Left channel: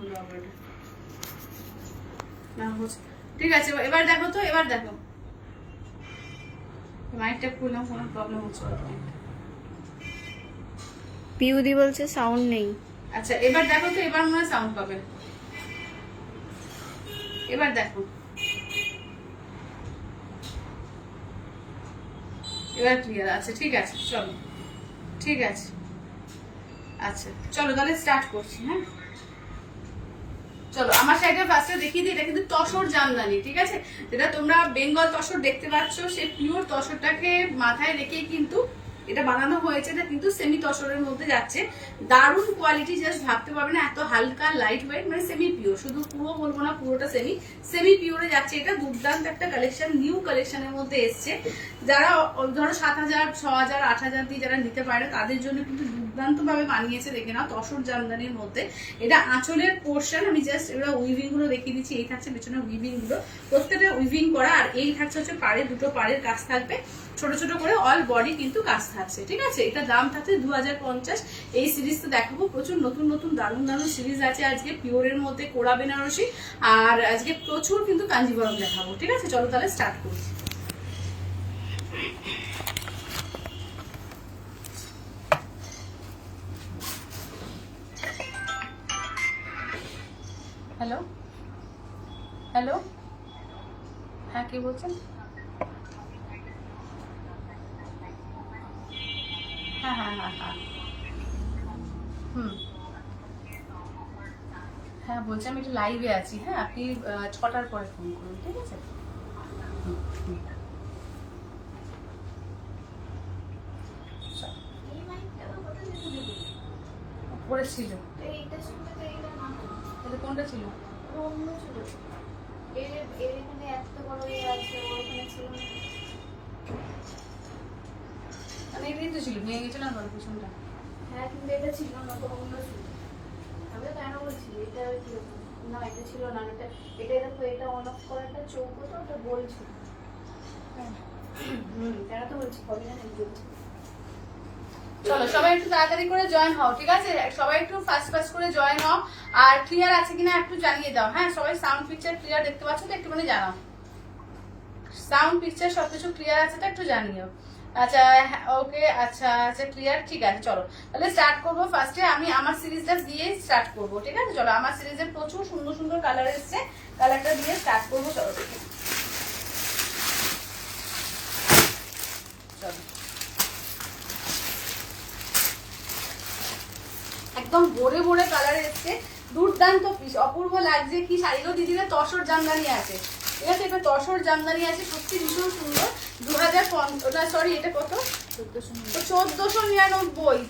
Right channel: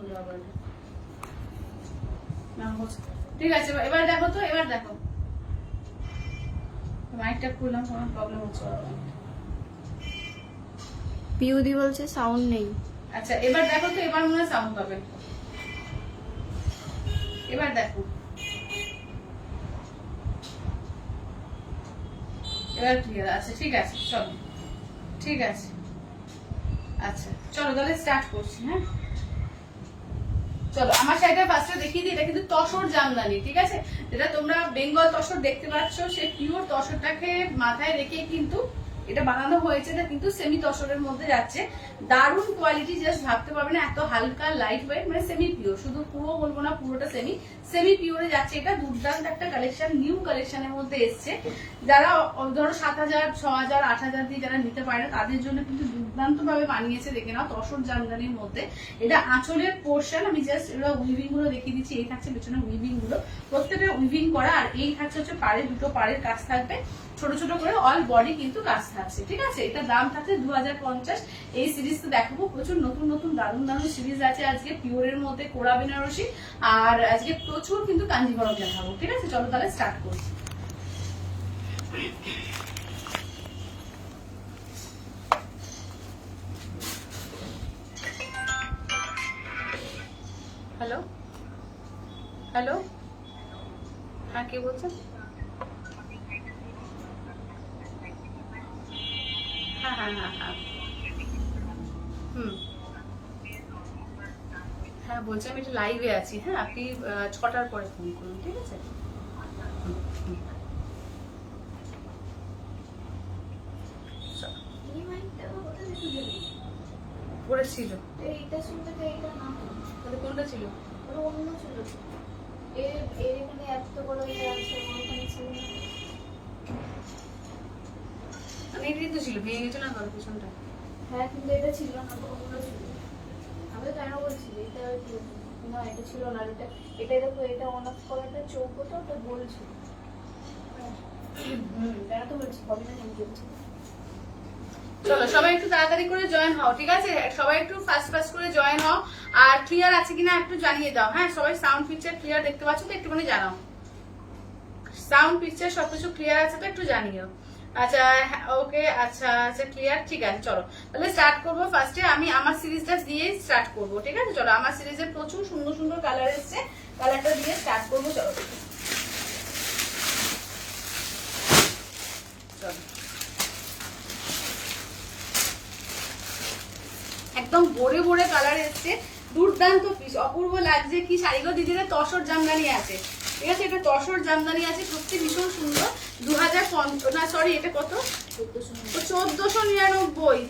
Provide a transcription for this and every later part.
হলো আবার না হচ্ছে। ঠিক আছে এবার দেখো তো, এবার দেখো মাইকটা খুললাম, কোনো প্রবলেম হচ্ছে? পিউদি বলছে সাউন্ড নেই। আচ্ছা এবার দেখো তো, এবার মনে হয় সাউন্ড পাবে। এবার দেখো, এবার ক্লিয়ার আছে। ঠিক আছে চলো, ঠিক আছে। আচ্ছা চলো তাহলে স্টার্ট করছি। হ্যাঁ চলো, আমার শাড়িটা ফার্স্টে দেখিয়ে দিই। এটা কিন্তু তসর জামদানি, ঠিক আছে? যেটা তোমরা বেঙ্গল তসর দেখতে পাচ্ছ, সেই পিওর তসরটাকে মাথায় রেখে কিন্তু এটা বানানো হয়েছে। এটা কিন্তু সেমি তসরের মধ্যে যাচ্ছে, দারুণ কোয়ালিটি, জাস্ট ভাবতে পারবে না, এত হালকা লাইট ওয়েট, মানে সেমি পিওর, শুধু পুরো বলবো না, পুরোটা সেমি পিওরে যাচ্ছে। এটা দুর্দান্ত একটা কালেকশন, নিউ কালেকশনের মধ্যে এসছে। যারা ধরো 7,000, 6,000, 8,000 দিয়ে যারা নিতে পারে না, তাদের জন্য কিন্তু দুর্দান্ত ভাবে বানিয়েছে। দেখে নাও, তসর জামদানির মধ্যে এটা আঁচলের পোর্শন। আমি জাস্ট এবার উইভিং গুলো দেখিয়ে দিচ্ছি। এই থাকছে পেছনে উইভিং গুলো, প্রত্যেকটা উইভিং করা। আর এই থাকছে হচ্ছে পাড়ে, দুটো পাড়ের কাজ থাকবে, ছোট ছোট করে অল বডি কিন্তু কাজ থাকছে। ঠিক আছে, এটা দাম থাকছে 2050। এই সিরিজ তো দেখাবো, প্রচুর নতুন নতুন দারুণ দারুণ সিরিজ আছে আজকে, পিওরের মধ্যে কোরা বেনারসি, আর আজকে প্রচুর কিন্তু কাঞ্জিভরম দেখাবো। ঠিক আছে চলো তাহলে স্টার্ট করছি। হ্যালো হ্যালো, হ্যাঁ কে বলছেন? হ্যাঁ হ্যাঁ হ্যাঁ হ্যাঁ, হ্যাঁ বলছি আমি একটু লাইভে আছি। হ্যাঁ আপনি 6টার পরে ফোন করুন, ঠিক আছে? উপরে ছিল, তাহলে কোনটা ছিল? মানে এটাই তো ছিল, ভেঙে গেছে না গলা পিছনটা। হ্যাঁ কিন্তু এটা ছিল না, অন্য ছিল। আমি তো কেন বলছি এটা না, এটা ছিল না। এটা দেখো, এটা অন অফ করা একটা চৌকো, তো ওটা বলছি। কেন তো বলছি, হবে না আমি বলছি। চলো সবাই একটু তাড়াতাড়ি করে জয়েন হও, ঠিক আছে? সবাই একটু ফাস্ট ফাস্ট করে জয়েন হও। আর ক্লিয়ার আছে কিনা একটু জানিয়ে দাও। হ্যাঁ সবাই সাউন্ড পিকচার ক্লিয়ার দেখতে পাচ্ছ তো? একটুখানি জানাও, সাউন্ড পিকচার সবকিছু ক্লিয়ার আছে তো? একটু জানিও। আচ্ছা ওকে, আচ্ছা আচ্ছা ক্লিয়ার, ঠিক আছে। চলো তাহলে স্টার্ট করবো। ফার্স্টে আমি আমার সিরিজটা দিয়ে স্টার্ট করবো, ঠিক আছে? চলো, আমার সিরিজে প্রচুর সুন্দর সুন্দর কালার এসছে, কালারটা দিয়ে স্টার্ট করবো। চলো দেখে চলো, একদম ভরে ভরে কালার এসছে, দুর্দান্ত পিস, অপূর্ব লাগছে। কি শাড়িগুলো দিদিরা, তসর জামদানি আছে, ঠিক আছে? এটা তসর জামদানি আছে, সত্যি ভীষণ সুন্দর। 2050 না সরি, এটা কত? 1499।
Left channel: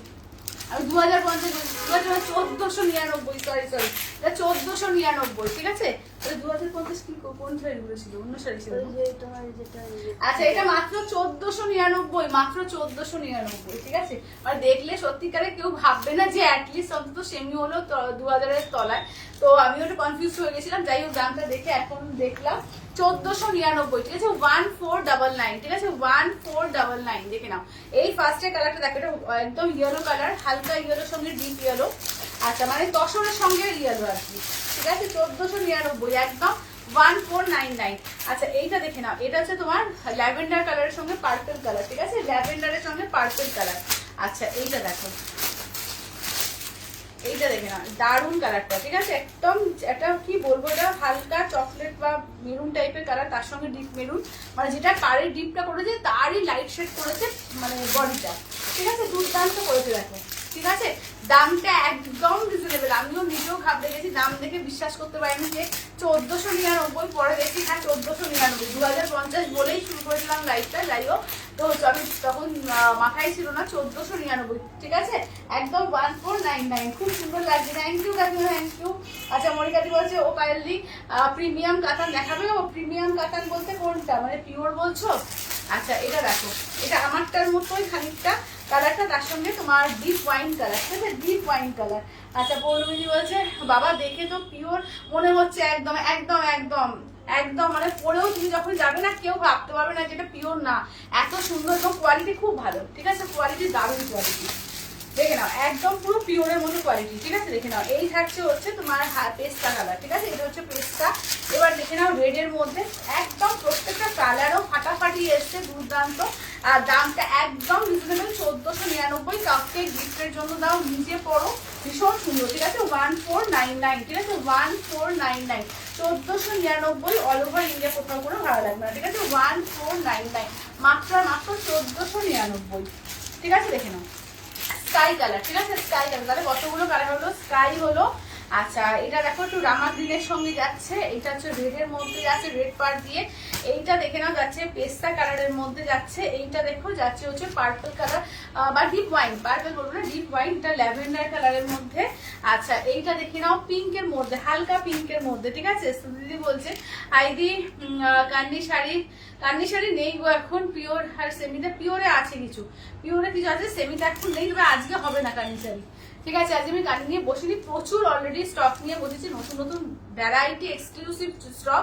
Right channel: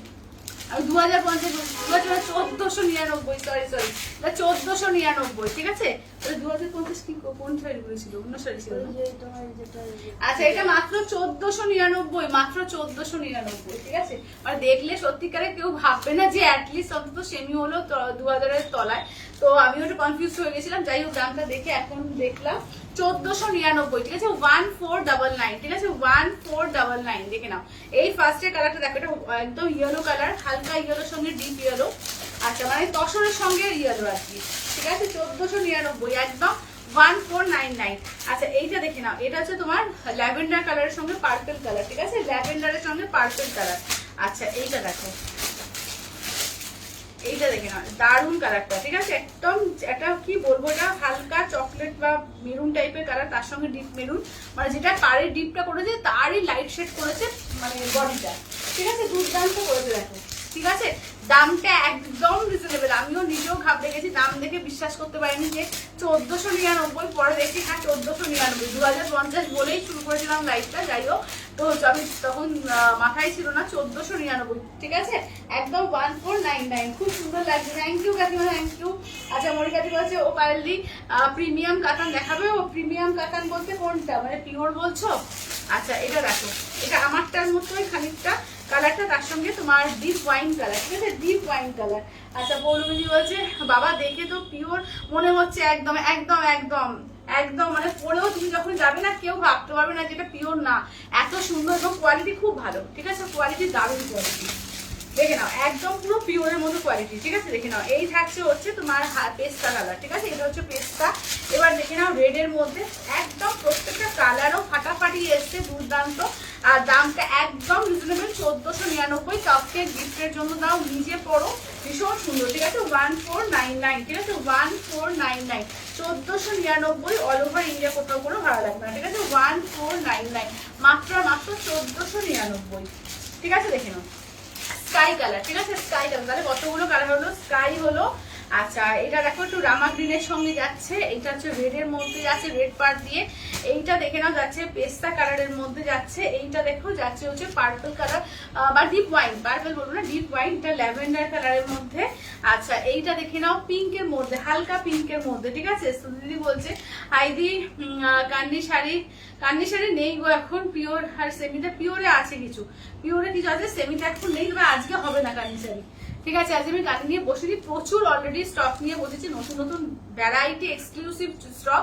আমি 2050, 1499, সরি সরি, এটা 1499, ঠিক আছে? 2050 কি কোন শাড়ি বলেছিল? অন্য শাড়ি ছিল। আচ্ছা এটা মাত্র 1499, মাত্র 1499, ঠিক আছে? মানে দেখলে সত্যিকারে কেউ ভাববে না যে অ্যাটলিস্ট অন্তত সেমি হলো 2000-এর তলায়। তো আমি ওটা কনফিউজ হয়ে গেছিলাম, যাই হোক দামটা দেখে এখন দেখলাম 1499, ঠিক আছে? 1499, ঠিক আছে? 1499, দেখে নাও। এই ফার্স্টের কালারটা দেখো, এটা একদম ইয়েলো কালার, হালকা ইয়েলোর সঙ্গে ডিপ ইয়েলো। আচ্ছা মানে তসরের সঙ্গে ইয়েলো আর কি, ঠিক আছে? 1499, একদম 1499। আচ্ছা এইটা দেখে নাও, এটা হচ্ছে তোমার ল্যাভেন্ডার কালারের সঙ্গে পার্পল কালার, ঠিক আছে? ল্যাভেন্ডারের সঙ্গে পার্পল কালার। আচ্ছা এইটা দেখো, এইটা দেখে নাও, দারুণ কালারটা, ঠিক আছে? একদম একটা কি বলবো, এটা হালকা চকলেট বা মেরুন টাইপের কালার, তার সঙ্গে ডিপ মেরুন, মানে যেটা পাড়ের ডিপটা করেছে তারই লাইট শেড করেছে মানে বডিটা, ঠিক আছে? দুর্দান্ত করেছে দেখো, ঠিক আছে? দামটা একদম রিজনেবল, আমিও নিজেও ঘাবড়ে গেছি, দাম দেখে বিশ্বাস করতে পারিনি যে 1499, পরে দেখি হ্যাঁ 1499, 2050 বলেই শুরু করেছিলাম লাইফটা, যাই হোক। তো আমি তখন মাথায় ছিল না 1499, ঠিক আছে? একদম 1499, খুব সুন্দর লাগছে। থ্যাংক ইউ কাকিমা, থ্যাংক ইউ। আচ্ছা মরিকাটি বলছে ও কাইন্ডলি প্রিমিয়াম কাতান দেখাবে। ও প্রিমিয়াম কাতান বলতে কোনটা, মানে পিওর বলছো? আচ্ছা এটা দেখো, এটা আমারটার মতোই খানিকটা কালারটা, তার সঙ্গে তোমার ডিপ ওয়াইন কালার, ঠিক আছে? Deep wine colour. আচ্ছা পৌলমিদি বলছে বাবা দেখে তো পিওর মনে হচ্ছে, একদম একদম একদম একদম, মানে পরেও তুমি যখন যাবে না কেউ ভাবতে পারবে না যেটা পিওর না, এত সুন্দর এবং কোয়ালিটি খুব ভালো, ঠিক আছে? কোয়ালিটি দারুণ কোয়ালিটি। দেখে নাও একদম পুরো পিওরের মতো কোয়ালিটি, ঠিক আছে দেখে নাও। এই থাকছে হচ্ছে তোমার পেস্তা কালার, ঠিক আছে, এটা হচ্ছে পেস্তা। এবার দেখে নাও রেডের মধ্যে একদম প্রত্যেকটা কালারও ফাটাফাটি এসছে, দুর্দান্ত। আর দামটা একদম রিজনেবল, 1499। কাপকে গিফটের জন্য দাও, নিজে পরো, ভীষণ সুন্দর, ঠিক আছে। 1499, ঠিক আছে, 1499, 1499, অল ওভার ইন্ডিয়া কোথাও কোনো ভাড়া লাগবে না, ঠিক আছে। 1499 মাত্র 1499, ঠিক আছে দেখে নাও। স্কাই কালার, ঠিক আছে, স্কাই কালার। তাহলে কতগুলো কালার হলো? স্কাই হলো, আচ্ছা এটা দেখো একটু রামা গ্রিনের সঙ্গে যাচ্ছে, এইটা হচ্ছে রেডের মধ্যে যাচ্ছে, রেড পার দিয়ে। এইটা দেখে নাও যাচ্ছে পেস্তা কালারের মধ্যে যাচ্ছে। এইটা দেখো যাচ্ছে হচ্ছে পার্পল কালার বা ডিপ ওয়াইন, পার্পল বলবো না, ডিপ ওয়াইন, এটা ল্যাভেন্ডার কালারের মধ্যে। আচ্ছা এইটা দেখে নাও পিঙ্কের মধ্যে, হালকা পিঙ্কের মধ্যে, ঠিক আছে। দিদি বলছে আইদি কান্ডি শাড়ি নেই গো এখন, পিওর আর সেমিতে, পিওরে আছে কিছু, পিওরে কিছু আছে, সেমিতে এখন নেই, তবে আজকে হবে না কান্ডি শাড়ি, ঠিক আছে। আজ আমি কাটিং নিয়ে বসিনি, প্রচুর অলরেডি স্টক নিয়ে বসেছি, নতুন নতুন ভ্যারাইটি এক্সক্লুসিভ স্টক,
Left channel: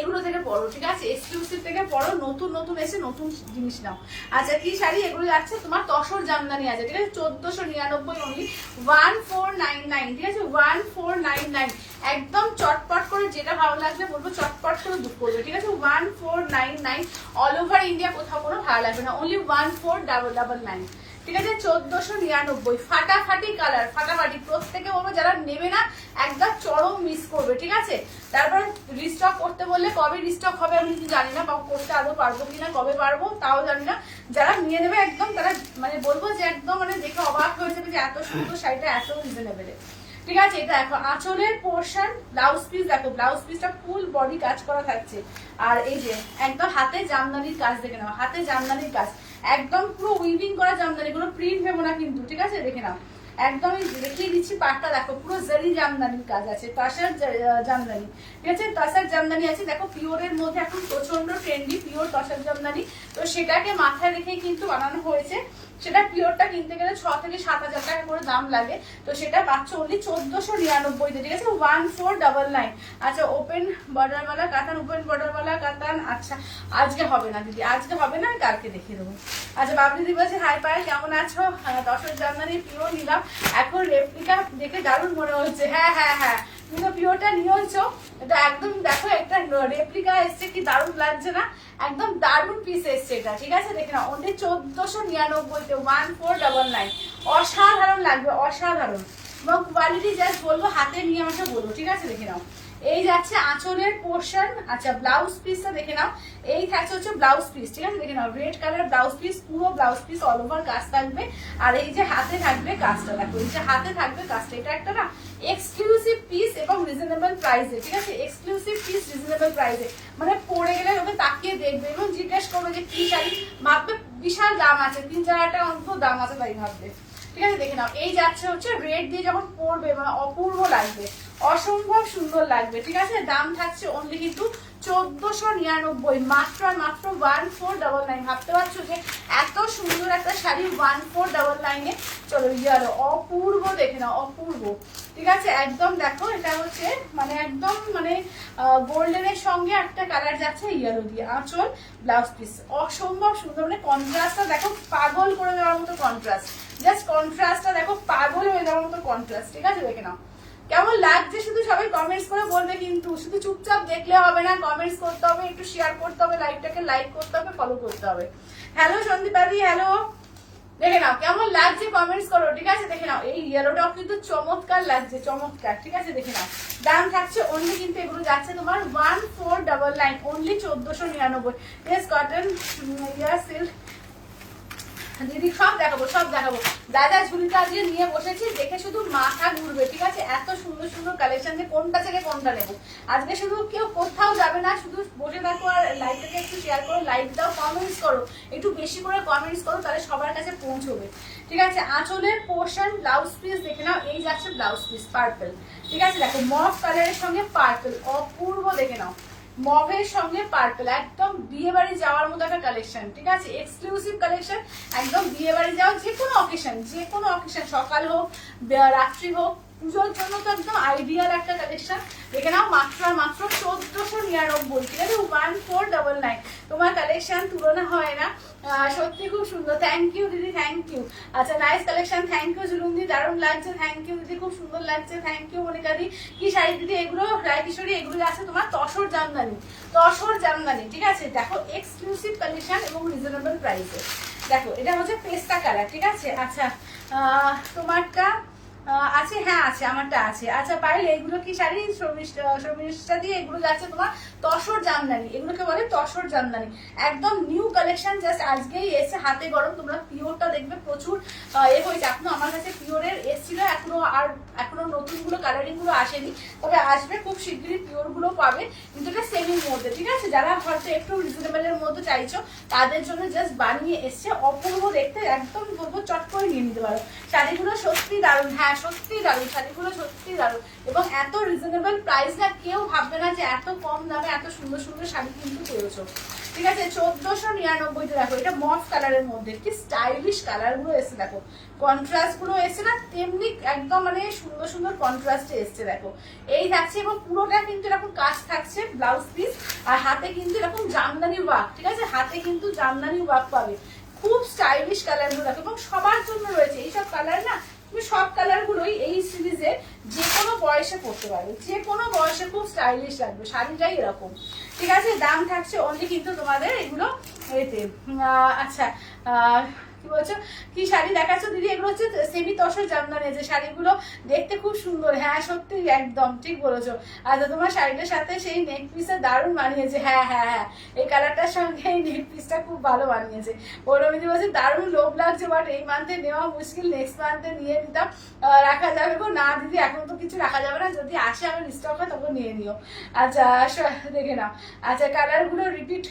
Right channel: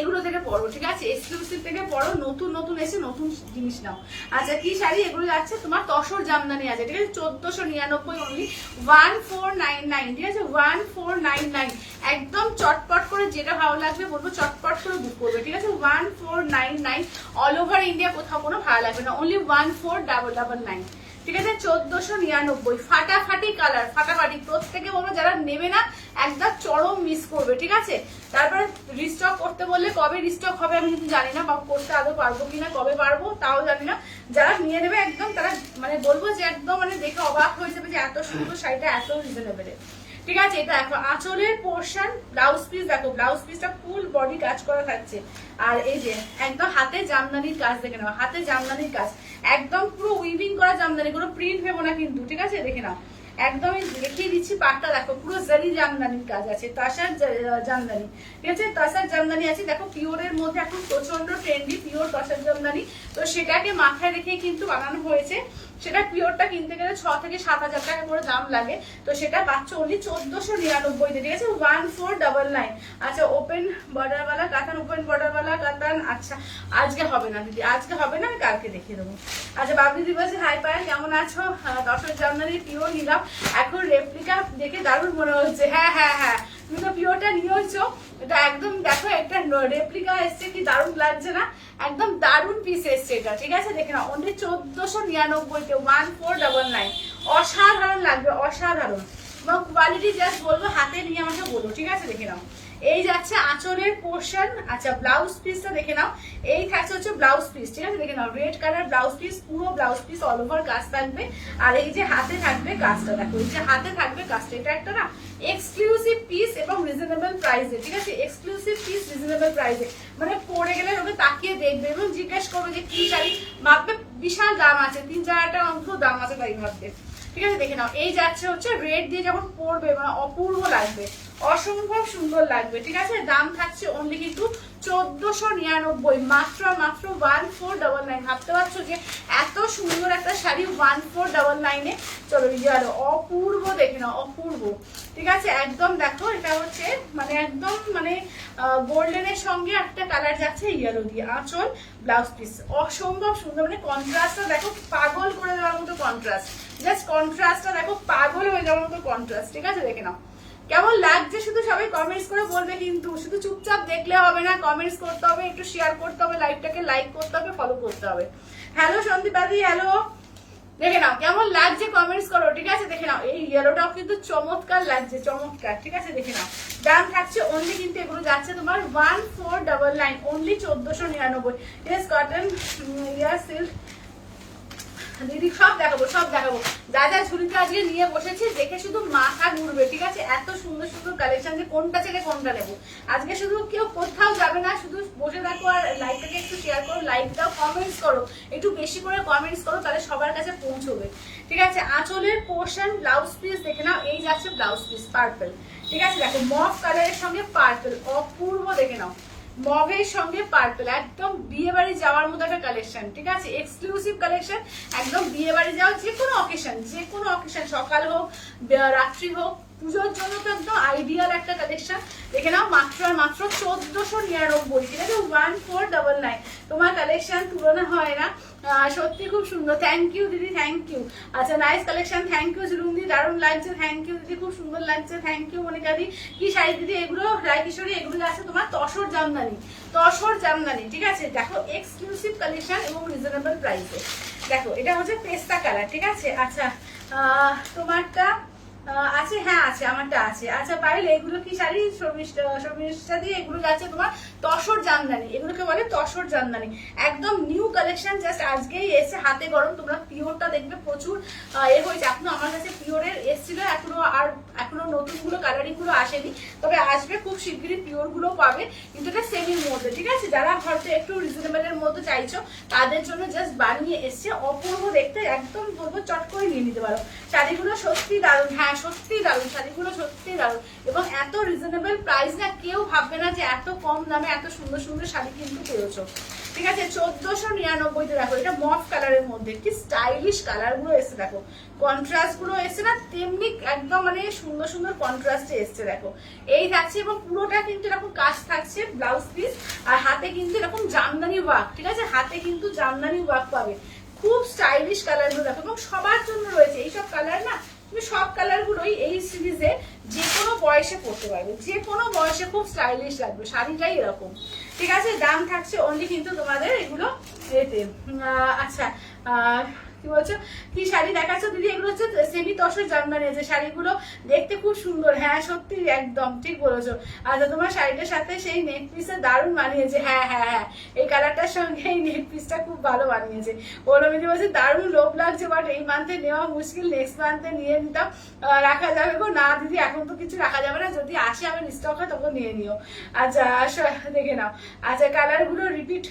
এগুলো থেকে পড়ো, ঠিক আছে, এক্সক্লুসিভ থেকে পড়ো, নতুন নতুন এসে নতুন জিনিস নাও। আচ্ছা কি শাড়ি এগুলো যাচ্ছে তোমার? তসর জামদানি আছে, ঠিক আছে, 1499 অনলি, 1499, ঠিক আছে, 1499। একদম চটপট করে যেটা ভালো লাগবে বলবো, চটপট করে বুক করবে, ঠিক আছে। 1499, অল ওভার ইন্ডিয়া কোথাও কোনো ভালো লাগবে না, অনলি 1499, ঠিক আছে। 1499, ফাটাফাটি কালার, ফাটাফাটি, প্রত্যেকে বলবো যারা নেবে না একদম চরম মিস করবে, ঠিক আছে। তারপরে রিস্টক করতে বললে কবে রিস্টক হবে আমি কিন্তু জানি না, করতে আদৌ পারবো কিনা, কবে পারবো তাও জানি না। যারা নিয়ে নেবে একদম তারা মানে বলবো যে একদম মানে দেখে অবাক হয়ে যাবে যে এত সুন্দর শাড়িটা এত রিজনেবল, ঠিক আছে। এটা দেখো আঁচলের পোর্শন, ব্লাউজ পিস দেখো, ব্লাউজ পিসটা ফুল বডি কাজ করা থাকছে। আর এই যে একদম হাতে জামদানির কাজ, দেখে নাও হাতে জামদানির কাজ, একদম পুরো উইভিং করা জামদানি, কোনো প্রিন্ট ভেবো না কিন্তু, ঠিক আছে দেখে নাও। একদম দেখিয়ে দিচ্ছি পাটটা দেখো, পুরো জারি জামদানির কাজ আছে, তাসার জামদানি, ঠিক আছে, তাসার জামদানি আছে। দেখো পিওরের মধ্যে এখন প্রচন্ড ট্রেন্ডি পিওর তাসার জামদানি, তো সেটাকে মাথায় রেখেই কিন্তু বানানো হয়েছে। সেটা পিওরটা কিনতে গেলে 6 থেকে 7,000 টাকা করে দাম লাগে, তো সেটা পাচ্ছ অনলি 1499, ঠিক আছে, 1499। আচ্ছা ওপেন বর্ডারওয়ালা কাতান, ওপেন বর্ডারওয়ালা কাতান, আচ্ছা আজকে হবে না দিদি, আজকে হবে না, আমি কালকে দেখিয়ে দেবো। আচ্ছা বাবলি দিদি বলছে হাই পায়, কেমন আছো? তসর জামদানি পিওর নিলাম, এখন রেপ্লিকা দেখে দারুণ মনে হচ্ছে। হ্যাঁ হ্যাঁ হ্যাঁ, তুমি তো পিওরটা নিয়েছো, এটা একদম দেখো একটা রেপ্লিকা এসছে, কি দারুণ লাগছে না, একদম দারুণ পিস এসছে এটা, ঠিক আছে দেখে নাও, অনলি 1499তে, 1499, অসাধারণ লাগবে, অসাধারণ। এবং কোয়ালিটি জাস্ট বলবো, হাতে নিয়ে আমাকে বলবো, ঠিক আছে দেখে নাও। এই যাচ্ছে আঁচলের পোর্শন, আচ্ছা ব্লাউজ পিসটা দেখে নাও, এই থাকছে হচ্ছে ব্লাউজ পিস, ঠিক আছে দেখে নাও, রেড কালার ব্লাউজ পিস, পুরো ব্লাউজ পিস অল ওভার কাজ থাকবে। আর এই যে হাতে থাকবে কাজটা দেখো, এই যে হাতে থাকবে কাজটা, এটা একটা না এক্সক্লুসিভ পিস এবং রিজনেবল প্রাইসে, ঠিক আছে, এক্সক্লুসিভ পিস রিজনেবল প্রাইসে, মানে পরে গেলে ওকে তাকিয়ে দেখবে এবং জিজ্ঞেস করবে যে কি শাড়ি, ভাববে বিশাল দাম আছে, 3-4 টাকা অন্তত দাম আছে তাই ভাববে, ঠিক আছে দেখে নাও। এই যাচ্ছে হচ্ছে রেড দিয়ে যখন পরবে মানে অপূর্ব লাগবে, অসম্ভব সুন্দর লাগবে, ঠিক আছে। দাম থাকছে অনলি কিন্তু 1499, মাত্র আর মাত্র 1499। ভাবতে পারছো যে এত সুন্দর একটা শাড়ি 1499-এ, চলো ইয়ালো অপূর্ব দেখে নাও, অপূর্ব, ঠিক আছে একদম। দেখো এটা হচ্ছে মানে একদম মানে গোল্ডেনের সঙ্গে একটা কালার যাচ্ছে ইয়েলো দিয়ে, আঁচল ব্লাউজ পিস অসম্ভব সুন্দর, মানে কন্ট্রাস্টটা দেখো পাগল করে দেওয়ার মতো কন্ট্রাস্ট, জাস্ট কন্ট্রাস্টটা দেখো পাগল হয়ে যাওয়ার মতো কন্ট্রাস্ট, ঠিক আছে দেখে নাও। কেমন লাগছে শুধু সবাই কমেন্টস করে বলবে, কিন্তু শুধু চুপচাপ দেখলে হবে না, কমেন্টস করতে হবে, একটু শেয়ার করতে হবে, লাইভটাকে লাইক করতে হবে, ফলো করতে হবে। হ্যালো সন্দীপাদি, হ্যালো, দেখে নাও কেমন লাগছে কমেন্টস করো, ঠিক আছে দেখে নাও। এই ইয়েলোটাও কিন্তু চমৎকার লাগছে, চমৎকার, ঠিক আছে দেখে নাও। দাম থাকছে অনলি কিন্তু এগুলো যাচ্ছে তোমার 1499, অনলি 1499। টেস কটন ইয়ার সিল্ক দিদি সব দেখাবো, সব দেখাবো। যা যা ঝুলিটা আজকে নিয়ে বসেছি দেখে শুধু মাথা ঘুরবে, ঠিক আছে, এত সুন্দর সুন্দর কালেকশন, যে কোনটা ছেড়ে কোনটা নেবো। আজকে শুধু কেউ কোথাও যাবে না, শুধু বসে থাকো আর লাইভটাকে একটু শেয়ার করো, লাইভ দাও, কমেন্টস করো, একটু বেশি করে কমেন্টস করো, তাহলে সবার কাছে পৌঁছবে, ঠিক আছে। আঁচলের পোর্শন ব্লাউজ পিস দেখে নাও, এই যাচ্ছে ব্লাউজ পিস পার্পল, ঠিক আছে দেখো, মফ কালারের সঙ্গে পার্পল অপূর্ব, দেখে নাও মভের সঙ্গে পার্পল, একদম বিয়ে বাড়ি যাওয়ার মতো একটা কালেকশন, ঠিক আছে, এক্সক্লুসিভ কালেকশন, একদম বিয়ে বাড়ি যাও, যে কোনো অকেশন, যে কোনো অকেশন, সকাল হোক রাত্রি হোক, পুজোর জন্য তো একদম আইডিয়াল একটা কালেকশন, দেখে নাও মাত্র আর মাত্র 1499, ঠিক আছে 1499। তোমার কালেকশন তুলনা হয় না, সত্যি খুব সুন্দর, থ্যাংক ইউ দিদি, থ্যাংক ইউ। আচ্ছা নাইস কালেকশন, থ্যাংক ইউ জুলুমদি, দারুণ লাগছে, থ্যাংক ইউ দিদি, খুব সুন্দর লাগছে, থ্যাংক ইউ মনিকা দি। কি শাড়ি দিদি এগুলো? রায়কিশোরী, এগুলো আছে তোমার তসর জামদানি, তসর জামদানি, ঠিক আছে। দেখো এক্সক্লুসিভ কালেকশন এবং রিজনেবল প্রাইসে। দেখো এটা হচ্ছে পেস্তা কালার, ঠিক আছে। আচ্ছা তোমারটা আছে? হ্যাঁ আছে, আমারটা আছে। আচ্ছা পাইল এগুলো কি শাড়ি? শর্মিষ্ঠা দিয়ে এগুলো যাচ্ছে তোমার তসর জামদানি, এগুলোকে বলে তসর জামদানি, একদম নিউ কালেকশন, জাস্ট আজকেই এসে, হাতে গরম। তোমরা পিওরটা দেখবে প্রচুর হয়েছে, এখনো আমার কাছে পিওরের এসেছিল, এখনো নতুন গুলো কালারিং গুলো আসেনি, তবে আসবে খুব শিগগিরই, পিওর গুলো পাবে, কিন্তু এটা সেমির মধ্যে, ঠিক আছে। যারা হয়তো একটু রিজনেবলের মধ্যে চাইছো তাদের জন্য জাস্ট বানিয়ে এসছে, অপূর্ব দেখতে, একদম বলবো চট করে নিয়ে নিতে পারো। শাড়িগুলো সত্যি দারুণ, হ্যাঁ সত্যি দারুণ, শাড়িগুলো সত্যি দারুণ, এবং এত রিজনেবল প্রাইস না, কেউ ভাববে না যে এত কম দামে এত সুন্দর সুন্দর শাড়ি কিন্তু পেয়েছো, ঠিক আছে। 1499 দেখো, এটা মফ কালারের মধ্যে কি স্টাইলিশ কালার গুলো এসছে, দেখো কন্ট্রাস্ট গুলো এসছে না, তেমনি একদম মানে সুন্দর সুন্দর কন্ট্রাস্টে এসছে, দেখো এই থাকছে, এবং পুরোটা কিন্তু এরকম কাজ থাকছে ব্লাউজ পিস, আর হাতে কিন্তু এরকম জামদানি ওয়ার্ক, ঠিক আছে, হাতে কিন্তু জামদানি ওয়ার্ক পাবে, খুব স্টাইলিশ কালার গুলো দেখো, এবং সবার জন্য রয়েছে এইসব কালার না, তুমি সব কালার গুলোই এই সিরিজে যে কোনো বয়সে পড়তে পারবে, যে কোনো বয়সে খুব স্টাইলিশ লাগবে, শাড়িটাই এরকম, ঠিক আছে। দাম থাকছে অনলি কিন্তু তোমাদের এগুলো এতে। আচ্ছা কি বলছো, কি শাড়ি দেখাচ্ছ দিদি? এগুলো হচ্ছে সেমি তসর জামদানি, যে শাড়িগুলো দেখতে খুব সুন্দর, হ্যাঁ সত্যি একদম ঠিক বলেছো। আচ্ছা তোমার শাড়িটার সাথে সেই নেক পিসটা দারুণ মানিয়েছে, হ্যাঁ হ্যাঁ হ্যাঁ, এই কালারটার সঙ্গে এই নেক পিসটা খুব ভালো মানিয়েছে। পৌলমিদি বলছে দারুণ লোভ লাগছে, বাট এই মান্থে নেওয়া মুশকিল, নেক্সট মান্থে নিয়ে নিতাম, রাখা যাবে গো? না দিদি এখন তো কিছু রাখা যাবে না, যদি আসে আবার স্টক হয় তখন নিয়ে নিও। আচ্ছা দেখে নাও। আচ্ছা কালার গুলো রিপিট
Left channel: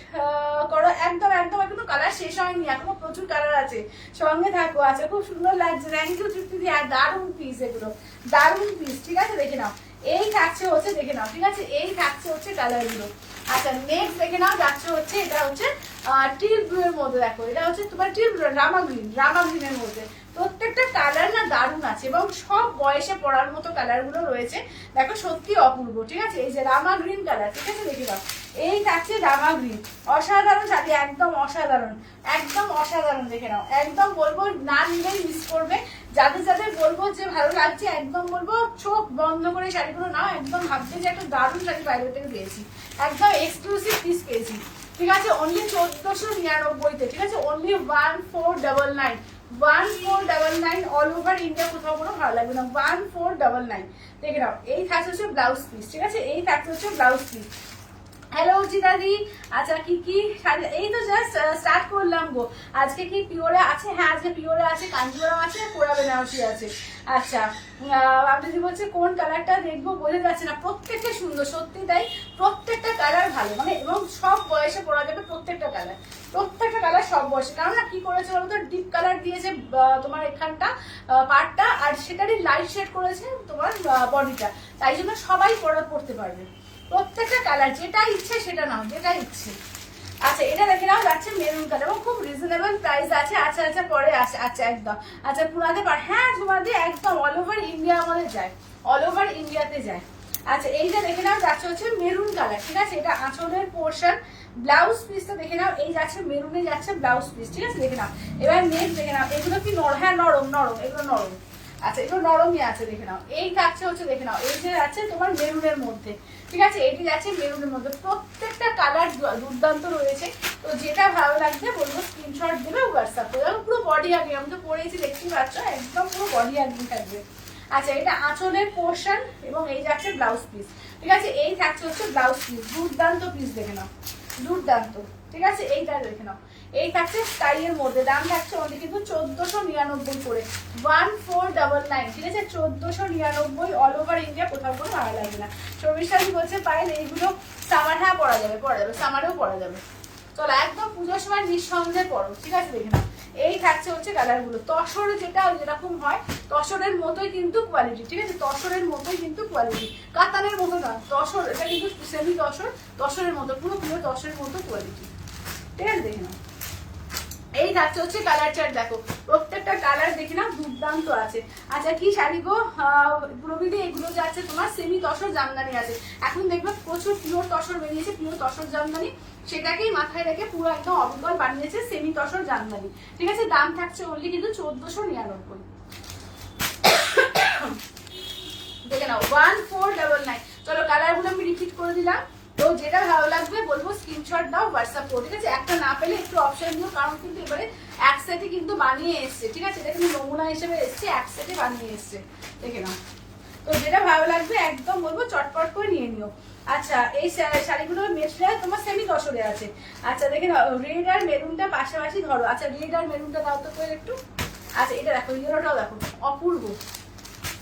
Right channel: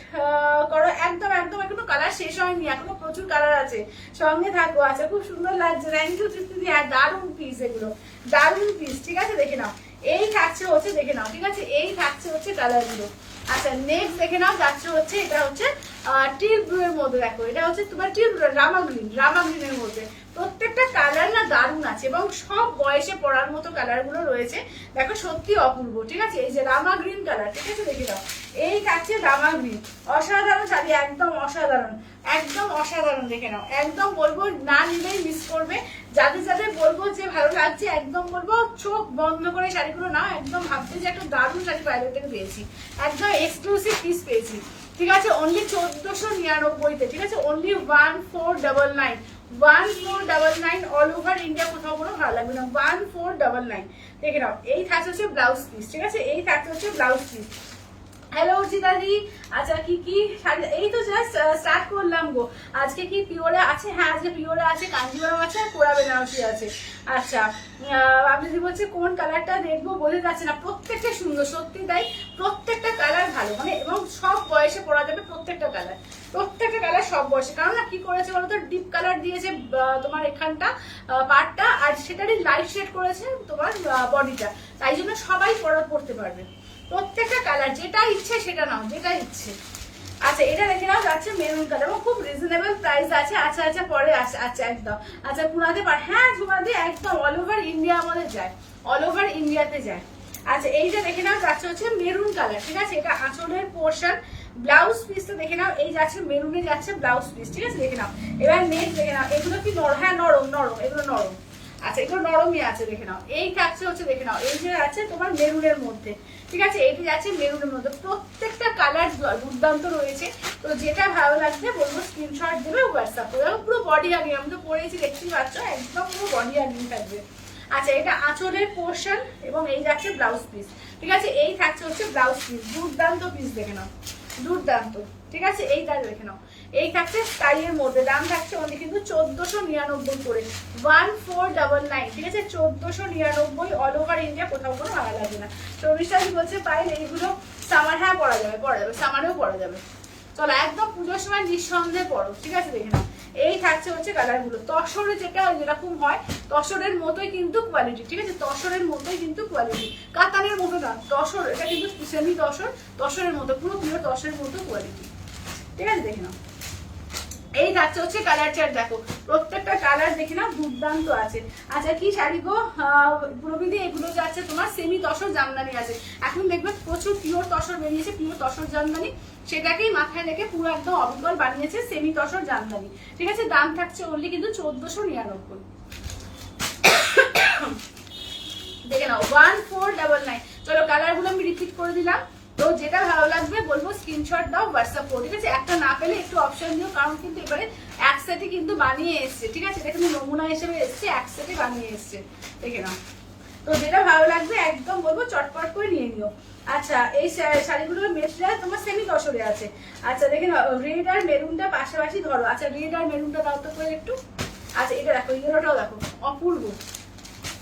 করো, একদম একদম এখনো কালার শেষ হয়নি, এখনো প্রচুর কালার আছে, সঙ্গে থাকো। আচ্ছা খুব সুন্দর লাগছে, থ্যাংক ইউ তৃপ্তি, দারুণ পিস, এগুলো দারুণ পিস, ঠিক আছে। দেখে নাও এই থাকছে হচ্ছে, দেখে নাও, ঠিক আছে, এই থাকছে হচ্ছে কালার গুলো। আচ্ছা নেক্সট দেখে নাও, যাচ্ছে হচ্ছে এটা হচ্ছে টিল ব্লু এর মধ্যে, দেখো এটা হচ্ছে তোমার টিল ব্লু, রামা গ্রিনের মধ্যে, প্রত্যেকটা কালার না দারুণ আছে, এবং সব বয়সে পড়ার মতো কালার গুলো রয়েছে, দেখো সত্যি অপূর্ব, ঠিক আছে। এই যে রামা গ্রিন কালার, ঠিক আছে, দেখে নাও এই থাকছে রামা গ্রিন, অসাধারণ শাড়ি, একদম অসাধারণ, একদম অসাধারণ, দেখে নাও, একদম বলবো না নিলেই মিস করবে, যাদের যাদের বলবো যে ভালো লাগছে, একদম বলবো চোখ বন্ধ করে শাড়িগুলো নাও, একদম ভাববে যে একটা দারুণ শাড়ি বাইরে থেকে পেয়েছি, একদম এক্সক্লুসিভ পিস পেয়েছি, ঠিক আছে। অনলি 1499-তে, ঠিক আছে, অনলি 1499, 1499 অল ওভার ইন্ডিয়া, কোথাও কোনো ভালো লাগবে না, 1499, দেখে নাও এই থাকছে হচ্ছে ব্লাউজ পিস, ঠিক আছে, এই থাকছে হচ্ছে ব্লাউজ পিস। হ্যালো জিদাদি, আচ্ছা কি কি শাড়ি? এই তো জাস্ট স্টার্ট করলাম গো। আজকে কি পিওরে আছে? হ্যাঁ আজকে পিওরে আছে, কাঞ্জিলাম আছে, আর কোরা বেনারসি আছে। আচ্ছা আপনি যদি বলছে কোন কালারটা দেখবো, বোঝা যাচ্ছে না, প্রত্যেকটা সুন্দর, সত্যি তাই, প্রত্যেকটা কালার ভালো, মানে এবং সব বয়সে পরা যাবে, প্রত্যেকটা কালার সব বয়সে। কারণ না কি করেছে বলতো, ডিপ কালার দিয়েছে তোমার এখানটা পার্টটা, আর সেটারই লাইট শেড করেছে তোমার বডিটা, তাই জন্য সবাই পড়তে পারবে, প্রত্যেকটা কালার, যেটা ইচ্ছে সেটা নাও, যেটা ইচ্ছে। আচ্ছা এটা দেখে নাও, যাচ্ছে মেরুন কালার, এবং খুব রিজনেবল প্রাইস আছে। আচ্ছা আচ্ছা পরে আসে, আচ্ছা একদম, আচ্ছা পুনাতে পার, হ্যাঁ ঝুমাদি একদম অল ওভার ইন্ডিয়া আমাদের যায়, অল ওভার ইন্ডিয়াতে যায়। আচ্ছা এইটা দেখে নাও, যাচ্ছে হচ্ছে মেরুন কালার, ঠিক আছে, এটা আঁচলের পোর্শন, ব্লাউজ পিসটা দেখে নাও, এই যাচ্ছে মেরুনে যাচ্ছে ব্লাউজ পিস, ঠিক আছে, দেখে নাও। এবার নেক্সট দেখে নাও, এগুলো কি নরম? হ্যাঁ নরম, এগুলো নরম, আচ্ছা এগুলো নরমই আছে, দেখে নাও এই থাকছে হচ্ছে, দেখে নাও এই যে যাচ্ছে তোমার মেরুনের মধ্যে, ঠিক আছে, এটি যাচ্ছে মেরুনের মধ্যে, প্রত্যেকটা কালার দুর্দান্ত রয়েছে। তো যেটা ভালো লাগবে বলবো স্ক্রিনশট দেবে, হোয়াটসঅ্যাপ করে, পুরো বডি হাগিং, আমি তো পরেছি দেখতেই পাচ্ছ, একদম পুরো বডি হাগিং থাকবে। আচ্ছা এটা আঁচলের পোর্শন, এবং এই যাচ্ছে ব্লাউজ পিস, ঠিক আছে, এই থাকছে হচ্ছে ব্লাউজ পিস, দুর্দান্ত পিস, দেখে নাও দুর্দান্ত, ঠিক আছে, এইটা দেখে নাও, এই থাকছে স্টাইলের মধ্যে, দাম থাকছে অনেক কিন্তু 1499 করে, 1499, ঠিক আছে, 1499 অল ওভার ইন্ডিয়া, কোথাও কোনো ভালো লাগবে না। শর্মিষ্ঠাদি বলছে পায়েল এইগুলো সামার, হ্যাঁ পরা যাবে, সামারেও পরা যাবে, চলো একদম পুজোর সময় নিঃসন্দেহে পড়ো, ঠিক আছে, দেখে নাও এই থাকছে হচ্ছে কালার গুলো, তসরে যেটা যেরকম হয় তসরের মতোই কিন্তু কোয়ালিটি, ঠিক আছে, তসরের মতোই কিন্তু কোয়ালিটি, কাতানের মতো না, তসর, এটা কিন্তু সেমি তসরের মতো, পুরো তসরের মতো কোয়ালিটি, ঠিক আছে, দেখে নাও এই থাকছে হচ্ছে কালার চার্ট, দেখো প্রত্যেকটা কালার দেখে না দুর্দান্ত আছে। আচ্ছা কি শাড়ি গো প্রবিধি, এগুলো যাচ্ছে তোমার সেমি তসর জামদানি আছে। এখন দেখবে প্রচুর পিওর তসর বেরিয়েছে, পিওর তসর জামদানি, সেটাকেই মাথায় রেখে পুরো একদম অবিকল বানিয়েছে সেমি তসর জামদানি। ঠিক আছে, দাম থাকছে অনলি কিন্তু 1499। দেখে নাও 1499। চলো কালার গুলো আমি রিপিট করে দিলাম, তো যেটা ভালো লাগবে বলবো স্ক্রিনশট দাও, হোয়াটসঅ্যাপ করো। ঠিক আছে, একটা না পেলে একটু অপশন দিও, কারণ কিন্তু এবারে এক সেটে কিন্তু বানিয়ে এসছে। ঠিক আছে, এটা কিন্তু নমুনা হিসেবে এসছে, এক সেটে বানিয়ে এসছে, দেখে নাও। তো যেটা ভালো লাগবে একদম বলবো চটপট করে নিয়ে নিও। আচ্ছা এই শাড়িগুলোর মেটেরিয়াল তোমার সেমি তসরে আছে। আচ্ছা দেখে নাও, রেড আর মেরুনটা পাশাপাশি ধরো। আচ্ছা রেড আর মেরুনটা দাও তো করে একটু। আচ্ছা এটা দেখো, ইয়েলোটাও দেখো অপূর্ব,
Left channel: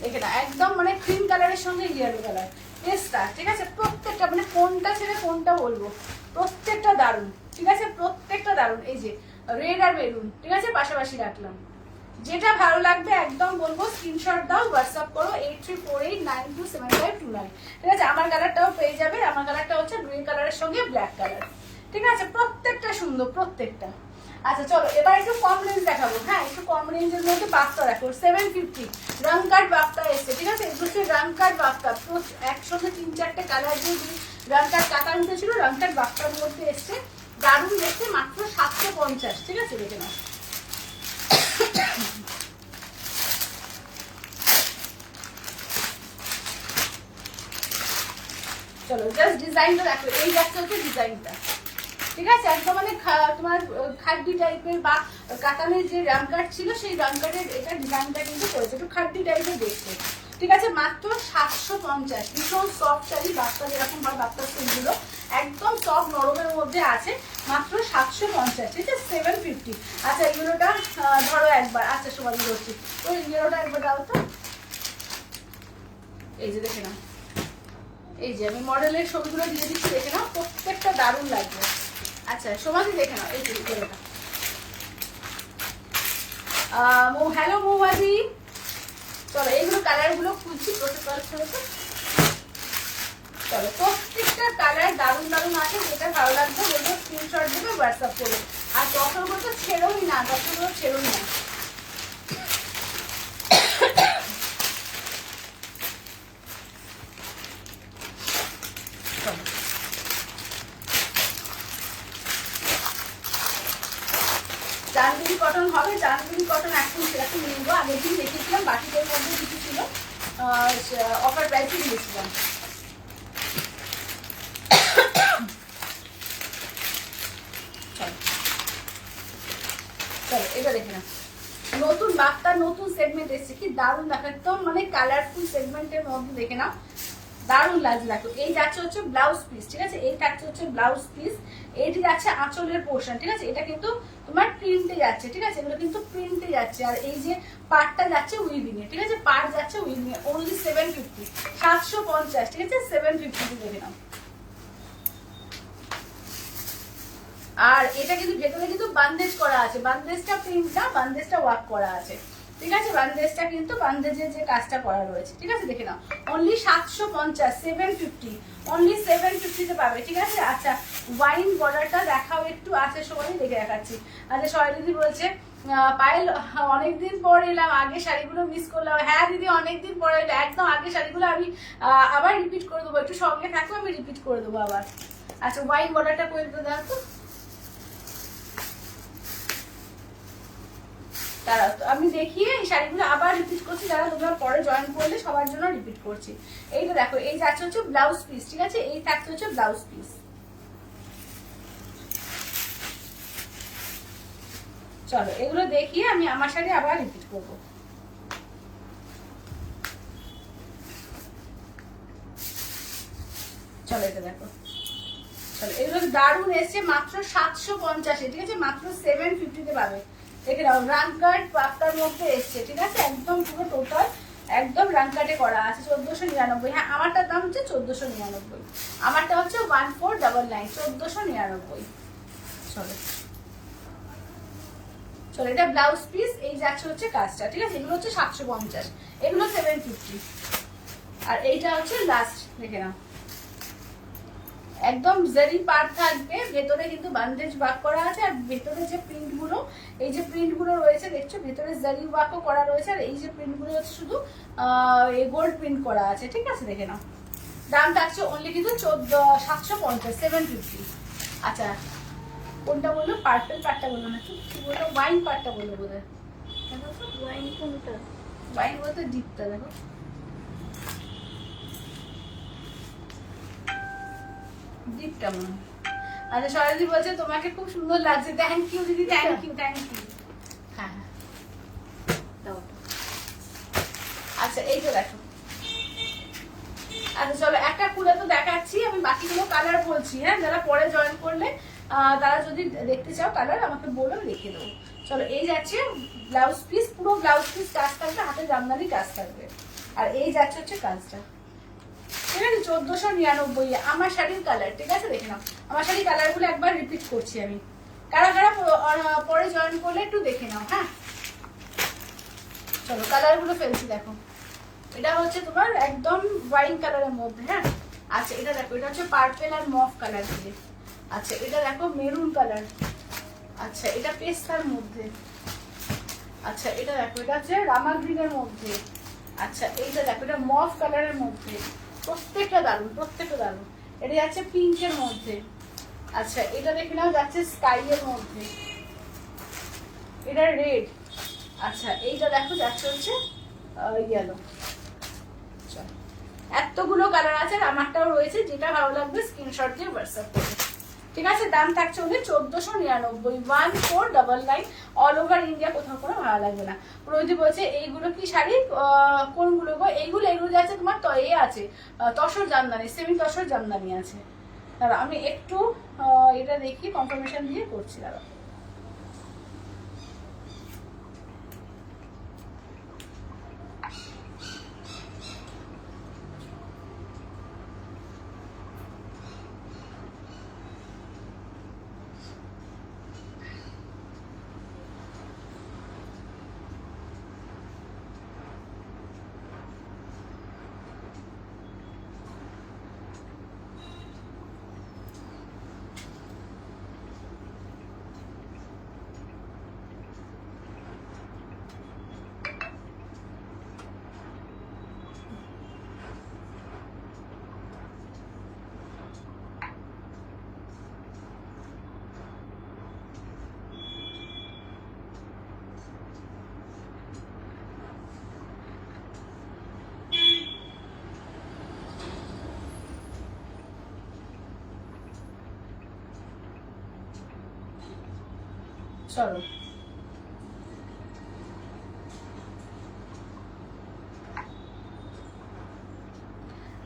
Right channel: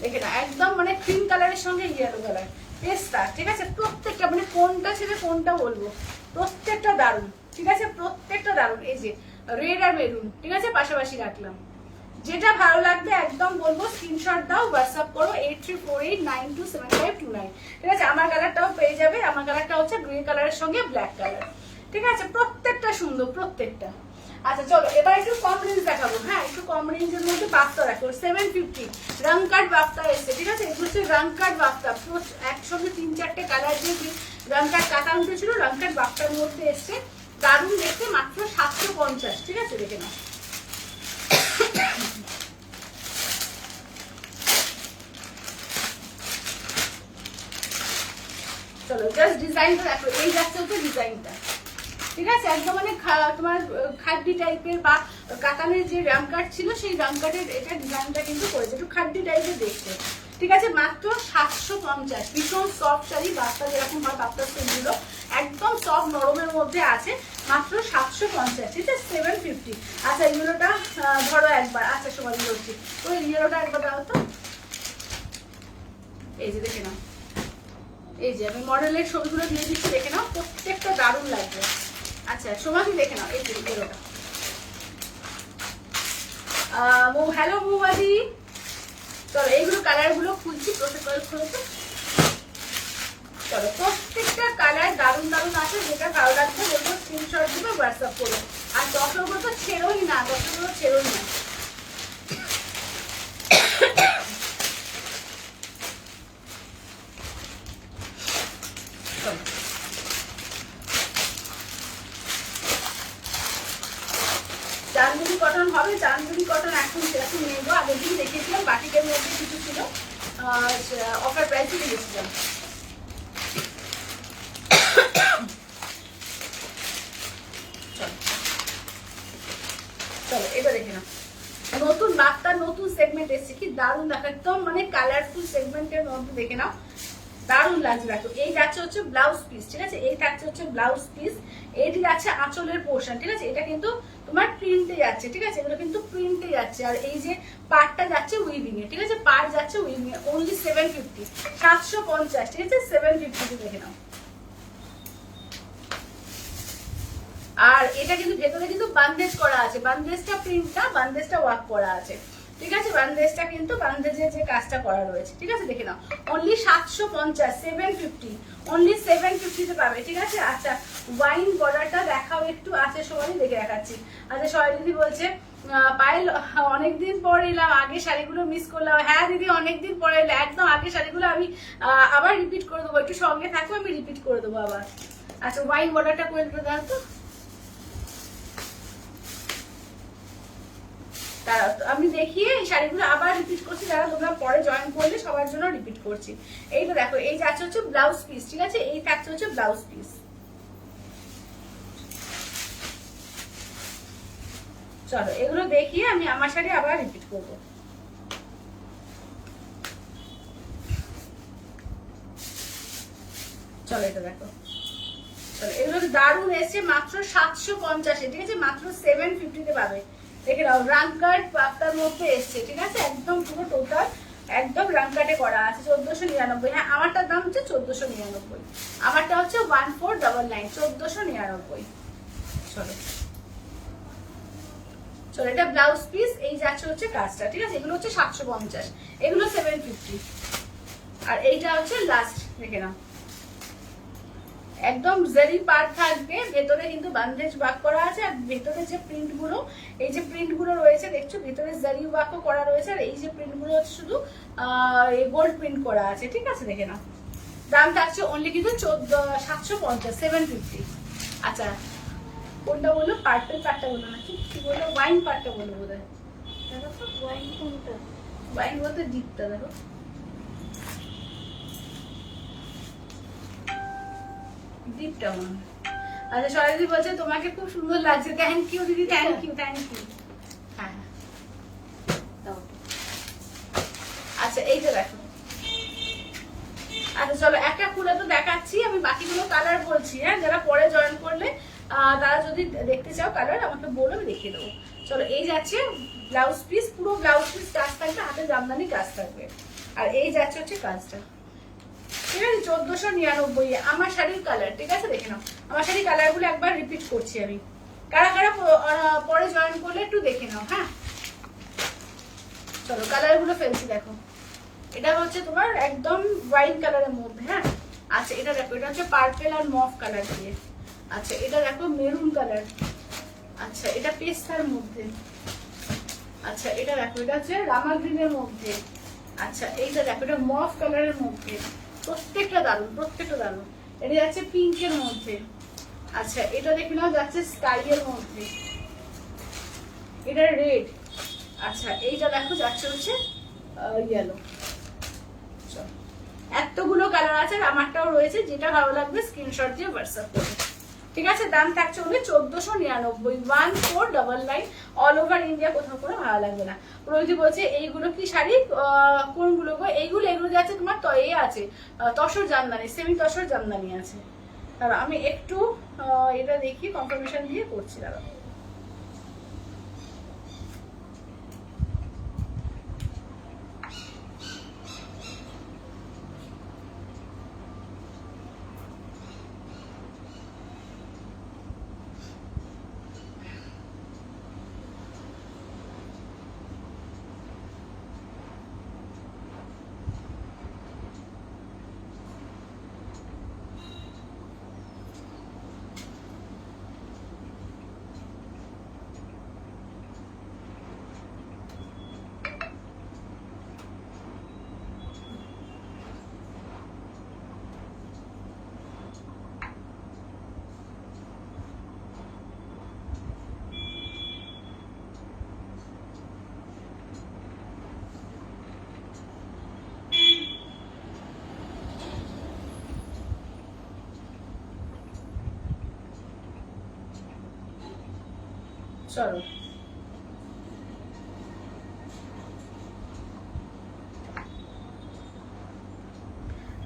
দেখে না একদম মানে ক্রিম কালারের সঙ্গে ইয়েলো কালার পেস্তা। ঠিক আছে, প্রত্যেকটা মানে কোনটা ছেড়ে কোনটা বলবো, প্রত্যেকটা দারুন। ঠিক আছে, প্রত্যেকটা দারুন। এই যে রেড আর মেরুন, ঠিক আছে পাশাপাশি রাখলাম। যেটা ভালো লাগবে একদম বলবো স্ক্রিনশট দাও, হোয়াটসঅ্যাপ করো 8348927529। ঠিক আছে, আমার কালারটাও পেয়ে যাবে। আমার কালারটা হচ্ছে গ্রে কালারের সঙ্গে ব্ল্যাক কালার। ঠিক আছে, প্রত্যেকটা সুন্দর প্রত্যেকটা। আচ্ছা চলো এবার একটু কম রেঞ্জ দেখাবো। হ্যাঁ একটু কম রেঞ্জের মধ্যে বাফতা দেখো 750 রং কাট বাফতা এসছে। ঠিক আছে, এগুলো হচ্ছে রং কাট বাফতা, পুরো একসঙ্গে 3-4টে কালার দিয়ে রং কাট কাটা উঠেছিল, রং কাট বাফতার মধ্যে এসছে, দারুণ দেখতে, মাত্র 750। ঠিক আছে, দেখে নাও। চলো জাস্ট ডিজাইনটা দেখো, এই যাচ্ছে হচ্ছে ডিজাইনটা। ঠিক আছে, একদম মানে তোমার খাড্ডি টাইপের বা কাতানের যে রাম কাট ছিল সেই রাম কাটের এটা ডিজাইনটা কিন্তু করেছে, একটু খাড্ডি টাইপের দেখতে। ঠিক আছে, মাত্র 750। ভীষণ সফট শাড়ি, বাচ্চা যেরকম হয় বাচ্চার সেগুলো একদম সফট নরমের মধ্যে আছে, মাত্র 750। ঠিক আছে, 750। আচ্ছা এগুলোটা ধরো একবার। আচ্ছা সবাই বলছি, তো ইয়েলোটা একবার দাও তো। এই যে দেখে নাও, এই যে আমি মডেলের ছবিগুলো দিয়ে দিচ্ছি, দেখে নাও প্রত্যেকটা দারুণ লাগবে। আচ্ছা সমাধি দেখে নাও, এই যে এগুলোটা। হ্যালো মৌবাদি, চলো এইগুলো কালার গুলো খুলছি, প্রোটোকল খুলেছে। চলো প্রত্যেকটা কালার দারুণ দারুণ আছে, যেটা ভালো লাগবে বলবো স্ক্রিনশট দিবে, হোয়াটসঅ্যাপ করো। আর দশগুলো তো ছেড়োই না, দশগুলো ছেড়োই না। চাঁদনি কটন হবে, চাঁদনি কটন এখন সেরকম নেবো। আগের দিন দেখেছিলাম বাটিকের মধ্যে কিছু ছিল, অফার প্রাইসে দিয়েছিলাম। চলো এবার দেখে নাও, নতুন বার্তার নতুন সেগমেন্ট এসছে, কি দারুণ দেখো, একদম মানে কালারফুল সেগমেন্টের মধ্যে দেখে নাও, দারুণ লাগছে। দেখো এই যাচ্ছে হচ্ছে ব্লাউজ পিস। ঠিক আছে, এই থাকছে হচ্ছে ব্লাউজ পিস, এইটি যাচ্ছে আঁচলের পোর্শন। ঠিক আছে, এটা কিন্তু তোমার প্রিন্টে যাচ্ছে। ঠিক আছে, এগুলো কিন্তু প্রিন্টে যাচ্ছে। আর এই যে পার্টটা যাচ্ছে উইভিং এ। ঠিক আছে, পার্ট যাচ্ছে উইভিং এ, অনলি 750, 750। ঠিক আছে, 750 দেখে নাও। আর এটা কিন্তু ভেতরে কিন্তু বান্দেজ করা আছে, বান্দেজটা প্রিন্ট না, বান্দেজটা ওয়ার্ক করা আছে। ঠিক আছে, বান্দেজটা কিন্তু বান্দেজের যে কাজটা করা রয়েছে। ঠিক আছে, দেখে নাও অনলি 750, 750, অনলি 750 তে পাবে। ঠিক আছে, আচ্ছা ওয়াইন বর্ডারটা দেখাও একটু। আছে সবাই দেখে দেখাচ্ছি। আচ্ছা সবাই দিদি বলছে পায়েল অনেকদিন পর এলাম, আগে শাড়িগুলো মিস করলাম। হ্যাঁ দিদি অনেকদিন পরে এলে, একদম আগে শাড়িগুলো আমি আবার রিপিট করে দেবো, একটু সঙ্গে থাকলে আমি রিপিট করে দেবো আবার। আচ্ছা ওয়াইন বর্ডারটা করে দেবো তো, আমি দেখিয়ে এই শাড়িগুলো আবার রিপিট করছি, যারা তোমরা পরে জয়েন করলে সবার জন্য রিপিট করছি। এইটা দেখো, এই যাচ্ছে হচ্ছে ব্লাউজ পিস। ঠিক আছে, এই থাকছে হচ্ছে ব্লাউজ পিস। চলো এগুলো দেখিয়ে আমি আমার শাড়ি আবার রিপিট করবো। চলো এটা দেখো, চলো এগুলো দারুণ এসছে, মাত্র 750। ঠিক আছে, মাত্র 750 তে পাবে। দেখে নাও রাং কাট বাফতার মধ্যে এসছে। ঠিক আছে, একদম পুরো টোটাল একদম রাং কাটে করা আছে, 1499। হ্যাঁ আমারটার দাম হচ্ছে 1499, আমারটা হচ্ছে 1499, 1499। চলো চলো এটা ব্লাউজ পিস, এই যাচ্ছে হচ্ছে কাজটা। ঠিক আছে, এগুলো হচ্ছে 750, এগুলো 750। আর এইটা হচ্ছে লাস্ট, দেখে নাও একদম জারি পার্ট থাকবে, ভেতরে কিন্তু বান্দেজ ওয়ার্ক করা আছে, আর ভেতরে যে প্রিন্ট গুলো, এই যে প্রিন্ট গুলো রয়েছে দেখছো, ভেতরে জারি ওয়ার্কও করা রয়েছে, আর এই যে প্রিন্ট গুলো হচ্ছে শুধু গোল্ড প্রিন্ট করা আছে। ঠিক আছে, দেখে নাও। দাম থাকছে অনলি কিন্তু 750, 750। আচ্ছা, কোনটা বললো? পার্পল পার্টটা বললো নাকি কি বললো? ওয়াইন পার্টটা বললো বোধ হয়। ওয়াইন কোনটা? ওয়াইন বলতে ডিপটা দেখো, ডিপটা মনে হয়। আচ্ছা, সরাদি বলছে তোমাকে খুব সুন্দর লাগছে। থ্যাংক ইউ দিদি, থ্যাংক ইউ, থ্যাংক ইউ। হ্যাঁ হ্যাঁ, দাও। আচ্ছা এইটা দেখো। আচ্ছা চলো, একটা খুলে তো দেখাচ্ছি, আমি বাকিগুলো কালার বলছি। হ্যাঁ, যারা পরে জয়েন করলে তারা যদি দেখতে চাও কালার আমাকে বলো, দেখিয়ে দেবো। চলো, এই যাচ্ছে ব্লাউজ পিস, পুরো ব্লাউজ পিস কাজ থাকবে, হাতে জামদানি কাজ থাকবে। আর এই যাচ্ছে হচ্ছে কাজটা, ঠিক আছে? 1499 আমার শাড়ির কালার। ঠিক আছে, দেখে নাও। আমার শাড়ির কালার গুলো একবার রিপিট করছি আমি, কারা কারা পরে জয়েন করলে একটু দেখে নাও। হ্যাঁ, চলো কালার গুলো ফেলছি, দেখো। এটা হচ্ছে তোমার একদম ওয়াইন কালারের মধ্যে। হ্যাঁ, আচ্ছা এটা দেখো, এটা হচ্ছে পার্পল আর মফ কালার দিয়ে। আচ্ছা এটা দেখো মেরুন কালার। আচ্ছা এটা পেস্তার মধ্যে। আচ্ছা এটা দেখো, এটা হচ্ছে রামা গ্রিনের মধ্যে। আচ্ছা এইটা দেখো, এটা মফ কালারের মধ্যে। প্রত্যেকটা দারুন, প্রত্যেকটা দারুন। এটা যাচ্ছে পিঙ্কের মধ্যে। আচ্ছা এটা দেখে নাও, যাচ্ছে স্কাই এর মধ্যে। এটা রেড। আচ্ছা এইটা দেখো, যাচ্ছে হচ্ছে ইয়েলো। এতগুলো কালার আছে, আর আমারটাও রয়েছে। যেটা ভালো লাগবে স্ক্রিনশট দিয়ে হোয়াটসঅ্যাপ করবে। ঠিক আছে, দাম থাকছে ওদের 1499, 1499। অল ওভার ইন্ডিয়া, কোথাও কোনো ভালো লাগবে না। রোজি বলছে এইগুলো কি শাড়ি? কোনগুলো গো? এইগুলো যাচ্ছে তোমার তো এ আছে, তসর জামদানি, সেমি তসর জামদানি আছে। দাঁড়া আমি একটু এটা দেখি, কনফার্মেশন দিয়ে করছি। দাঁড়া, চলো।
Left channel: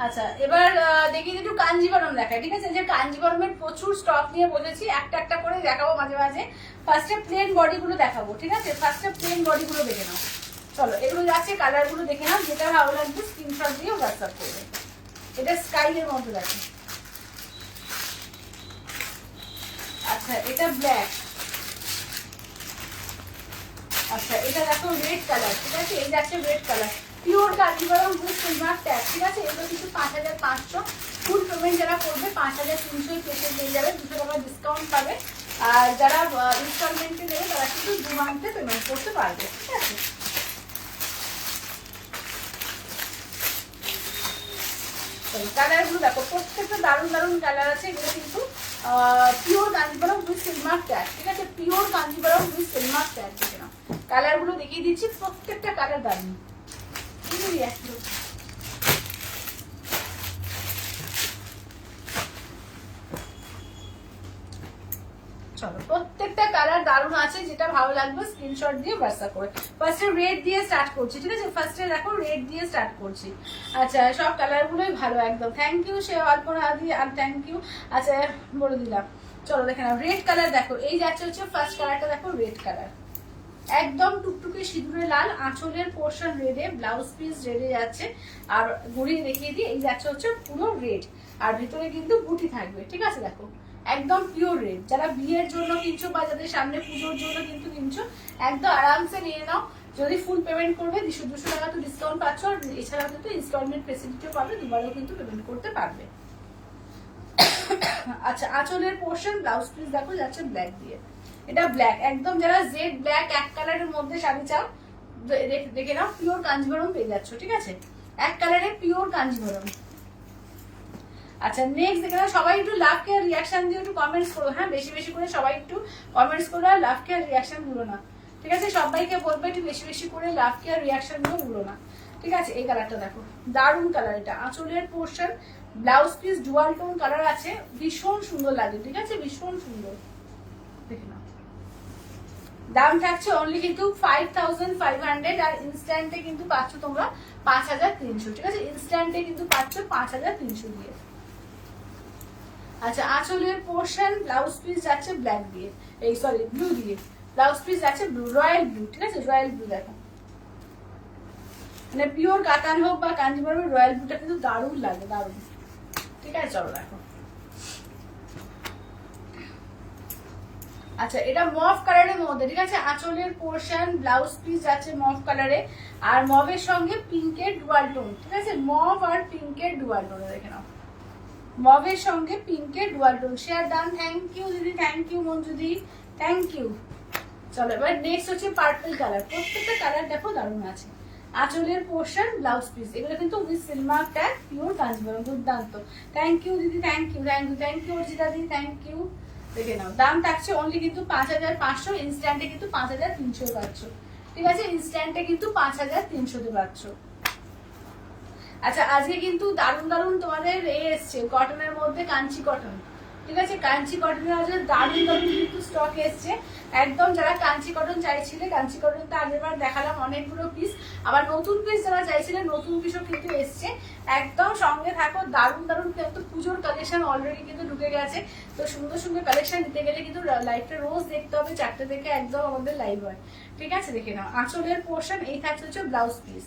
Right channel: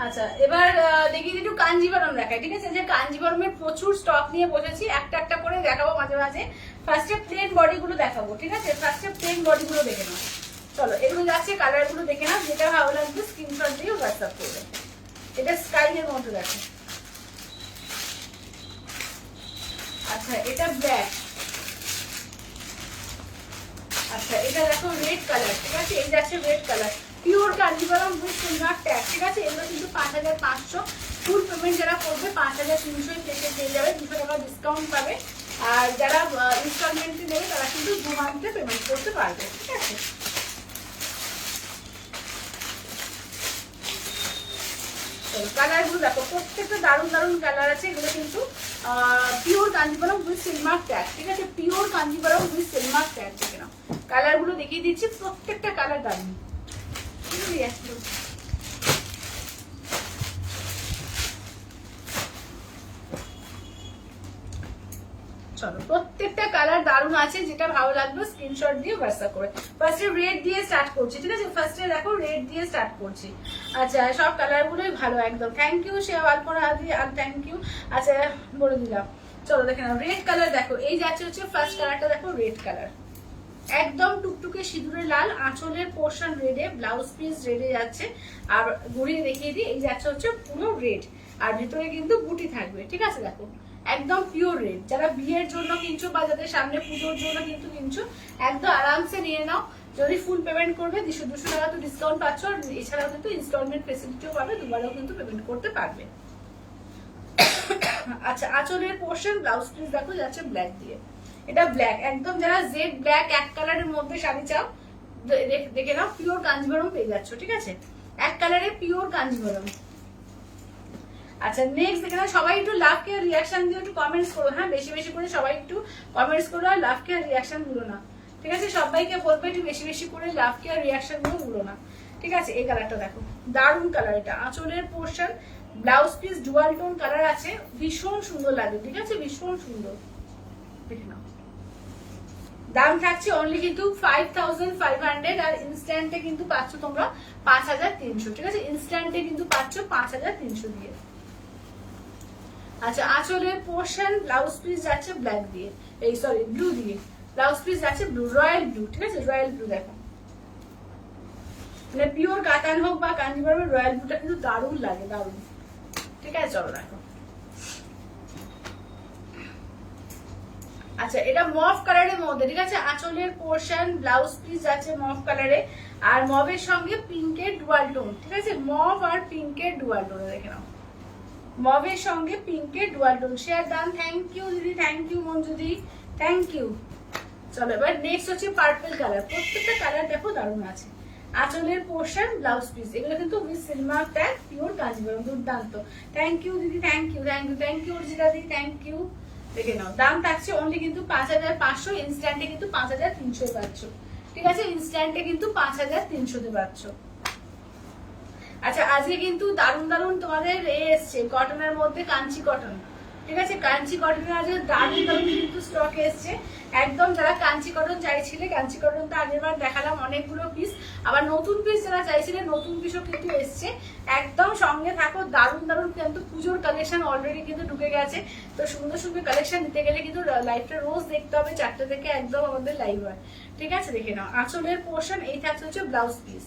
আচ্ছা এবার দেখি একটু কাঞ্জিবরম দেখায়। ঠিক আছে, যে কাঞ্জিবরমের প্রচুর স্টক নিয়ে বসেছি, একটা একটা করে দেখাবো মাঝে মাঝে। ফার্স্টে প্লেন বডি গুলো দেখাবো। ঠিক আছে, ফার্স্টে প্লেন বডি গুলো দেখে নাও। চলো, এগুলো যাচ্ছে, কালার গুলো দেখে নাও, যেটা ভালো লাগবে স্ক্রিনশট দিয়ে হোয়াটসঅ্যাপ করবে। এটা স্কাই এর মধ্যে দেখো। আচ্ছা এটা ব্ল্যাক। আচ্ছা এটা দেখো রেড কালার। ঠিক আছে, এই যাচ্ছে red colour, pure Kanjeevaram with silver tag. ঠিক আছে, এগুলো কিন্তু 5500। ফুল পেমেন্ট যারা করবে 5300 পেতে পেয়ে যাবে, 200 টাকা ডিসকাউন্ট পাবে। আর যারা ইনস্টলমেন্টে নেবে তারা কিন্তু 2 মান্থে পেমেন্ট করতে পারবে। ঠিক আছে, কালার গুলো দেখো, প্রত্যেকটা দারুণ দারুণ কালার আছে। এগুলো কিন্তু pure Kanjeevaram with silver tag. ঠিক আছে, pure Kanjeevaram with silver tag. দেখে নাও, কালার গুলো দেখিয়ে দিচ্ছি, প্রত্যেকটা কালার দারুণ। চলো, প্রত্যেকটা কালার দারুণ আছে, যেটা ভালো লাগবে স্ক্রিনশট দিয়ে হোয়াটসঅ্যাপ করে। ফার্স্টে রেড দিয়ে স্টার্ট করছি। ঠিক আছে, ফার্স্টে দেখো রেড দিয়ে স্টার্ট করছি। আচ্ছা সব কালার গুলোই ভালো একদম। থ্যাংক ইউ শেওয়ালপোনা আদি, আর থ্যাংক ইউ। আচ্ছা বলে দিলাম। চলো দেখে নাও, রেড কালার দেখো, এই যাচ্ছে হচ্ছে ফার্স্ট কালারটা দেখো, রেড কালার একদম টুকটুকে সিঁদুরে লাল, আঁচলের পোর্শন রেডে, ব্লাউজ পিস রেডে যাচ্ছে। আর ঘুরিয়ে দেখিয়ে দিই, এই যাচ্ছে হচ্ছে পুরো রেড, আর ভিতরে কিন্তু বুটি থাকবে। ঠিক আছে, দেখো একদম পিওর রেড। যারা বিয়ের জন্য কিনছো বা যাদের সামনে পুজোর জন্য কিন্তু কিনছো, একদম আরামসে নিয়ে নাও। যদি ফুল পেমেন্ট করবে 200 টাকা তো ডিসকাউন্ট পাচ্ছ, আর এছাড়াও কিন্তু ইনস্টলমেন্ট ফেসিলিটিও পাবে, দুবারও কিন্তু পেমেন্ট করতে পারবে। আচ্ছা আঁচলের পোর্শন ব্লাউজ পিস দেখো যাচ্ছে ব্ল্যাক দিয়ে, এটা ব্ল্যাক একদম, যারা জেড ব্ল্যাক এক কালারের মধ্যে শাড়ি চাও দেখে নাও, পিওর কাঞ্জিভরম পেয়ে যাচ্ছ, ঠিক আছে, এক কালারে পিওর কাঞ্জিভরম। আচ্ছা নেক্সট দেখে নাও, সবাই একটু লাভ কেয়ার রিয়াকশন দিয়ে একটু কমেন্টস করো, হ্যাঁ বেশি বেশি করে সবাই একটু কমেন্টস করো, আর লাভ কেয়ার রিয়াকশন ভুলো না, ঠিক আছে, সবাইকে বলবে একটু বেশি বেশি করে লাভ কেয়ার রিয়াকশন গুলো ভুলো না, ঠিক আছে। এই কালারটা দেখো দারুন কালার, এটা আঁচলের portion blouse piece dual tone colour আছে, ভীষণ সুন্দর লাগে, ঠিক আছে, ভীষণ সুন্দর, দেখে নাও। দাম থাকছে অনলি কিন্তু 5500, আর ইনস্ট্যান্টে কিন্তু পাচ্ছ তোমরা 5300, ঠিক আছে, ইনস্ট্যান্টে কিন্তু পাচ্ছ 5300 দিয়ে। আচ্ছা আঁচলের পোর্শন ব্লাউজ পিস যাচ্ছে ব্ল্যাক দিয়ে, এই সরি ব্লু দিয়ে, ব্লাউজ পিস যাচ্ছে ব্লু, রয়্যাল ব্লু, ঠিক আছে, রয়্যাল ব্লু দেখো, মানে পিওর কাতান হোক বা কাঞ্জিভরমের রয়্যাল ব্লুটা কিন্তু দারুণ লাগে, দারুণ, ঠিক আছে। চলো দেখো, আচ্ছা এটা মভ কালারের মধ্যে, ঠিক আছে, আঁচলের পোর্শন ব্লাউজ পিস যাচ্ছে মভ কালারে, আর মভের সঙ্গে পিঙ্কের ডুয়াল টোন, ঠিক আছে, মভ আর পিঙ্কের ডুয়াল টোন, দেখে নাও, মভের সঙ্গে পিঙ্কের ডুয়াল টোন। শেয়ার দান, থ্যাংক ইউ দিদি, থ্যাংক ইউ মঞ্জুদি, থ্যাংক ইউ। চলো এবার নেক্সট হচ্ছে পার্পল কালার, প্রত্যেকটা কালার দেখো দারুণ আছে, আঁচলের পোর্শন ব্লাউজ পিস, এগুলো কিন্তু উইথ সিলমার ট্যাগ পিওর কাঞ্জিভরম, দুর্দান্ত, থ্যাংক ইউ দিদি, thank you, thank you, thank you Arjita দিদি, থ্যাংক ইউ। দেখে নাও দাম থাকছে অনলি কিন্তু 5500, ইনস্ট্যান্টে কিন্তু 5300 পাচ্ছ, ঠিক আছে, ইনস্ট্যান্টে কিন্তু 5300 পাচ্ছ। আচ্ছা আজকে কিন্তু দারুণ দারুণ তোমাদের এসছে কটনের মধ্যে কাঞ্চি কটন, ঠিক আছে, কাঞ্চি কটনের আজকে দারুণ দারুণ কিন্তু স্টক এসছে, একদম যারা কাঞ্চি কটন চাইছিলে, কাঞ্চি কটন তো আগের বার দেখালাম অনেকগুলো পিস, আবার নতুন পিস যারা চাইছিলেন নতুন পিসও কিন্তু এসছে, একদম সঙ্গে থাকো, দারুণ দারুণ কিন্তু পুজোর কালেকশন অলরেডি কিন্তু ঢুকে গেছে, তো সুন্দর সুন্দর কালেকশন নিতে গেলে কিন্তু লাইভটা রোজ দেখতে হবে, 4টে থেকে একদম আমাদের লাইভ হয়, ঠিক আছে। দেখে নাও আঁচলের পোর্শন, এই থাকছে হচ্ছে ব্লাউজ পিস,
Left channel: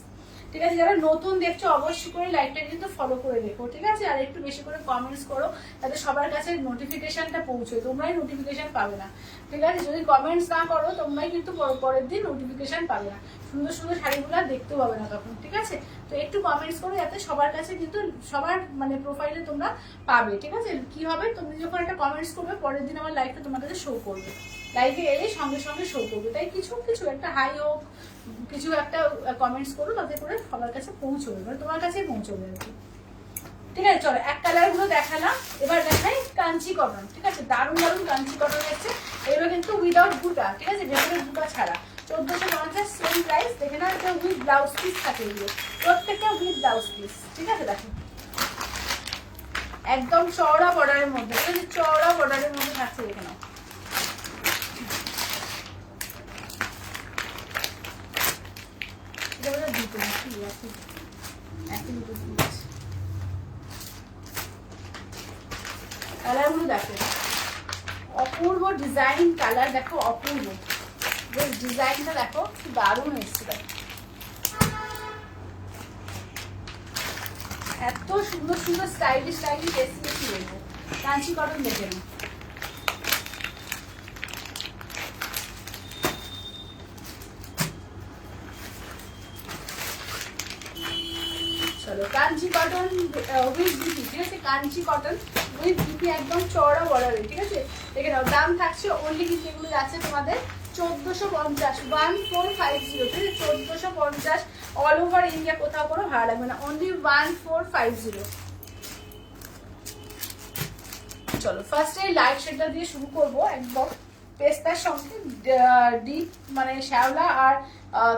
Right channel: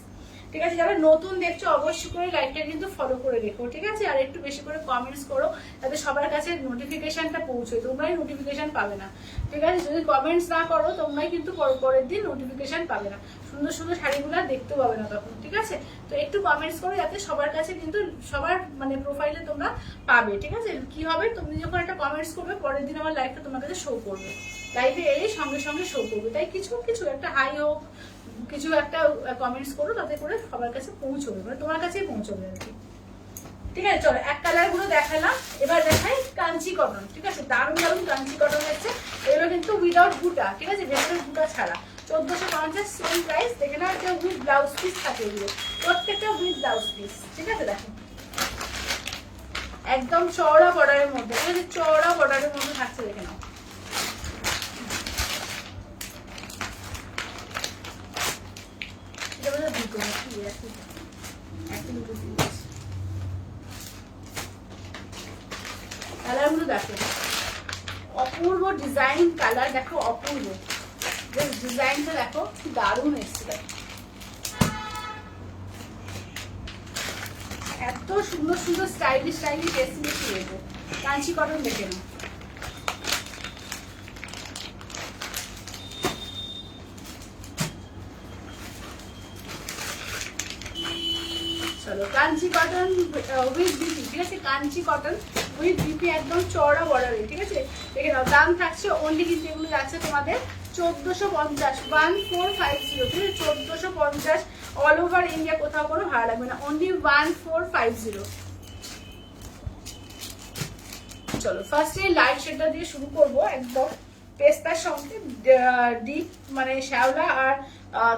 ঠিক আছে, যারা নতুন দেখছো অবশ্যই করে লাইভটা কিন্তু ফলো করে রেখো, ঠিক আছে, আর একটু বেশি করে কমেন্টস করো যাতে সবার কাছে নোটিফিকেশনটা পৌঁছয়, তোমরাই নোটিফিকেশন পাবে না, ঠিক আছে, যদি কমেন্টস না করো তোমরাই কিন্তু পরের দিন নোটিফিকেশন পাবে না, সুন্দর সুন্দর শাড়িগুলো দেখতেও পাবে না তখন, ঠিক আছে, তো একটু কমেন্টস করো যাতে সবার কাছে কিন্তু সবার মানে প্রোফাইলে তোমরা পাবে, ঠিক আছে, কি হবে তুমি যখন একটা কমেন্টস করবে পরের দিন আমার লাইভটা তোমার কাছে শো করবে, লাইভে এলে সঙ্গে সঙ্গে শো করবে, তাই কিছু কিছু একটা হাই হোক কিছু একটা কমেন্টস করো তাতে করে সবার কাছে পৌঁছবে, মানে তোমার কাছেই পৌঁছবে আর কি, ঠিক আছে। চলো এক কালার গুলো দেখালাম, এবার দেখাই কাঞ্চি কটন, ঠিক আছে, দারুণ দারুণ কাঞ্চি কটন আছে, এগুলো কিন্তু উইদাউট বুটা, ঠিক আছে, ভেতরের বুটা ছাড়া, 1450 সেম প্রাইস, দেখে না, এটা উইথ ব্লাউজ পিস থাকে, এগুলো প্রত্যেকটা উইথ ব্লাউজ পিস, ঠিক আছে, দেখো একদম চওড়া বর্ডারের মধ্যে, ঠিক আছে, চওড়া বর্ডারের মধ্যে থাকছে, দেখে নাও, কালারগুলো দেখো অপূর্ব ডিজাইন, কালার দেখো অপূর্ব, ডিজাইনটা দেখো কি দারুণ এসছে, দেখো এত সুন্দর সুন্দর স্টাইলিশ স্টাইলিশ এসে বেশি দেখবো, কাঞ্চি কটন দেখে নাও, চলো কাঞ্চি কটন উইথ বিপি, ঠিক আছে, কাঞ্চি কটন উইথ বিপি একদম চওড়া বর্ডারে, ঠিক আছে, দেখে নাও দাম থাকছে অনলি কিন্তু এগুলো যাচ্ছে তোমাদের 1450, 1450, ঠিক আছে, 1450, অল ওভার ইন্ডিয়া, কোথাও কোনো ভাড়া লাগবে না, অনলি 1450। চলো ফার্স্ট এই লাইট শেডটা দিয়ে শুরু করবো, একদম পেস্তার সঙ্গে ডিপ মানে শ্যাওলা আর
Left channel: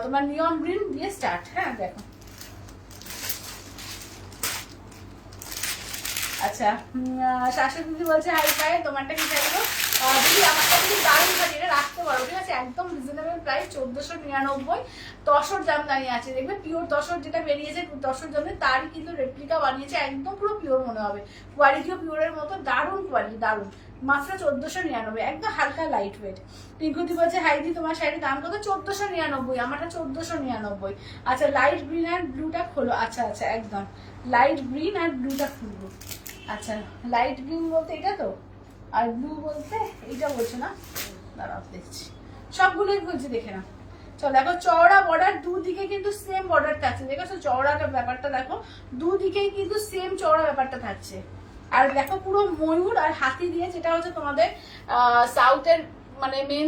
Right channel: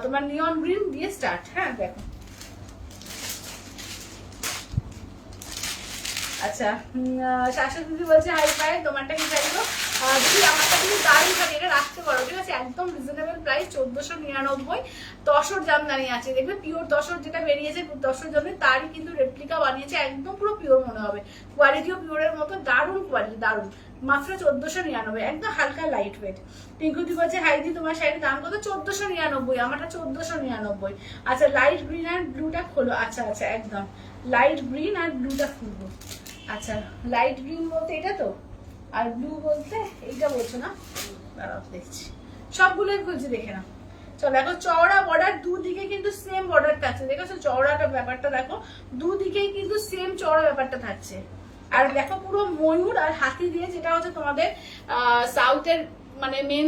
তোমার নিয়ন গ্রিন দিয়ে স্টার্ট, হ্যাঁ দেখো, আচ্ছা শাশুড়ি দিদি বলছে হাই ফাই, তোমারটা কি চাইবো দিদি, আমারটা কিন্তু দারুণ থাকে, এটা রাখতে পারো, ঠিক আছে, একদম রিজনেবল প্রাইস, 1499, তসর জামদানি আছে, দেখবে পিওর তসর যেটা বেরিয়েছে তসর জামে তারই কিন্তু রেপ্লিকা বানিয়েছে, একদম পুরো পিওর মনে হবে, কোয়ালিটিও পিওরের মতো, দারুণ কোয়ালিটি, দারুণ, মাত্র 1499, একদম হালকা লাইট ওয়েট। পিঙ্কুদি বলছে হাইদি তোমার শাড়ির দাম কত, 1499, আমারটা 1499। আচ্ছা লাইট গ্রিন আর ব্লুটা খোলো, আচ্ছা আচ্ছা একদম লাইট গ্রিন আর ব্লুটা খুলবো, আচ্ছা লাইট গ্রিন বলতে এটা তো, আর ব্লু বলতে এইটা বলছো না, দাঁড়াও দেখছি, সবগুলোই বলছি, দেখে না, চলো দেখো চওড়া বর্ডার, দুদিকে কিন্তু সেম বর্ডার থাকছে, দেখেছো চওড়াটা ব্যাপারটা দেখো, দুদিকেই কিন্তু সেম চওড়া ব্যাপারটা থাকছে, আর দেখো পুরো ময়ূর আর হাতি দিয়ে, যেটা হচ্ছে তোমাদের সাউথের মানে মেন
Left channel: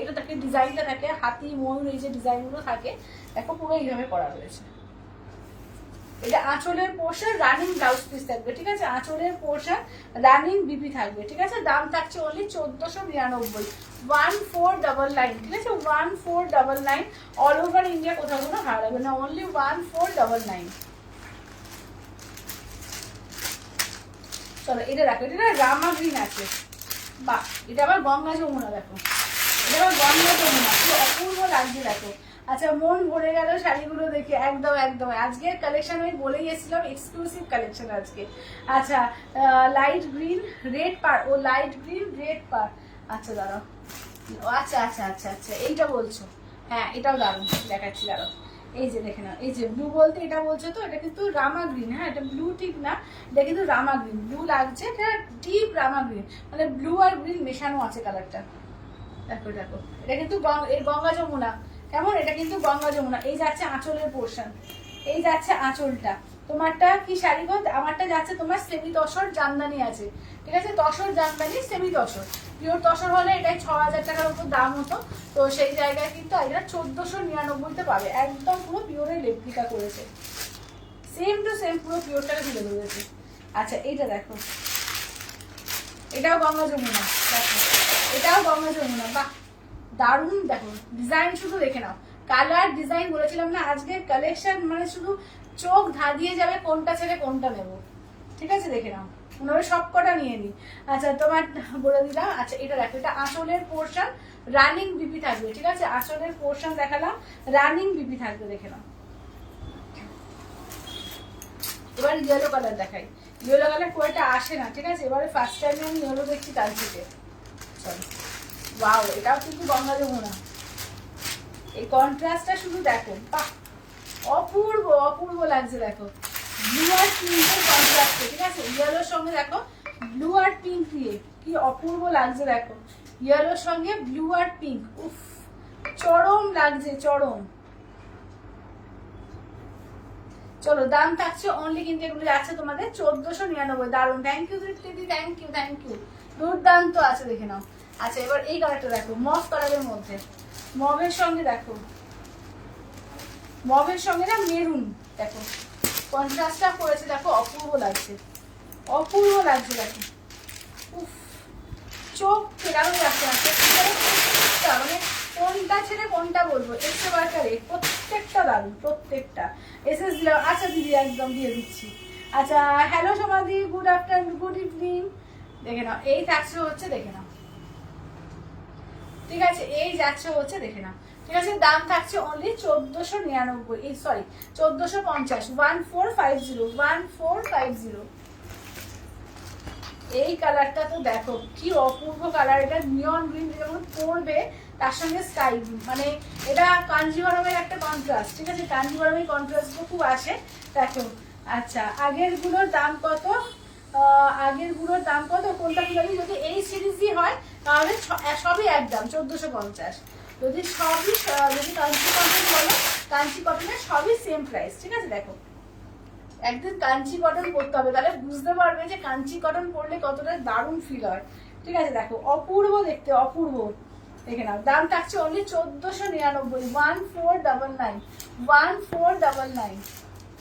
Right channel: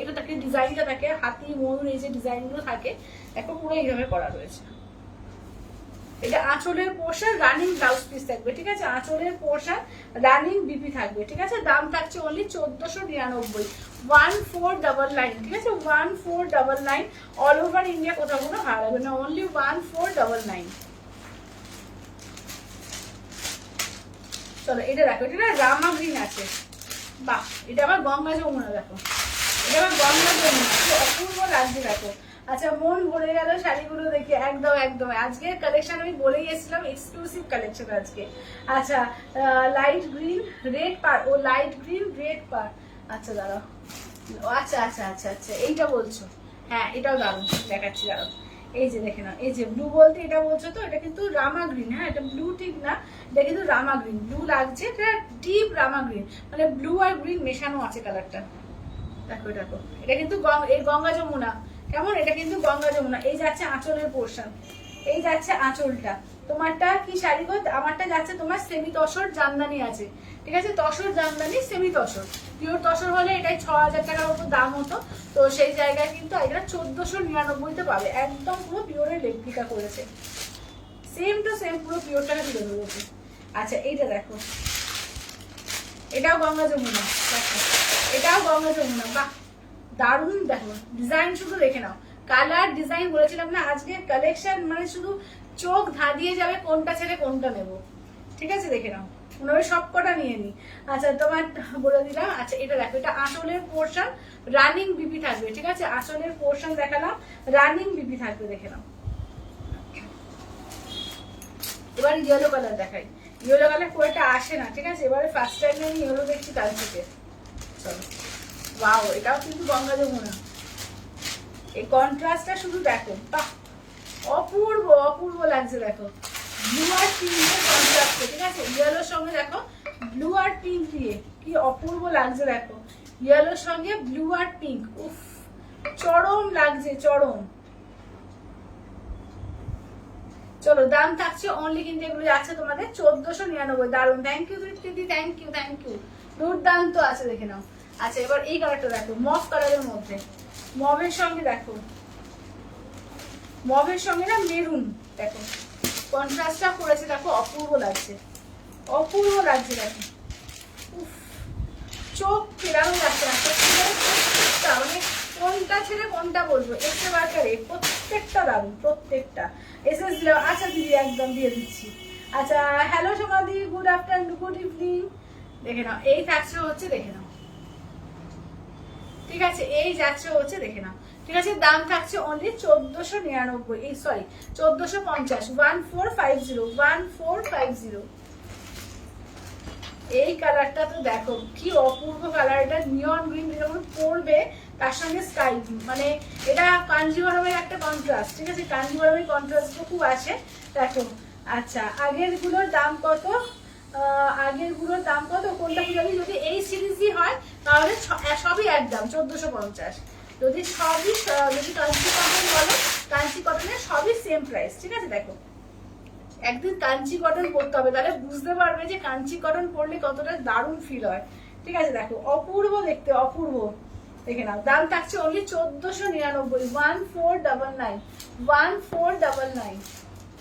এটা থাকে, ডিজাইনটা থাকে হাতি ময়ূর, এই যে ডিজাইনগুলো থাকে দেখো পুরো এইভাবে করা রয়েছে। এটা আঁচলের পোর্শন, রানিং ব্লাউজ পিস থাকবে, ঠিক আছে? আঁচলের পোর্শন রানিং বিপি থাকবে, ঠিক আছে? দাম থাকছে অনলি 1499, 1499, ঠিক আছে? 1499, অল ওভার ইন্ডিয়া কোথাও কোনো হারাবে না, অনলি 1499। চলো এটা দেখো, এটা না রামা গ্রিন আছে, বাহ এটা আবার গঙ্গা যমুনা, দেখো এটা আবার গঙ্গা যমুনা, কি অপূর্ব লাগছে দেখো। আচ্ছা মন ভরে গেল শাড়িগুলো দেখে, একদম একদম। আজকের কালেকশন আমি বলেই এসেছিলাম এক্সক্লুসিভ কালেকশন আজকে। আচ্ছা লাইট গ্রিন রেড পার, ও লাইট গ্রিন রেড পার, আচ্ছা দাঁড়াও, আচ্ছা আচ্ছা আচ্ছা আচ্ছা এইটা বলছো, হ্যাঁ এটাও দারুণ, দেখাচ্ছি দাঁড়াও। এই যে দেখে নাও, এই যে ব্লু বলতে এটা বলছো তো, এটা কিন্তু রামা গ্রিন, হ্যাঁ এটা ব্লু ঠিক না, এটা কিন্তু রামা গ্রিন, ব্লু লাগছে, এটা ডিপ রামা গ্রিন, মানে ব্লু আর গ্রিন মেশানো আছে কালারটা, দেখো দেখো। এটা কিন্তু এই গঙ্গা যমুনা, কেমন? এটা কিন্তু গঙ্গা যমুনা। এই যাচ্ছে আঁচলের পোর্শন, এই যাচ্ছে আঁচলটা। তোমারটা কি শাড়ি গো? আমারটা যাচ্ছে তোমার সেমি তসর জামদানি আছে, ঠিক আছে? তসর জামদানি সেমি তসর, পিওর তসর হলে এটাই 6000 টাকার মতো দাম হতো, তো সেই জায়গায় কিন্তু এটা 1499-তে পাবে, একদম পুরো পিওরের রেপ্লিকা করেছে, সেম টু সেম পুরো পিওরটাকে তুলে ধরেছে। আচ্ছা এইটা দেখো, এটাও গঙ্গা যমুনা, দেখো এটাও গঙ্গা যমুনা, বাহ দারুণ। দেখো ডিজাইন শুধু দেখে নাও, কালার ডিজাইন বলেছিলাম না আজকে কালেকশন মানে শুধু চোখ ধাঁধিয়ে যাবে কোনটা ছেড়ে কোনটা নেব, ঠিক আছে? দেখে নাও, মনে হয় সব কটা নিয়ে নি। আচ্ছা তোমার বলে দিলাম। আচ্ছা এটা দেখো, এটা আঁচলের পোর্শন রানিং বিপি থাকবে, ঠিক আছে? আঁচলের পোর্শন দেখালাম, রানিং বিপি থাকবে, দেখে নাও। এবার ইয়েলো কালার দেখাই, ইয়েলো কালার খুব একটা আসে না, ঠিক আছে? এবারে ফার্স্ট টাইম আমি ইয়েলো দেখছি তার থেকে। চলো ওয়াও, এটাও কিন্তু গঙ্গা যমুনা, এই কন্ট্রাস্টটা শুধু দেখো, বাহ অপূর্ব অপূর্ব লাগছে দেখো, ব্লু আর পিঙ্কের কন্ট্রাস্টে, ঠিক আছে? ইয়েলোর সঙ্গে দেখো ব্লু আর পিঙ্ক দিয়ে কি অপূর্ব লাগছে দেখো, ইয়েলোর সঙ্গে ব্লু আর পিঙ্ক, উফ চরম লাগছে চরম। চলো দাম থাকছে অনলি কিন্তু এগুলো যাচ্ছে তোমাদের 1499, দারুন। থ্যাংক ইউ দিদি, থ্যাংক ইউ থ্যাংক ইউ, দুর্দান্ত আছে, দেখে নাও। আচ্ছা এবার এই কালারটা দেখো, মভ কালারের মধ্যে, মভের সঙ্গে দেখো, মভের সঙ্গে না মেরুন, দেখো কন্ট্রাস্টটা করেছে, দেখো অপূর্ব লাগছে, অপূর্ব লাগছে দেখো, উফ চোখ ফেরানো যাচ্ছে না, প্রত্যেকটা মানে কোনটা ছেড়ে কোনটা বলবো, এসে বাজারে প্রত্যেকটা দারুন, প্রত্যেকটা এসএস দিলাম। আচ্ছা দিদি একদম দিয়ে দিচ্ছি। আচ্ছা হ্যালো সমাধি, গুড আফটারনুন, গুড ইভিনিং। দেখে নাও এই থাকছে হচ্ছে, দেখে নাও, ঠিক আছে? এই যাচ্ছে হচ্ছে, দেখে নাও, ঠিক আছে? দাম থাকছে অনলি 1499, এই সরি 1450, 1450, 1450। এই কালারটা তো দেখো কি অপূর্ব কালার, এটা নিয়ন গ্রিন যখন পরবে তার সঙ্গে স্কাই ব্লু, মানে এটা কাঞ্জিভরমের একটা কন্ট্রাস্ট, ঠিক আছে? কাঞ্জিভরমের কন্ট্রাস্ট খুব আসে দেখো। আচ্ছা আগের গুলোর দাম কত? আগের গুলোর দাম কত কোনটা কি জানি, যদি এই সিরিজই হয় তাহলে সবই একদম 1450, যদি সবই যদি কাঞ্চি কটন বলো, কাঞ্চি কটনের সবই সেম প্রাইস, ঠিক আছে? দেখো একদিন কাঞ্চি কটন পরতে হবে, তাহলে বুঝতে পারবে যে কাঞ্চি কটন পরলে কতটা দারুণ ফিল হয়, ঠিক আছে? দেখো অপূর্ব দেখতে, অপূর্ব, দেখে নাও। দাম থাকছে অনলি 1499, 1499, 1499।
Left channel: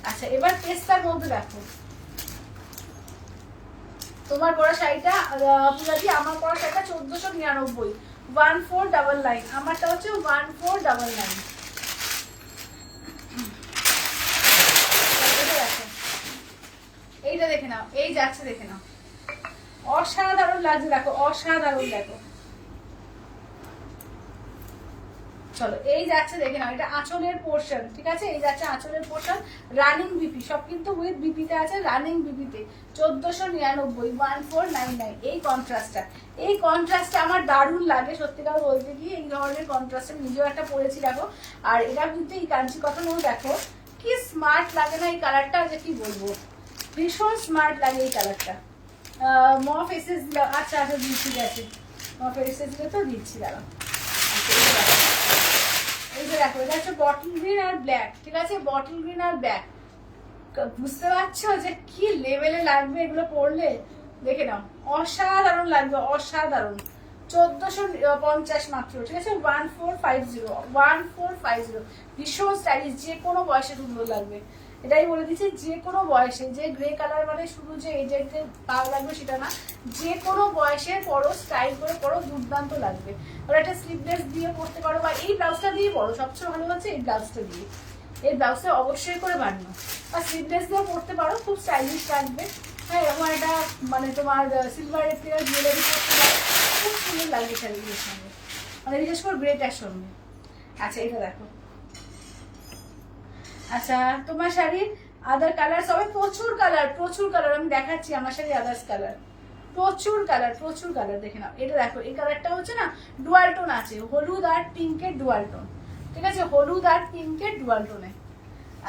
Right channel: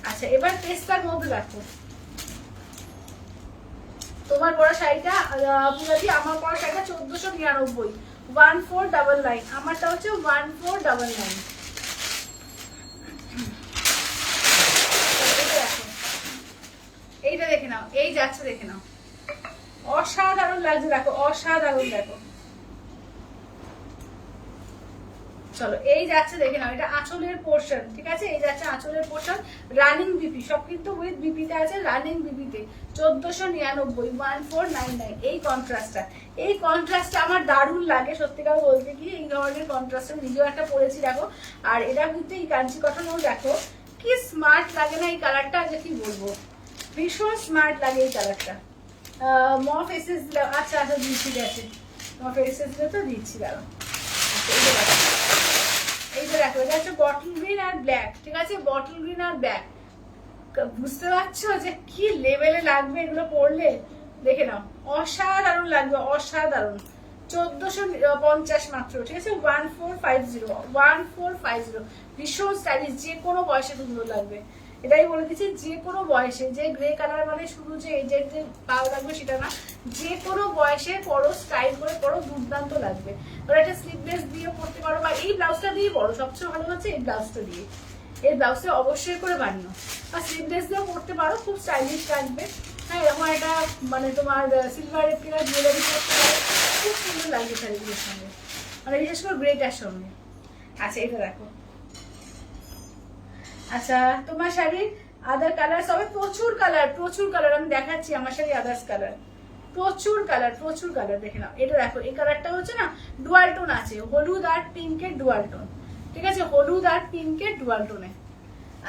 আচ্ছা এবার পেস্তার মধ্যে দেখো, তোমার পরা শাড়িটা পুরাটি, আমার পরা শাড়িটা 1499, 1499, আমারটা হচ্ছে 1499। এইটা দেখে নাও, এই যাচ্ছে দেখে নাও, অসাধারণ লাগছে দেখো, অসাধারণ দেখো। চলো এই যাচ্ছে দেখে নাও, এটা আঁচলের পোর্শন, ঠিক আছে? এই যাচ্ছে আঁচলের পোর্শন, রানিং বিপি, সব কিন্তু উইথ বিপিতে আছে, রানিং বিপিতে 1499, 1499। এই কন্ট্রাস্টটা, এই কন্ট্রাস্টটা আমার দারুণ লাগে সত্যিকার বলতে কি, এই ধরনের কন্ট্রাস্ট নিজেও একটা পরেছি দেখো। আর এটা কিন্তু এই কাঞ্চি কটনও দেখো কি স্মার্ট লাগে না এই কালারটা, যে কি বলবো, ভীষণ স্মার্ট লাগে এই কালারটা। মফ এসেস দিলাম, আচ্ছা আচ্ছা দিচ্ছি, গেছে মফ এসেস দিলে তো দিচ্ছি, দাঁড়াও। আচ্ছা এই যে দেখো, এই যে দেখো, এটা হচ্ছে বটল গ্রিন আর ব্ল্যাক, ঠিক আছে? বটল গ্রিন আর ব্ল্যাক, বুঝতে পারছো যে কি লেভেলে লাগবে এগুলো পরলে? দেখে নাও, অসাধারণ লাগবে, অসাধারণ। 1450 মাত্র, ঠিক আছে। 1450 ভীষণ স্টাইলিশ, যে কোনো বয়সে সুন্দর লাগবে। এটাই বলে দিচ্ছি, যে কোনো বয়সে, যে গ্রে কালার মানে শুধু যে এই যে ভালো লাগবে সেটা না, যে কোনো বয়সে পরো, স্টাইল করে পরো, দুর্দান্ত লাগবে। ওরা একটা স্লিভলেস দিয়ে পরতে পারো, বা এই ব্লাউজটা দিয়ে পরো, সবচেয়ে ভালো হচ্ছে এই ব্লাউজটা দিয়ে। এই ব্লাউজটা অবশ্যই করে বানিও, আর স্লিভলেস দিয়ে পরতে পারো, খুব স্টাইলিশ লাগবে। হ্যাঁ, এরকম একটা মানে তোমার সিলভার এপ্রিল জুয়েলারি পরতে পারো, খুব সুন্দর লাগবে শাড়িগুলোর সঙ্গে, মানে বিশেষ করে গ্রেটার সঙ্গে। আচ্ছা, এটা দেখো। আচ্ছা, তোমার শাড়ির আদার কালার সবাই প্রচুর কালার, প্রচুর কালার আমি দেখাচ্ছি। আমার শাড়ি আদার্স কালার, প্রচুর কালার, প্রচুর কালার। দেখে নাও, এটা দেখো, এই কালারটা হচ্ছে না ডুয়াল টোন আছে, হলুদ আর পিঙ্কের ডুয়াল টোন, ঠিক আছে, হলুদ আর পিঙ্কের ডুয়াল টোনে।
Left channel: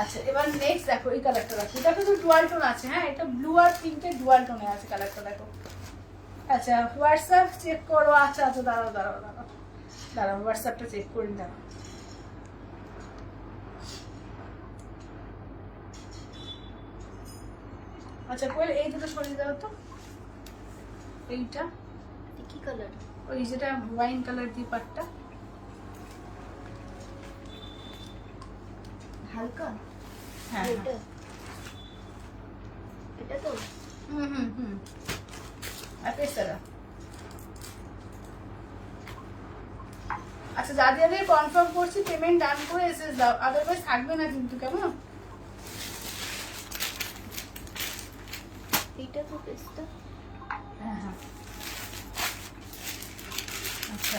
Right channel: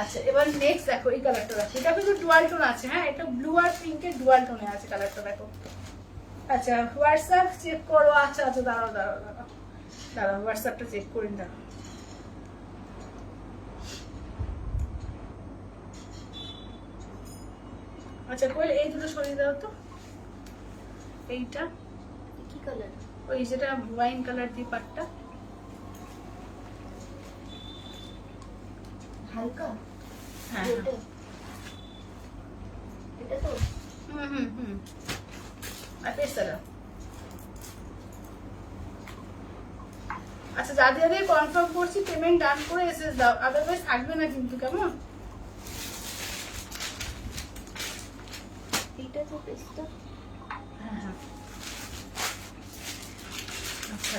আচ্ছা, এবার নেক্সট দেখো, এই কালারটা দেখো, এটা কিন্তু ডুয়াল টোন আছে। হ্যাঁ, এটা ব্লু আর পিঙ্কের ডুয়াল টোনে আছে কালারটা, দেখো। আচ্ছা, হোয়াটসঅ্যাপ চেক করো। আচ্ছা আচ্ছা, দাঁড়াও দাঁড়াও দাঁড়াও দাঁড়াও, হোয়াটসঅ্যাপটা চেক করে দাঁড়াও। আচ্ছা, কোয়েল এই দুটো সরিয়ে দাও তো। এইটা কি কালার? ওই যেটা ওয়াইন কালার দিয়ে পাটটা, হালকা। হ্যাঁ এটা এটা তো হুম আর পেস্তাটা। আচ্ছা, যাদের আমি কনফার্ম করছি পেমেন্ট ডান করে এসএস দাও, আদারওয়াইজ থাকবে না কিন্তু, কেমন? এটা তো পেস্তা। হ্যাঁ হ্যাঁ। আচ্ছা,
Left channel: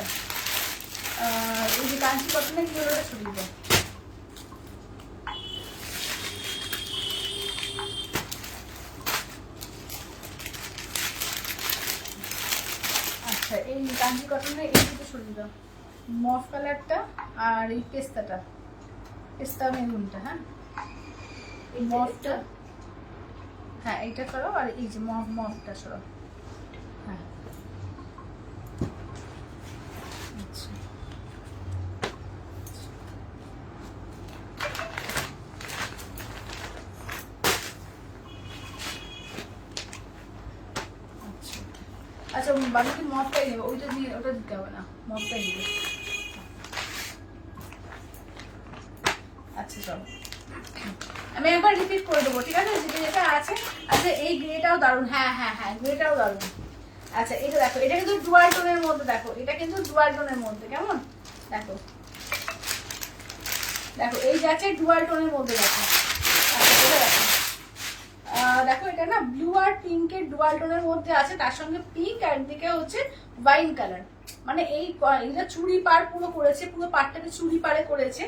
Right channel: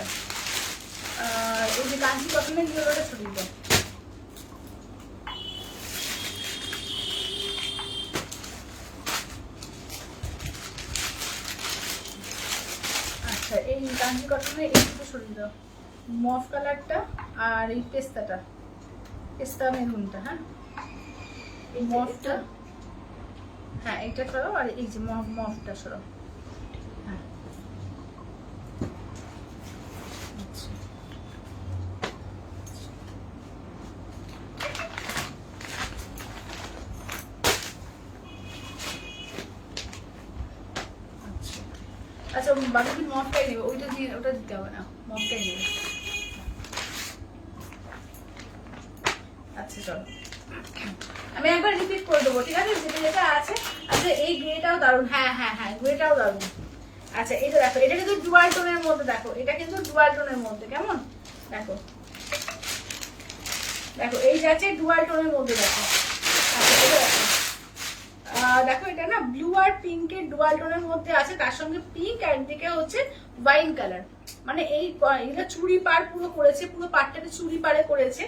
এই যে কাঞ্চি কটনের জুয়েলারিটা ছড়িয়ে দাও। আচ্ছা, এই কাঞ্চি কটনের এই দুটো সরিয়ে দাও, মফ কালারটা আর এই পেস্তাটা, পেস্তা মেরুনটা। হ্যাঁ, এই মফটা, হ্যাঁ এইটা সরাও, আর এই যে মফটা সরাও। হ্যাঁ, আচ্ছা। আচ্ছা, বাকি কি মফটাই নেবে, ওইটা দিয়ে ওটা দিতে হবে না, মফটাই নেবে। আচ্ছা, চলো আমি একবার রিপিট করে দেবো, ঠিক আছে, যেটা যেটা আছে। আচ্ছা, এই গ্রেটাও দারুণ। হ্যাঁ হ্যাঁ হ্যাঁ, গ্রেটাও দারুণ। আচ্ছা, এটা দেখো, এটা কিন্তু ডুয়াল টোনের মধ্যে, দেখো এটা কিন্তু ডুয়াল টোনের মধ্যে, কেমন দেখো, দেখো এই যাচ্ছে ডুয়াল টোনের মধ্যে, দেখো। আচ্ছা, এটা দেখো, দেখো এটা না ব্লু আর পিঙ্কের ডুয়াল টোনের মধ্যে আছে, তার সঙ্গে পিঙ্ক আর দিকে হচ্ছে ওয়াইন কালার। মানে এটা চুড়ি পাড় পুরো করেছে, পুরো পাড়টাকে চুড়ি পাড়ে করেছে,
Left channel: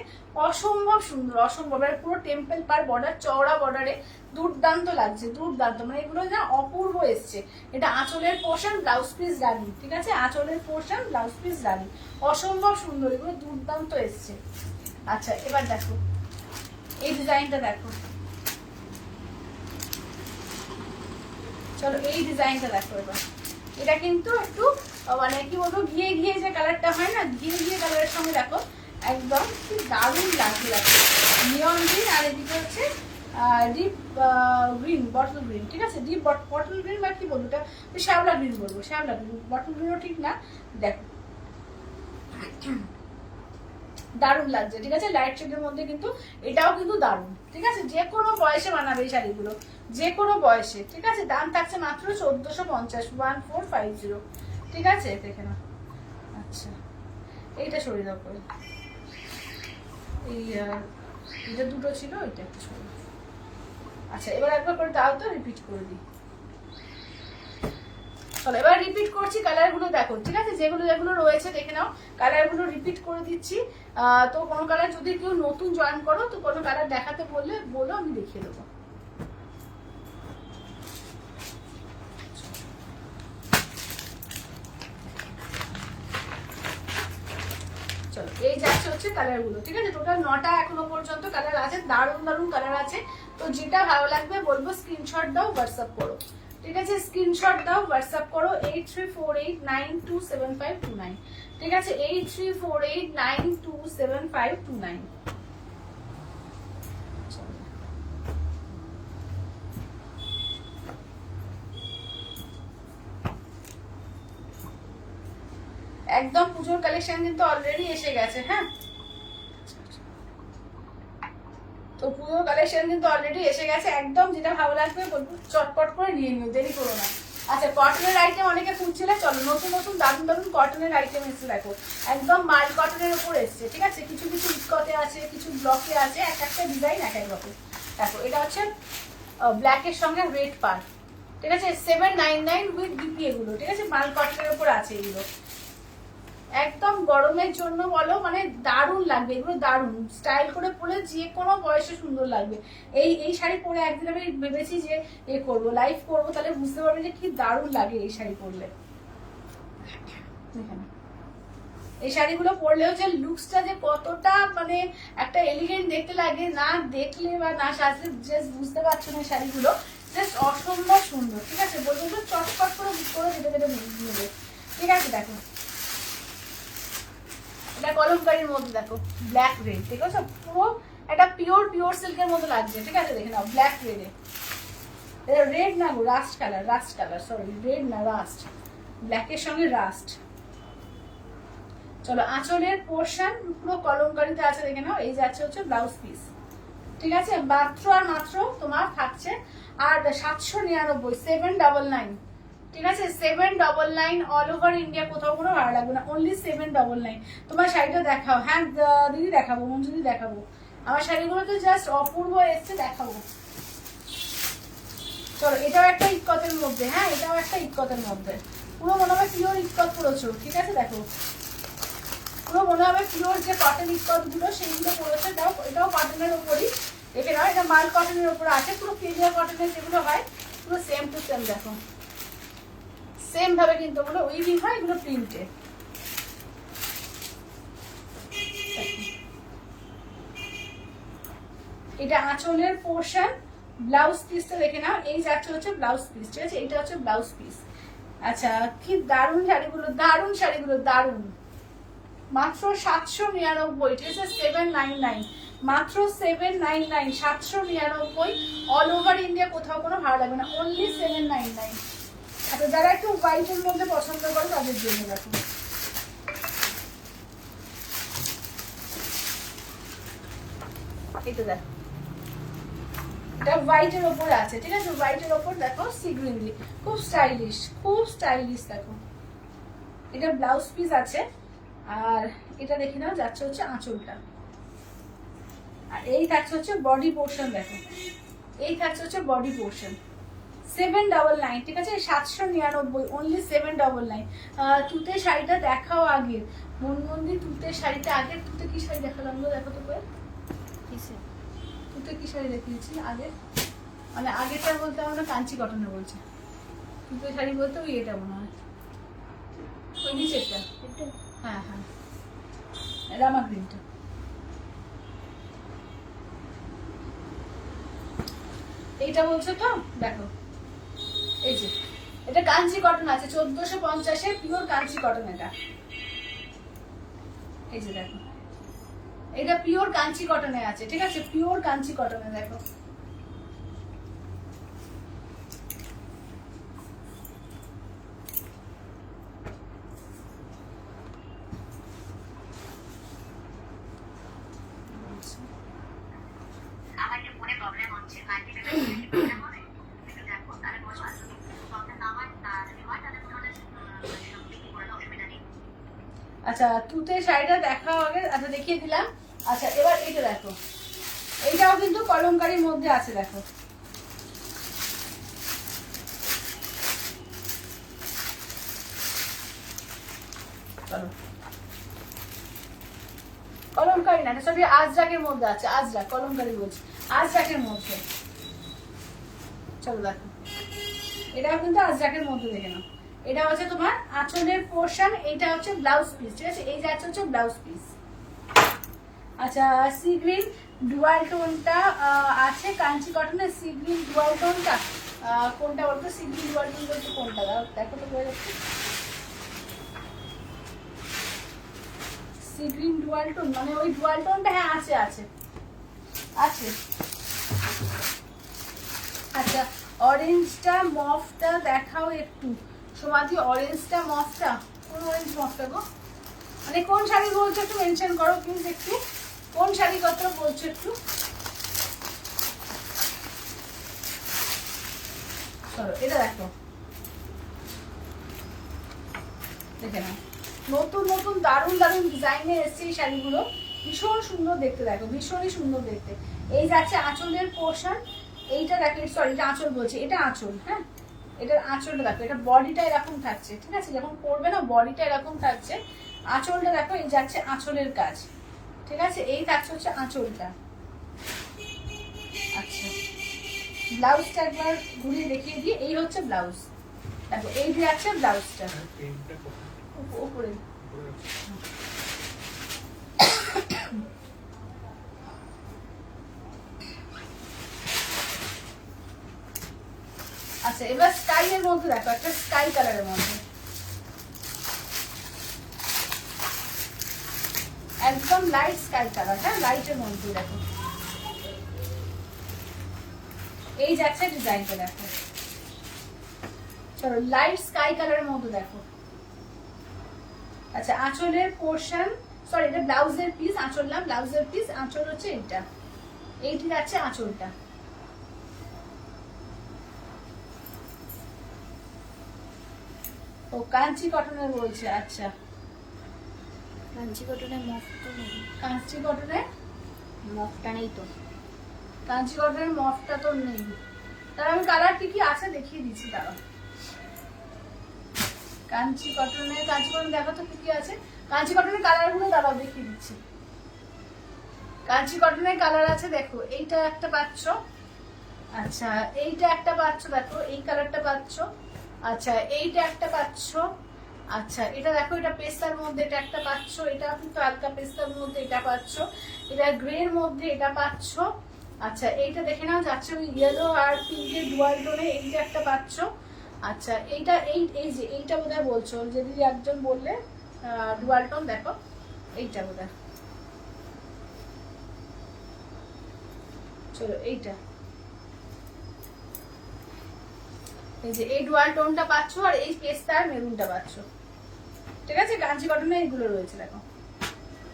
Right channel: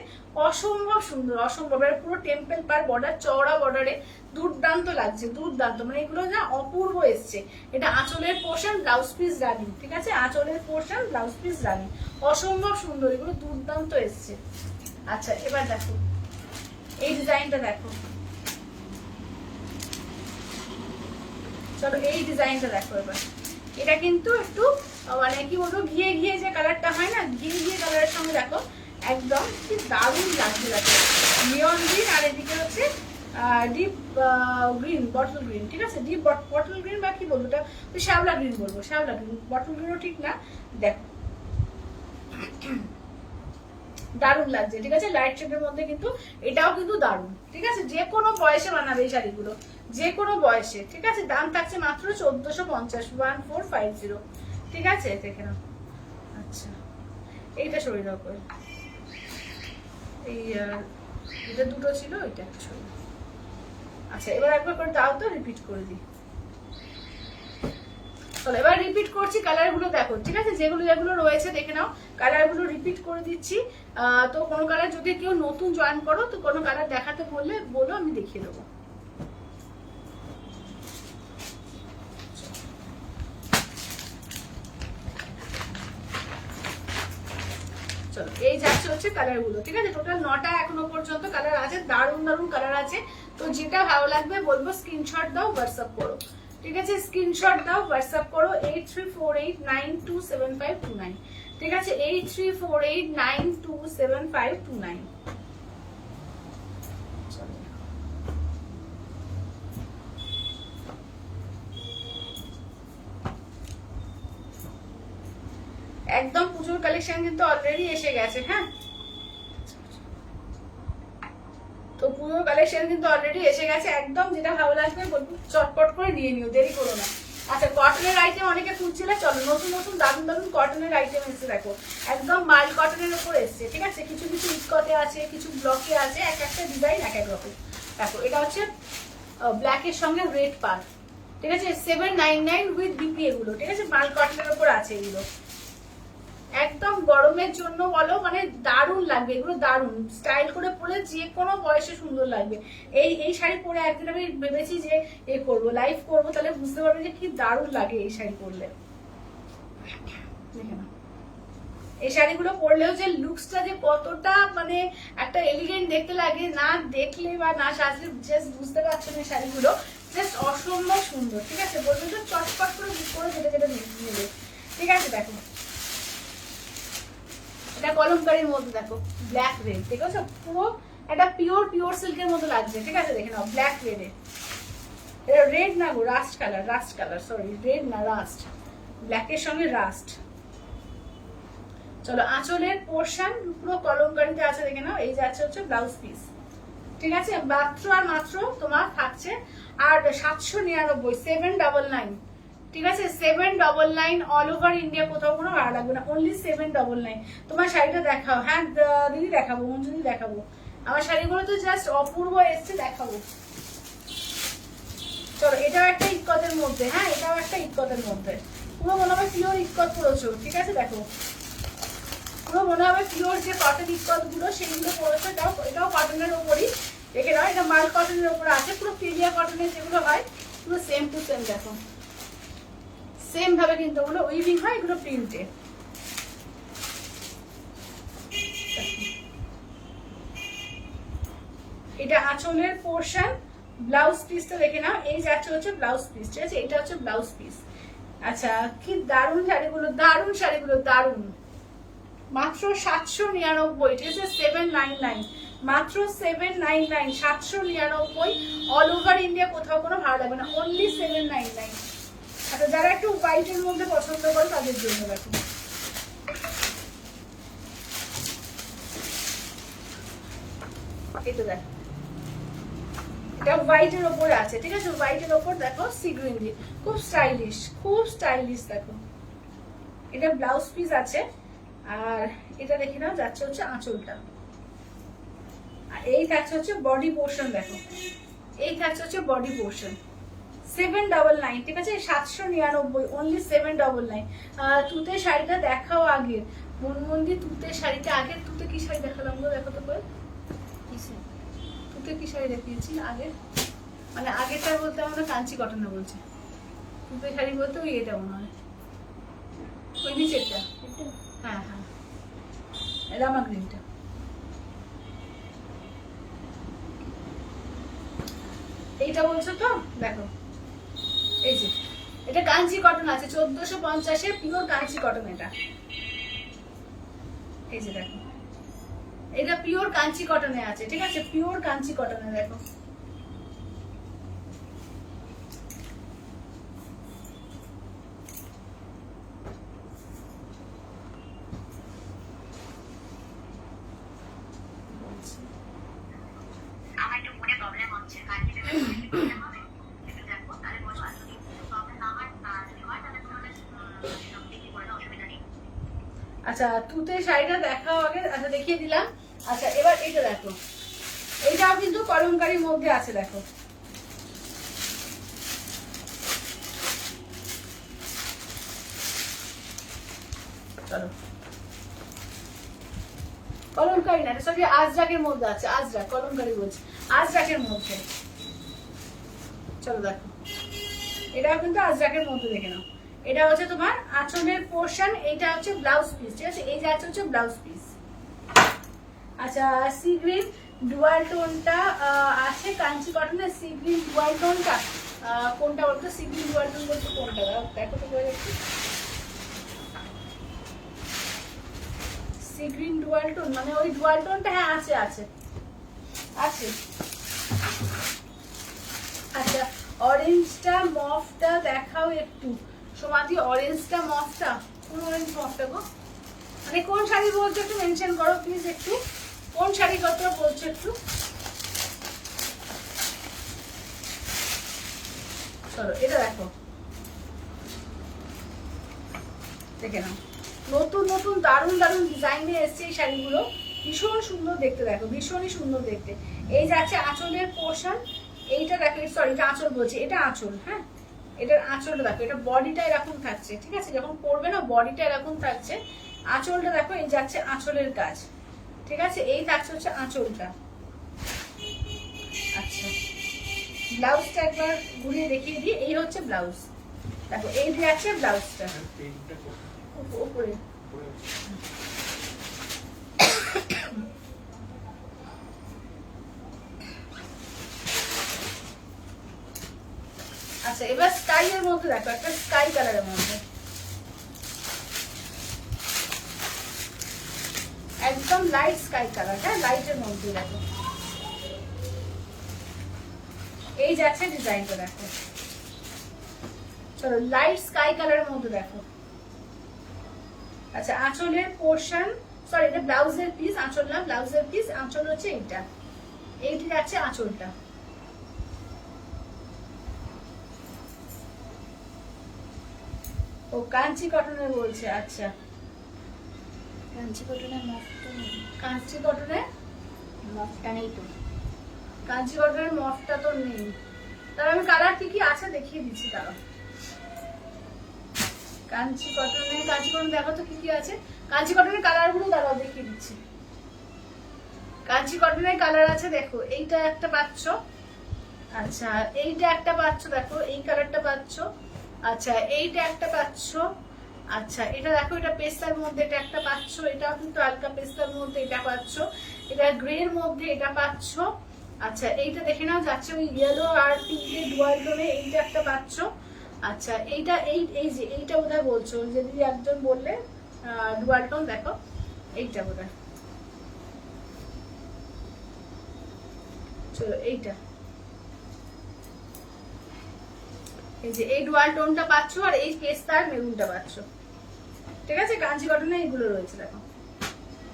অসম্ভব সুন্দর, অসম্ভব। আর পুরো টেম্পল পাড় বর্ডার, চওড়া বর্ডারে, দুর্দান্ত লাগছে, দুর্দান্ত। মানে এগুলো না অপূর্ব এসছে। এটা আঁচলের পোর্শন, ব্লাউজ পিস রানি, ঠিক আছে, আঁচলের পোর্শন, ব্লাউজ পিস রানি, অসম্ভব সুন্দর, এগুলো দুর্দান্ত এসছে। আচ্ছা, এবার দেখো এই ডিজাইনটা দেখো, চলো এই ডিজাইনটা দেখো এবার। এটা কিন্তু একটু মানে কি বলবো, ঘিয়ে ঘিয়ে যে কালারটা হয় না, ঘিয়ে ঘিয়ে কালারের সঙ্গে দেখো একদম কি দারুণ লাগছে, দেখো নিয়ন গ্রিন, আর এদিকে হচ্ছে ডিপ গ্রিন, বটল গ্রিন, ঠিক আছে, ডিপ বটল গ্রিন বা কি বলবো, এটা শ্যাওলা গ্রিন বলবো, শ্যাওলা গ্রিন, বটল গ্রিনও ঠিক না। দেখো দারুণ লাগছে, ঠিক আছে, লাইট শেডের মধ্যে কিন্তু এটাও কিন্তু দারুণ, ঠিক আছে। যে কোনো বয়সে বানাবে এই শাড়িগুলো, যে কোনো বয়সে, ঠিক আছে। দাম থাকছে মাত্র 1450, 1450, ঠিক আছে, দেখে নাও। আচ্ছা, এইটা সরিয়ে দাও করে, এই এটা দুটো ছিল, ওইটা একটা সরিয়ে দাও। আচ্ছা, এবার একবার করে দাও তো, রিপিট করে দিই। চলো এবার রিপিট করছি, কালারগুলো দেখো, ঠিক আছে, যেগুলো যেগুলো রয়েছে দেখে নাও, কালারগুলো রিপিট করে দিচ্ছি। তো কোনো কালার যদি কেউ নতুন জয়েন করো, তো কোনো কালার দেখাতে বললে বলো, আমি দেখিয়ে দেবো। চলো, এই যাচ্ছে হচ্ছে কালারগুলো, ঠিক আছে, টোটাল 9টা এখনো পর্যন্ত কালার আছে, দারুণ দারুণ কালার আছে। তো যেটা ভালো লাগবে বলবো স্ক্রিনশট দাও, হোয়াটসঅ্যাপ করো, ঠিক আছে, স্ক্রিনশট দাও, হোয়াটসঅ্যাপ করো 8348927529, ঠিক আছে, 8348927529। একদম পুজোর কালেকশন কিন্তু অলরেডি এসে গেছে। হ্যাঁ, তো পুজোর কালেকশন কিন্তু অলরেডি এসে গেছে। একদম যেটা ভালো লাগবে বলবো চটপট করে নিয়ে নিও, দেরি করো না। আচ্ছা, কটনের আইটেম অনেকে খুঁজছিলে, চলো নতুন নতুন দারুণ দারুণ কটনের আইটেম এসছে দেখো, একদম মাইল কটনের উপর এসছে। ঠিক আছে, কিছু কিছু ইস্কতে আছে, কিছু ব্লকে আছে, এক একটা ডিজাইন এক এক রকম। দেখো এটা হচ্ছে ব্ল্যাকের সঙ্গে রেড পার। ঠিক আছে, 799 উইথ বিপি এগুলো। ঠিক আছে, মাল কটনের উপর আছে এগুলো, একদম গরমের জন্য বলো মানে দারুণ লাগবে এগুলো, দারুণ স্টাইল করে পরে যে কোনো বয়সে সুন্দর লাগবে। এই শাড়ি পরে একদিন আমি ভেবেছি যে করবো, লাইভ করবো, তাহলে বুঝতে পারবে যে কি দারুণ লাগে এই শাড়ি পরলে। দেখে না, এই শাড়িগুলো পরলেও যে লুকসটা যে কতটা মানে একটা এলিগেন্ট দেখতে লাগে, না দেখলে বা না সাজলে জাস্ট বুঝতে পারছো না। শাড়িগুলো জাস্ট অসম্ভব সুন্দর। ঠিক আছে, বলবেন তো চটপট করে কেটে কেটে নেবে। ঠিক আছে, দেখো এটা কলমকারীর মধ্যে দেখো ব্ল্যাক রেড। ঠিক আছে, পুরো একটা পিওর সিল্কের মতো লাগছে। ঠিক আছে, দেখে নাও ব্ল্যাক রেডে, রেড না গো, রাস্ট কালার, সরি রেড না, রাস্ট, ব্ল্যাকের সঙ্গে রাস্ট। চলো, আঁচলের পোর্শন পুরো কলমকারীতে আছে, দেখে নাও। এই যাচ্ছে হচ্ছে ব্লাউজ পিস। ঠিক আছে, মাত্র আর মাত্র তোমার থাকছে আর 799, 799। ঠিক আছে, 799 অল ওভার ইন্ডিয়া, কোথাও কোনো ভাড়া লাগবে না, অনলি 799। তোমার শাড়িটা দেখাও। হ্যাঁ দিদি দেখাবো, মঞ্জুদি দেখাবো। আমার শাড়িগুলো তো জাস্ট অপূর্ব এসছে, দেখাবো। চলো, এটাও একটা ইক্কতের মধ্যে। হ্যাঁ, এটাও একটা ইক্কতের মধ্যে, পুরো মনে হবে পিওর ইক্কত পড়েছো। ঠিক আছে, দেখো পুরো মনে হবে পিওর যে কটন ইক্কত গুলো সেগুলো পড়েছে। এটাও কটনের ওপরই, দেখে নাও এটা মাল কটনের ওপরে আছে, পুরো প্রিমিয়ার কটনের যেগুলো হয় পুরো সেম টু সেম। দেখো সেম ভাবে কিন্তু ওগুলো উইভিং হয়, এগুলো প্রিন্টে। এটা আঁচলের পোর্শন, ব্লাউজ পিসটা দেখে নাও। এই যাচ্ছে হচ্ছে ব্লাউজ পিস। ঠিক আছে, এটা হচ্ছে ব্লাউজ পিস। আচ্ছা, কি দারুণ শাড়িগুলো, দারুণ শাড়িগুলো, দারুণ। মাত্র 799। ঠিক আছে, 799, মাত্র 799, 799 অল ওভার ইন্ডিয়া, কোথাও কোনো ভাড়া লাগবে না, অনলি 799। আচ্ছা, যারা একটু হোয়াইটের মধ্যে পছন্দ করে তাদের জন্য দেখো এটা, দেখো এটা হোয়াইটের ওপরে আছে। ঠিক আছে, হোয়াইটের ওপর দেখো সি গ্রিন দিয়ে, খুব স্টাইলিশ দেখো। এটা ব্লাউজ পিস আছে, আর এটা দেখে নাও যাচ্ছে হচ্ছে আঁচলটা, আর এই থাকছে হচ্ছে বডি পোর্শন। দেখো এই থাকছে হচ্ছে বডি পোর্শন, 799। ঠিক আছে, 799, অনলি 799। তুতে শাড়িটা দেখাও আগে, মনমন্দি তুতে শাড়িটা আগে। তুতে কি শাড়ি দেখালাম গো, দেখো তো তুতে কি শাড়ি দেখিয়েছি আগে, মানে আগেরটা বলতে আমরা কাঞ্চি কটনে বলছি, তুতে শাড়ি বলতে ওই এটা মনে হয়, ওই নিচেরটা। হ্যাঁ হ্যাঁ, রামা গ্রিনটা। এইটা বলছো তো, দেখো এই যে এটা কাঞ্চি কটন আছে, 1450 পিওর কাঞ্চি কটন। এটা এই যে দেখো, এটা পিওর কাঞ্চি কটনে আছে। ঠিক আছে, পিওর কাঞ্চি কটনে দেখো। আমার একটু মনে প্রবলেম হচ্ছে, আচ্ছা, তুতে শাড়িটা দেখাও আগে। আচ্ছা, দেখিয়ে দিলাম। আচ্ছা, এবার এটা দেখো, এইটাও কিন্তু কলমকারীর মধ্যে আছে। দেখো চলো, কলমকারী না, সরি আজরাকের মধ্যে আছে, আজরাক, কলমকারী বলছি, আজরাকের মধ্যে। চলো দেখো, এটাও কিন্তু আজরাকের মধ্যে, দেখে নাও। এটা হচ্ছে তোমার আঁচলের পোর্শন, এইটা হচ্ছে ব্লাউজ পিস। ঠিক আছে, এই যে হচ্ছে ব্লাউজ পিস। আচ্ছা, সি গ্রিন ডুয়াল টোনটা আছে কাঞ্চি কটনের, সি গ্রিন ডুয়াল টোনটা কোনটা বলতো, সি গ্রিন ডুয়াল টোন বলতো কোনটা, দেখো তো বোঝা যাচ্ছে। সি গ্রিন ডুয়াল টোন মানে ওই ডুয়াল টোনটা, হ্যাঁ আছে আছে আছে। আচ্ছা, অরেঞ্জটা মফটা দেখাও একটু, সমাধি অরেঞ্জটা মফটা, কোন অরেঞ্জ মফটা গো, মানে কোন শাড়ি বলছো একটু মেনশন করো প্লিজ, একটু কোন শাড়ি কত বলছো একটু। চলো এটা দেখো, দেখে নাও, নতুন নতুন দারুণ দারুণ ডিজাইনে এসছে এই শাড়িগুলো, ভীষণ সুন্দর দেখতে, দেখো ভীষণই সুন্দর দেখতে। এই যাচ্ছে আঁচলের পোর্শন, এইটা দেখো, সরি এটা আঁচল বলছি, এটা আঁচল, হ্যাঁ এটার আঁচলটা দেখো, এটা বডিটা এরকম থাকছে, ঠিক আছে, যখন পরবে না বডিটা এরকম থাকছে, আঁচলটা দেখো, এই যাচ্ছে আঁচলের কাজ, ঠিক আছে, এই থাকছে হচ্ছে আঁচলটা। আচ্ছা ব্লাউজটা একবার ঘুরিয়ে দেখিয়ে দিই, এই হচ্ছে ব্লাউজ, দেখো এই যাচ্ছে ব্লাউজটা উপরে। আচ্ছা এবার স্কাই এর মধ্যে দেখো, একটা স্কাই কালারের মধ্যে, একদম লাইট স্কাই কালার, হ্যাঁ লাইটের মধ্যে দেখো, এই যাচ্ছে ডিজাইনটা দেখো। চলো লাইট স্কাই কালারের মধ্যে দেখো। আচ্ছা আঁচলের পোর্শন, সরি এটা ব্লাউজের পিস, আঁচল না ব্লাউজের পিস, আঁচল হচ্ছে এইটা, এইটি যাচ্ছে আঁচলটা। ও কাঞ্চি কটনের বলছে, আচ্ছা কাঞ্চি কটনের মফ তো নেই। কাঞ্চি কটনের মফটা নেই তো। কাঞ্চি কটনের মফটা তো নেই, তার আমি কালার কি কি আছে দেখিয়ে দিচ্ছি, তারা কাঞ্চি কটন দেখো তো কি কি আছে, কাঞ্চি কটনের কালার গুলো দাঁড়াও দেখিয়ে দিচ্ছি। কাঞ্চি কটনের কালার আছে দেখো, এইটা একটা পাচ্ছ, আচ্ছা এইটা একটা পাচ্ছ, দেখো এই কালারটা পাচ্ছ, আচ্ছা এইটা একটা পাচ্ছ, আচ্ছা এটা দেখো এটা পেস্তার মধ্যে এটা একটা পাচ্ছ, এটা কিন্তু হালকা পেস্তার মধ্যে এটা পাচ্ছ, এটা গ্রে এর মধ্যে এটা পাচ্ছ, আচ্ছা এইটা দেখে নাও যাচ্ছে ওই ইয়েলো আর পিঙ্কের ডুয়াল টোনে, এইটা একটা পাচ্ছ, আচ্ছা এইটা এই যে এইটা বোধহয় বলছো, যদি একজন বললে ডুয়াল টোন, দেখো এইটা বোধহয়, চলো এইটা, এই যে এই ডুয়াল টোনটা পাচ্ছ, আর এই পেস্তার মেরুনটা পাচ্ছ, ঠিক আছে। কাঞ্চি কটনে এইগুলো রয়েছে, দেখো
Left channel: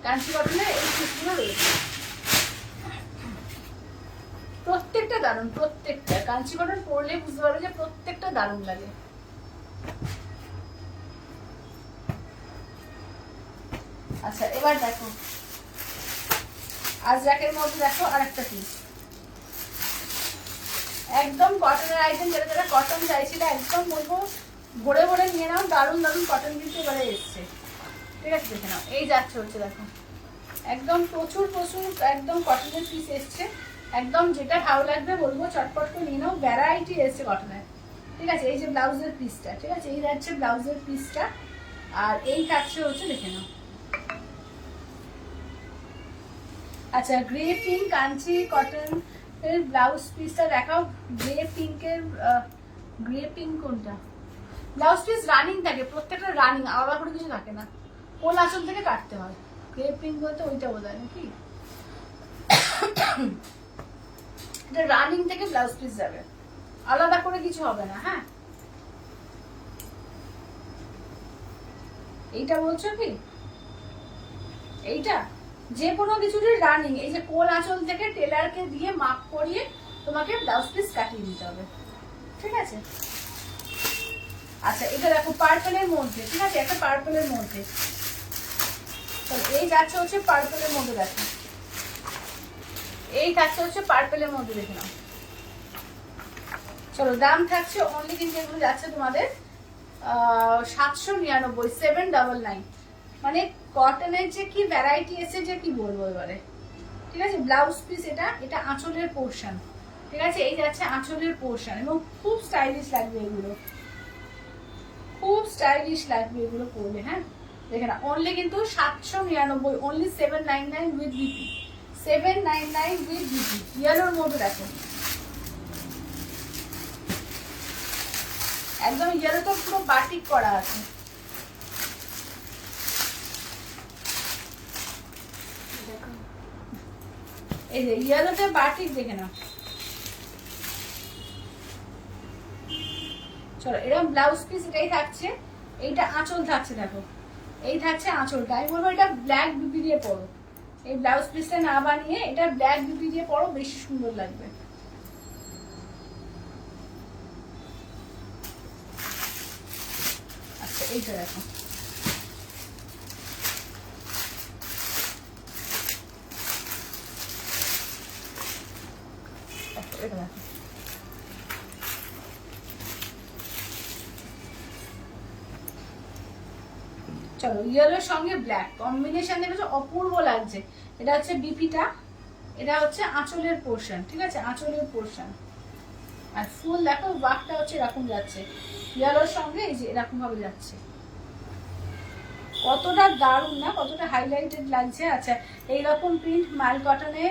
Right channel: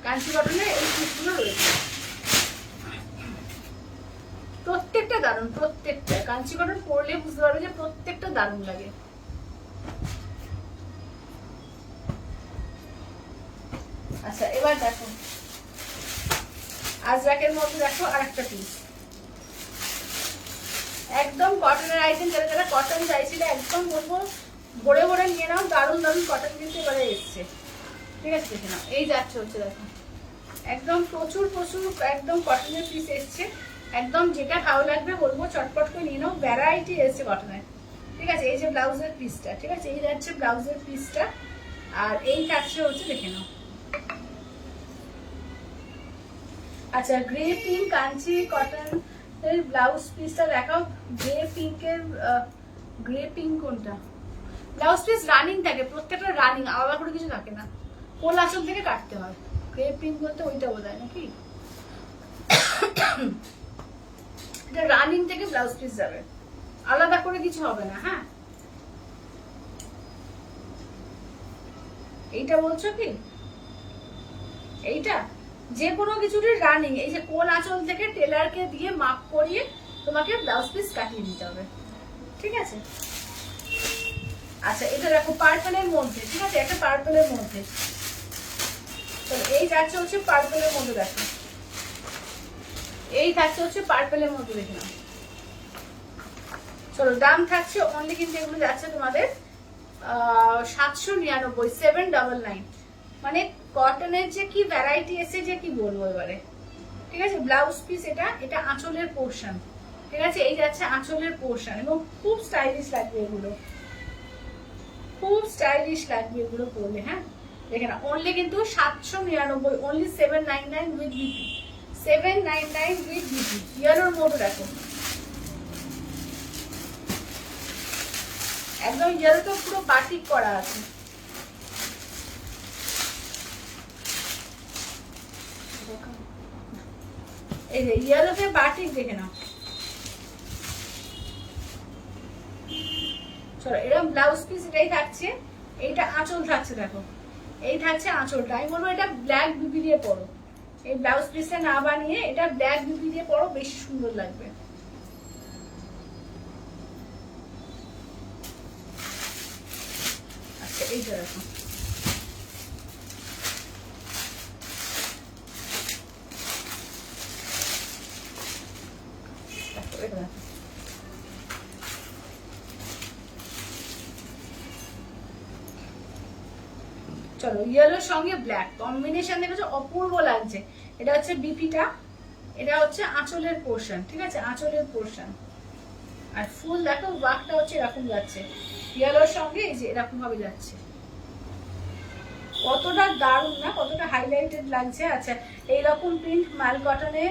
কাঞ্চি কটনে এই পিসগুলো রয়েছে, প্রত্যেকটা দারুণ, প্রত্যেকটা কাঞ্চি কটন পরলে বুঝতে পারবে যে প্রত্যেকটা দারুণ লাগে। আচ্ছা এবার দেখো আজরাকের মধ্যে দেখো আর একটা পিস, একদম কটনের আইটেম, যারা যারা কটন চাইছিল একদম বলবো ভরে ভরে নিয়ে নাও, দারুণ দারুণ কটন দিতে এবারে এসছে, ঠিক আছে দেখে নাও, এই যাচ্ছে হচ্ছে দেখো, একদম প্রচুর প্রচুর একদম কটনের পিস এসছে, একদম যেটা ভালো লাগবে বলবো চটপট করে নিয়ে নাও, ভ্যারাইটি এসছে কটনের, ঠিক আছে। এই যে ব্লাউজের পিসটা, ঠিক আছে, এই যাচ্ছে ব্লাউজের পিসটা, আর এই কাছে হচ্ছে দেখে নাও। আচ্ছা গ্রে পিঙ্ক কাঞ্চি কটন এর ব্লাউজ পিসটা দেখাও, গ্রে পিঙ্ক কোনটা, ব্লাউজ পিস রানিং থাকে, প্রত্যেকটা রানিং, আলাদা করে কিছু থাকে না, কোল আঁচল থেকে কাটতে হয়। গ্রে পিঙ্ক বলতে ওইটা বোধহয় নাকি, এটা রানিং থেকে ব্লাউজ পিস যাবে, আলাদা করে কিছু হবে না, হ্যাঁ এইটা বলছো কি, এইটা যে কোনো কিছুরই রানিং, এই যে কোল আঁচল থেকে টেলারকে দিয়ে মাপ করিয়ে তোমাকে ব্লাউজ পিস কাটিয়ে দিতে হবে, ঠিক আছে। আচ্ছা এটা দেখো পার্পলের মধ্যে, ঠিক আছে, একটা পার্পলের মধ্যে, এই যাচ্ছে হচ্ছে পার্পলের মধ্যে, দেখো এই থাকছে হচ্ছে পার্পলের মধ্যে, দেখে নাও। চলো দাম থাকছে অনলি, কিন্তু এগুলো যাচ্ছে তোমাদের 799, 799, মানে কটনের যে কি ভ্যারাইটি এসে যে কি বলবো এবারে, ঠিক আছে। ব্লাউজ পিস এটা, এটা আঁচলের পোর্শন, ঠিক আছে, এই যাচ্ছে আঁচলের পোর্শন, এবং খুব স্টাইলিশ লাগবে এগুলো, খুব স্টাইলিশ লাগবে এগুলো পরলে, হ্যাঁ দেখে না, অনলি কিন্তু 799, only 799 with BP, 799 with BP, ইয়েলোর মধ্যে দেখো, একদম ইয়েলোটা পুরো বাটিক করা আছে, এই যে ইয়েলোতে বাটিক, দেখে নাও। চলো এরকম ব্লাউজ পিস এটাই থাকছে, এইটা আঁচল থাকছে, দেখো এই থাকছে আঁচলটা। আমি বলবো এটা ব্ল্যাক বিপি দিয়ে পরো, এই ব্লাউজ পিসটা না বানিয়ে এটা ব্ল্যাক বিপি দিয়ে পরো, বেশি সুন্দর লাগবে। আচ্ছা এইটা দেখো, এটা দেখো, চলো ইয়েলোর সঙ্গে ব্ল্যাক কম্বিনেশন দেখেছো, অপূর্ব লাগছে। এটা হচ্ছে বিপিটা, এটা হচ্ছে আঁচলের পোর্শন, ঠিক আছে, আঁচলের পোর্শন। আর ফুল দেখো ওয়ার্কটা হচ্ছে এরকম যাচ্ছে, ইয়েলোর সঙ্গে এই যে এরকম ভাবে যাচ্ছে, কতটা দারুণ না, কতটা হাইলাইটেড লাগছে। আচ্ছা এইরকম প্রিন্ট মাল কটনে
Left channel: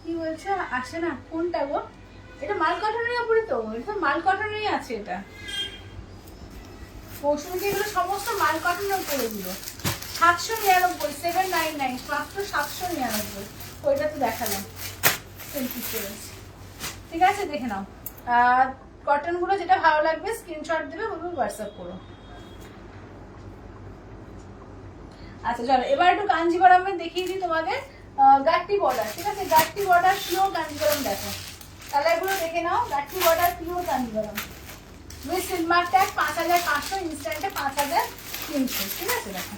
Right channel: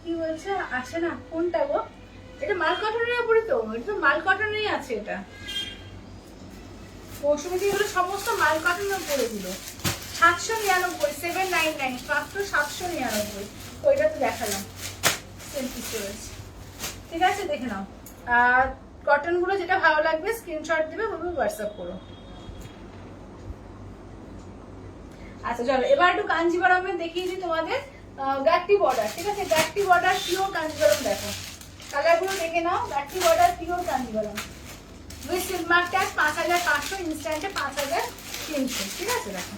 কি বলছে আসে না, কোনটা গো, এটা মাল কটনের উপরে, তো এটা তো মাল কটনেই আছে, এটা মৌসুমী এগুলো সমস্ত মাল কটনের উপরে দিল। 799, 799, মাত্র 799। ওইটা তো দেখালাম, ঠিক আছে দেখে নাও। কটন গুলো যেটা ভালো লাগবে স্ক্রিনশট দেবে, বলবো হোয়াটসঅ্যাপ করো। আচ্ছা চলো এবার একটু কাঞ্জিবরমে দেখিয়ে দিই তোমাদের, গাট্টি বর্ডার, ঠিক আছে, গাট্টি বর্ডার পিওর কাঞ্জিবরম দেখো, কালার গুলো দেখে নাও, গাট্টি border pure Kanjeevaram with সিলমার tag 5500, ইনস্ট্যান্টে 5300, ঠিক আছে দেখো।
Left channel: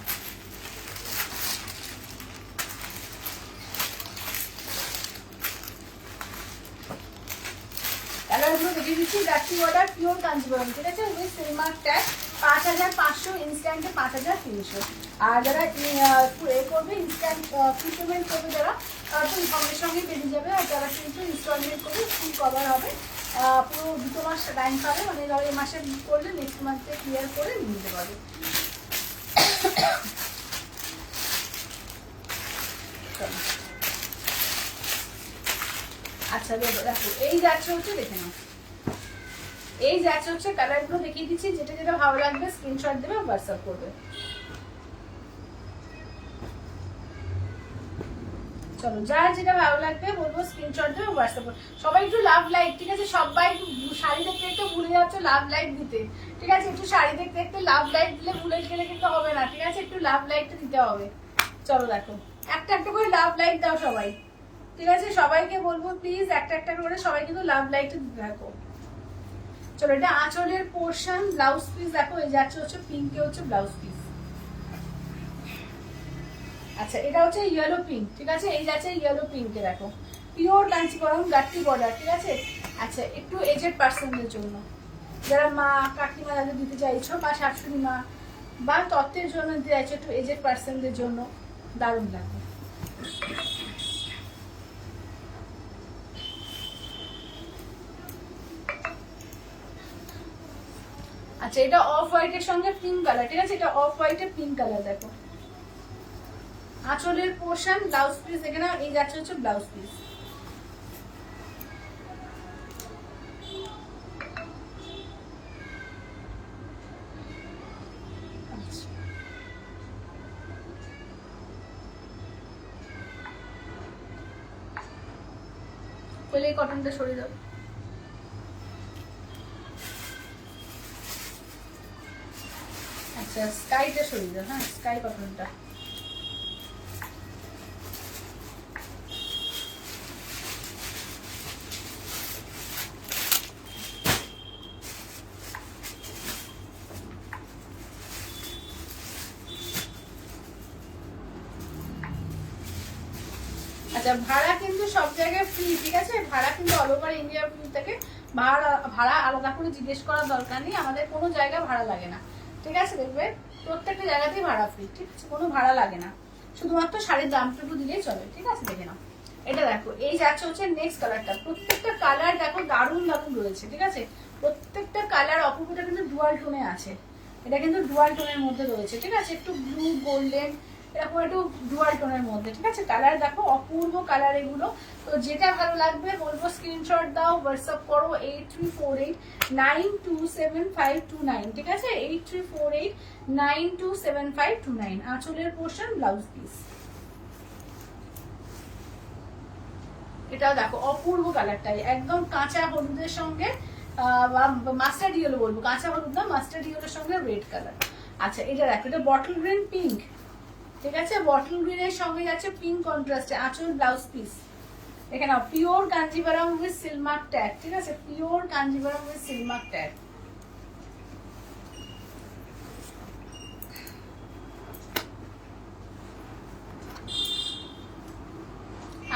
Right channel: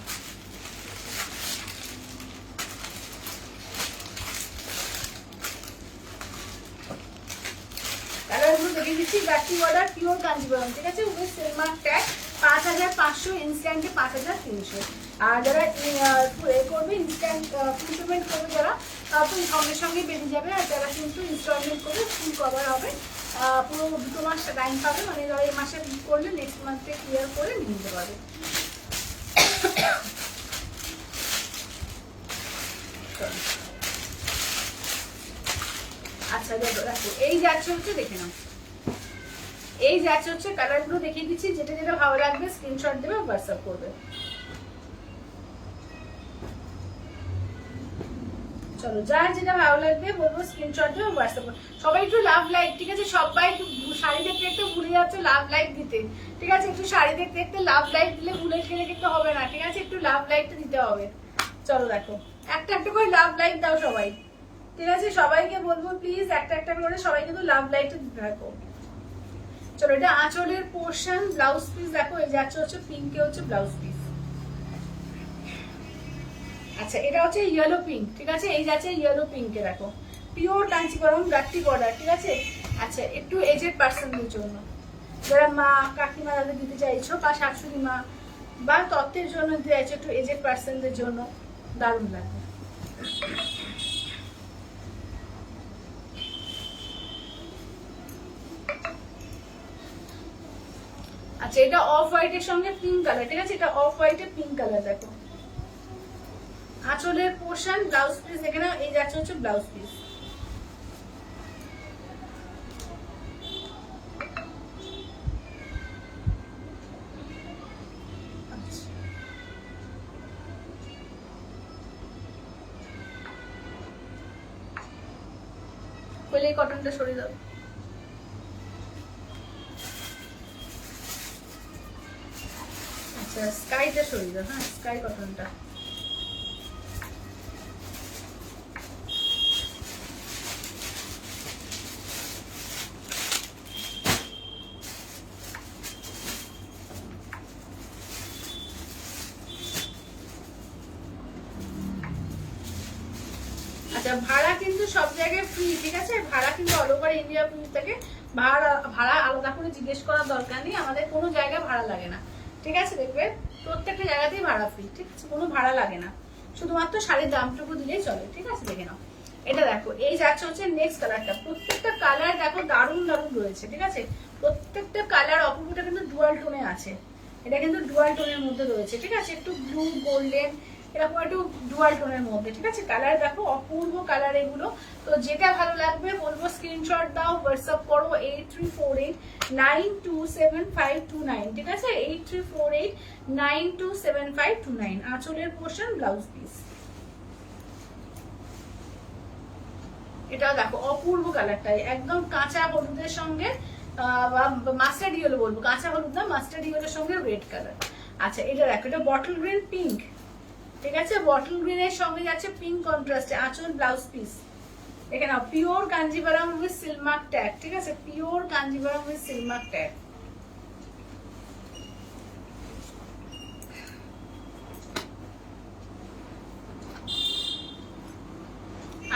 কালারগুলো দেখিয়ে দিচ্ছি, গাট্টি বর্ডার পিওর কাঞ্জিবরম, ঠিক আছে, উইথ সিলমার ট্যাগ 5500, ইনস্ট্যান্টে 5300। আর যারা করবে ইনস্ট্যান্ট পেমেন্ট করবে, যারা তো সঙ্গে সঙ্গে বেরিয়ে যাবে। আর যারা কিন্তু ইনস্টলমেন্ট করবে ফুল কভার হবে, পুরো 2 মাস টাইম পাবে, মানে ধরো এই মাসে করলে নেক্সট মান্থে ক্লিয়ার করে নিয়ে নিতে পারবে। আচ্ছা দেখো দেখো এই যাচ্ছে হচ্ছে, দেখে নাও এই যাচ্ছে হচ্ছে, কালারগুলো দেখিয়ে দিচ্ছি, যেটা যেটা ভালো লাগবে স্ক্রিনশট দেবে, হোয়াটসঅ্যাপ করবে। চলো যার যেটা ভালো লাগবে বলবো স্ক্রিনশট দেবে, হোয়াটসঅ্যাপ করবে। সবাই একটু লাভ লাইক, ঠিক আছে, সবাই একটু শাড়ি দেখতে একটু ভুলে যাচ্ছে লাভ লাইক দিতে, ঠিক আছে, একটু শাড়ি দেখতে দেখতে লাভ লাইক দিলে ভুলে গেলে কিন্তু হবে না, ঠিক আছে, একটু লাভ লাইকটা দিতে হবে। চলো দেখো একটা একটা করে লাভ লাইক দাও সবাই, ঠিক আছে, সবাইকে বলবো প্লিজ একটা একটা করে সবাই কিন্তু লাভ লাইকটা দিতে থাকো। চলো এটা আঁচলের পোর্শন, ব্লাউজ পিস দেখো, এই যাচ্ছে হচ্ছে পিঙ্কে হচ্ছে ব্লাউজ পিস। আচ্ছা এটা হচ্ছে ইয়েলো পিঙ্ক, ঠিক আছে, এই যাচ্ছে ইয়েলো পিঙ্কে দেখো, পিওর কাঞ্চিপুরম গাট্টি বর্ডার, ঠিক আছে। আচ্ছা একটু এজেড পার্সনদের জন্য, যারা মা কাকিমা যাদের দিতে চাইছো, বা শাশুড়ি মা বা তত্ত্বের জন্য দিতে চাইছো, একটু এজেড পার্সনদের জন্য দারুণ লাগবে। আচ্ছা এটা অফ হোয়াইটের সঙ্গে পিঙ্ক কালার, ঠিক আছে, এটা অফ হোয়াইটের পিঙ্ক কালার দেখো, আঁচলের পোর্শন, ব্লাউজ পিস এখানে এই যাচ্ছে হচ্ছে ব্লাউজ পিস। বলে এই কটনটা সরিয়ে দাও। আচ্ছা স্কাইটা সরিয়ে দাও, হ্যাঁ স্কাই কটনটা। আচ্ছা ভাড়া কিন্তু সব জায়গায় ফ্রি, ঠিক আছে, ভাড়া কিন্তু অল ওভার ইন্ডিয়া থেকে, ভাড়া আলাদা করে জিজ্ঞেস করার দরকার নেই, আমাদের কোনো জায়গায় ভাড়া লাগে না, ঠিক আছে, দেখবে প্রত্যেকটা জায়গাতেই ভাড়া ফ্রি, ঠিক আছে, কোনো ভাড়া লাগে না, শুধুমাত্র শাড়ির দামটুকু দিলেই চলে, ঠিক আছে দেখে নাও। এটা দেখো এই যাচ্ছে হচ্ছে নেক্সট কালারটা, প্রত্যেকটা কালার দেখো দারুণ দারুণ রয়েছে, ঠিক আছে, প্রত্যেকটা কালার অপূর্বটা কিন্তু ডুয়াল টোনে আছে, এটা কিন্তু ডুয়াল টোনের মধ্যে রয়েছে, ঠিক আছে, একটু ব্লু গোল্ডেন এরকম একটু ডুয়াল টোনের মধ্যে, ঠিক আছে, কালার দেখো অপূর্ব কালার এগুলো। তো যেটা ভালো লাগবে বলবো স্ক্রিনশট দাও, হোয়াটসঅ্যাপ করো 8348927529, ঠিক আছে, 8348927529। আঁচলের পোর্শন, ব্লাউজ পিস, এটাও দেখো অপূর্ব কালারটাই, একদম কাঁচা হলুদের সঙ্গে মাস্টার্ড ইয়েলো বলবো, কাঁচা হলুদ না মাস্টার্ড ইয়েলোর সঙ্গে রেড কালার, আচ্ছা এটা দেখো, এটা বটল গ্রিন পিঙ্ক, ঠিক আছে, বটল গ্রিনের সঙ্গে যাচ্ছে পিঙ্ক কন্ট্রাস্টে আঁচল ব্লাউজ পিস। দেখে নাও, pure Kanjeevaram with silk mark tag, ঠিক আছে, pure Kanjeevaram with silk mark tag.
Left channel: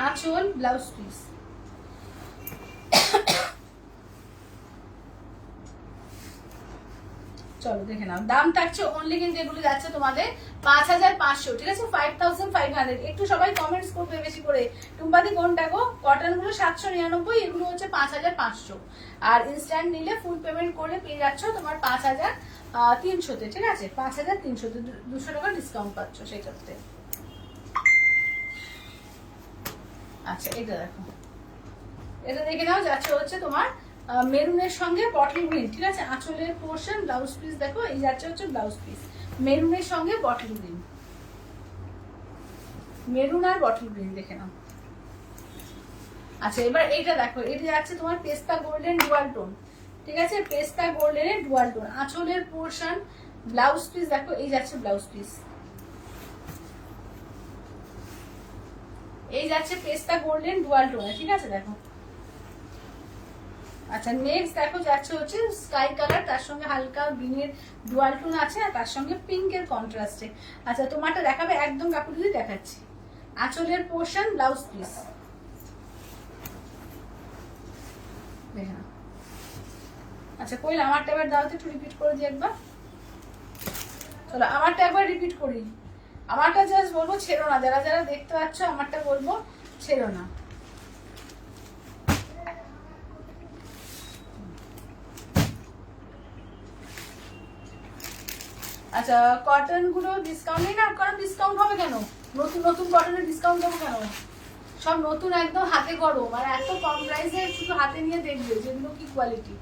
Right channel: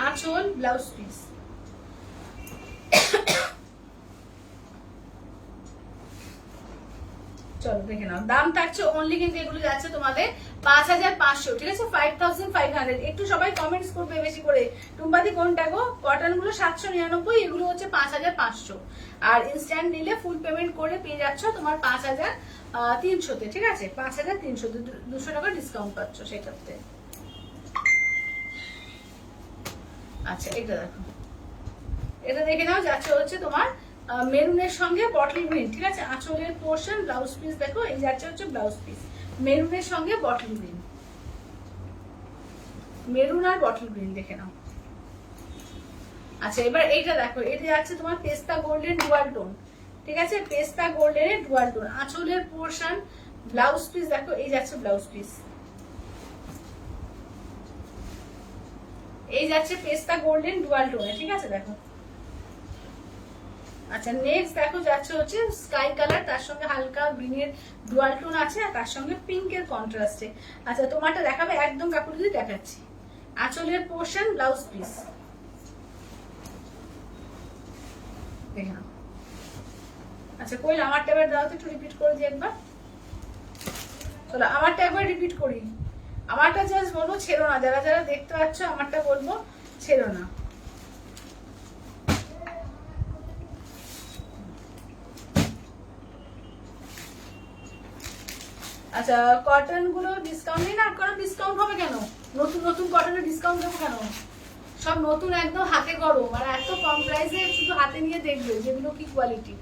আঁচল ব্লাউজ পিস। চলো দেখে নাও, দাম থাকছে অনলি কিন্তু এগুলো যাচ্ছে তোমাদের 5500, ঠিক আছে, 5500। একটু সবাই কমেন্টস করবে বেশি করে, টুম্পাদি কোনটা গো? কটন গুলো 799, এগুলো হচ্ছে 5500। আর ইনস্ট্যান্ট নিলে ফুল পেমেন্ট করে পেয়ে যাচ্ছ তোমার 5300-তে, ঠিক আছে, 5300-তে 200 টাকা ডিসকাউন্ট পাচ্ছ সেটাতে। আচ্ছা এটা দেখো, এটা দেখে নাও, যাচ্ছে হচ্ছে তোমার মেরুনের সঙ্গে বটল গ্রিন, ঠিক আছে, আঁচলের পোর্শন ব্লাউজ পিস দেখো, এই যাচ্ছে হচ্ছে ব্লাউজ পিস মেরুনের সঙ্গে বটল গ্রিন, মেরুন আর বটল গ্রিন দেখে নাও। আচ্ছা এবার এইটা দেখো, এটা যাচ্ছে তোমার পেস্তা গোল্ডেন ডুয়াল টোন, ঠিক আছে, পেস্তা গোল্ডেনের ডুয়াল টোন, আঁচলের পোর্শন ব্লাউজ পিস দেখো, এই যাচ্ছে ব্লাউজ পিস, এই যাচ্ছে পেস্তা গোল্ডেন ডুয়াল টোনে, ঠিক আছে দেখো। আচ্ছা নেক্সট দেখো, যাচ্ছে হচ্ছে স্কাই কালার, তার সঙ্গে হালকা গ্রিনের ডুয়াল টোন আছে, আর তার সঙ্গে পিঙ্কের কন্ট্রাস্টে। আচ্ছা তোমারটা দেখাবে একদম কাপড় দিয়ে দেখাচ্ছি, আঁচলের পোর্শন ব্লাউজ পিস দেখে নাও। আচ্ছা কই আমারটা এবার দাও তো, একটু রিপিট করে দিই একবার। চলো আমারটা একবার রিপিট করি, আমারটা জাস্ট বলবো ছেড়ো না, যারা যারা দেখতে পাচ্ছ আমারটা বলবো ছেড়ো না। আচ্ছা কটন গুলো ডিসকাউন্ট নেই না, কারণ ডিসকাউন্ট হবে কেন, নতুন নতুন কটনের ডিসকাউন্ট দেবো কেন, সব নতুন একদম হাতে করো, মানে এত কম প্রাইসে শুধু হাতে নিয়ে দেখবে যেগুলো কি কোয়ালিটি।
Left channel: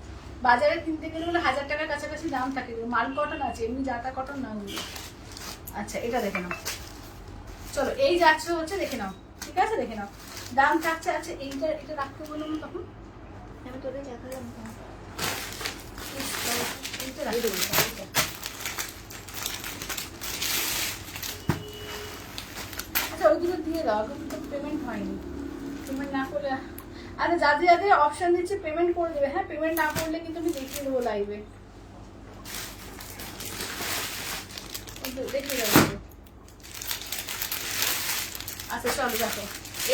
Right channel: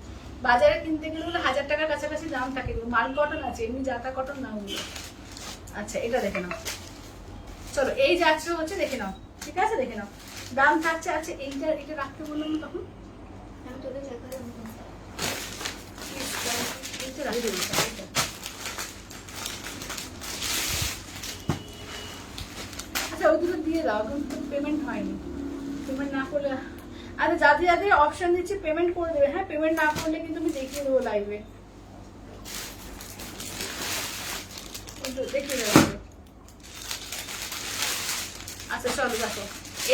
বাজারে কিনতে গেলে 1000 টাকার কাছাকাছি দাম থাকে, মাল কটন আছে, এমনি জাতা কটন না ওগুলো। আচ্ছা এটা দেখে নাও, চলো এই যাচ্ছে হচ্ছে দেখে নাও, ঠিক আছে দেখে নাও, দাম থাকছে আছে এইটা, এটা রাখতে বললাম তখন আমি তোদের দেখাতে এইটা রাখতে বললাম। আচ্ছা ওই দুটো দিয়ে দাও, কিন্তু পেমেন্ট হয়নি, পেমেন্ট না করলে। আচ্ছা যাদের যাদের অপশন দিচ্ছে পেমেন্ট করে দেবে, হ্যাঁ পেমেন্ট না করলে কিন্তু আমি দেখিয়ে দেবো লাইভে, দেখিয়ে দেবো। আচ্ছা চলো দেখো,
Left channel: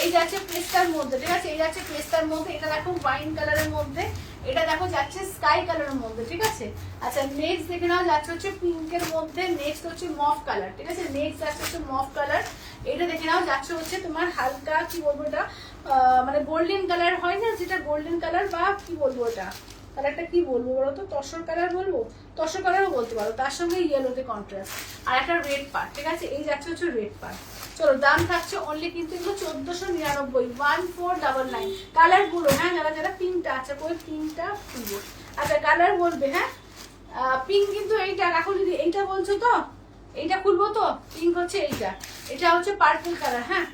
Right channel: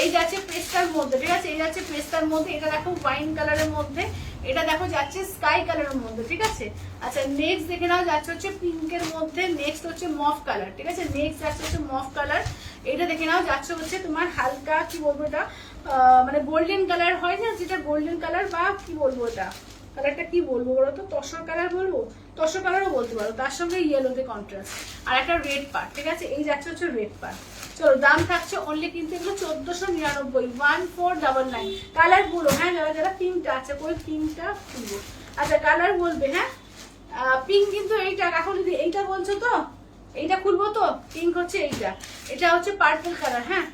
এই যাচ্ছে পেস্তার মধ্যে, ঠিক আছে, এই যাচ্ছে পেস্তার মধ্যে, এটা দেখো ওয়াইন কালারের মধ্যে, এটা দেখো যাচ্ছে স্কাই কালারের মধ্যে, ঠিক আছে। আচ্ছা নেক্সট দেখে নাও, যাচ্ছে হচ্ছে পিঙ্কের মধ্যে, নেক্সট হচ্ছে মফ কালার, ঠিক আছে, নেক্সট যাচ্ছে হচ্ছে মফ কালার, এটা দেখে নাও, যাচ্ছে হচ্ছে তোমার হালকা কি বলবো এটা, মানে গোল্ডেন কালার হয় না যেটা, গোল্ডেন কালার বা কি বলবো ওটা, কালারটা কি বলবো বলো তো, তসর কালার বলবো, তসর কালারও বলতে পারো, তার সঙ্গে ইয়েলোতে কন্ট্রাস্ট, আর একটা রেড পার্ট, ঠিক আছে, এই যাচ্ছে হচ্ছে রেড পার্ট। চলো দাম থাকছে অনলি কিন্তু এগুলো 1499, 1499। কালার গুলো হ্যাঁ, যারা যারা পিঙ্কটা আছে, কই পিঙ্কটা খুলবো, আচ্ছা কালার বলবে, হ্যাঁ পিঙ্ক কিন্তু এইটা, এখন যদি এইটা বলছো তো এইটা খুলবো তো, পিঙ্ক হচ্ছে এইটা, এটা হচ্ছে পার্পল কালার, হ্যাঁ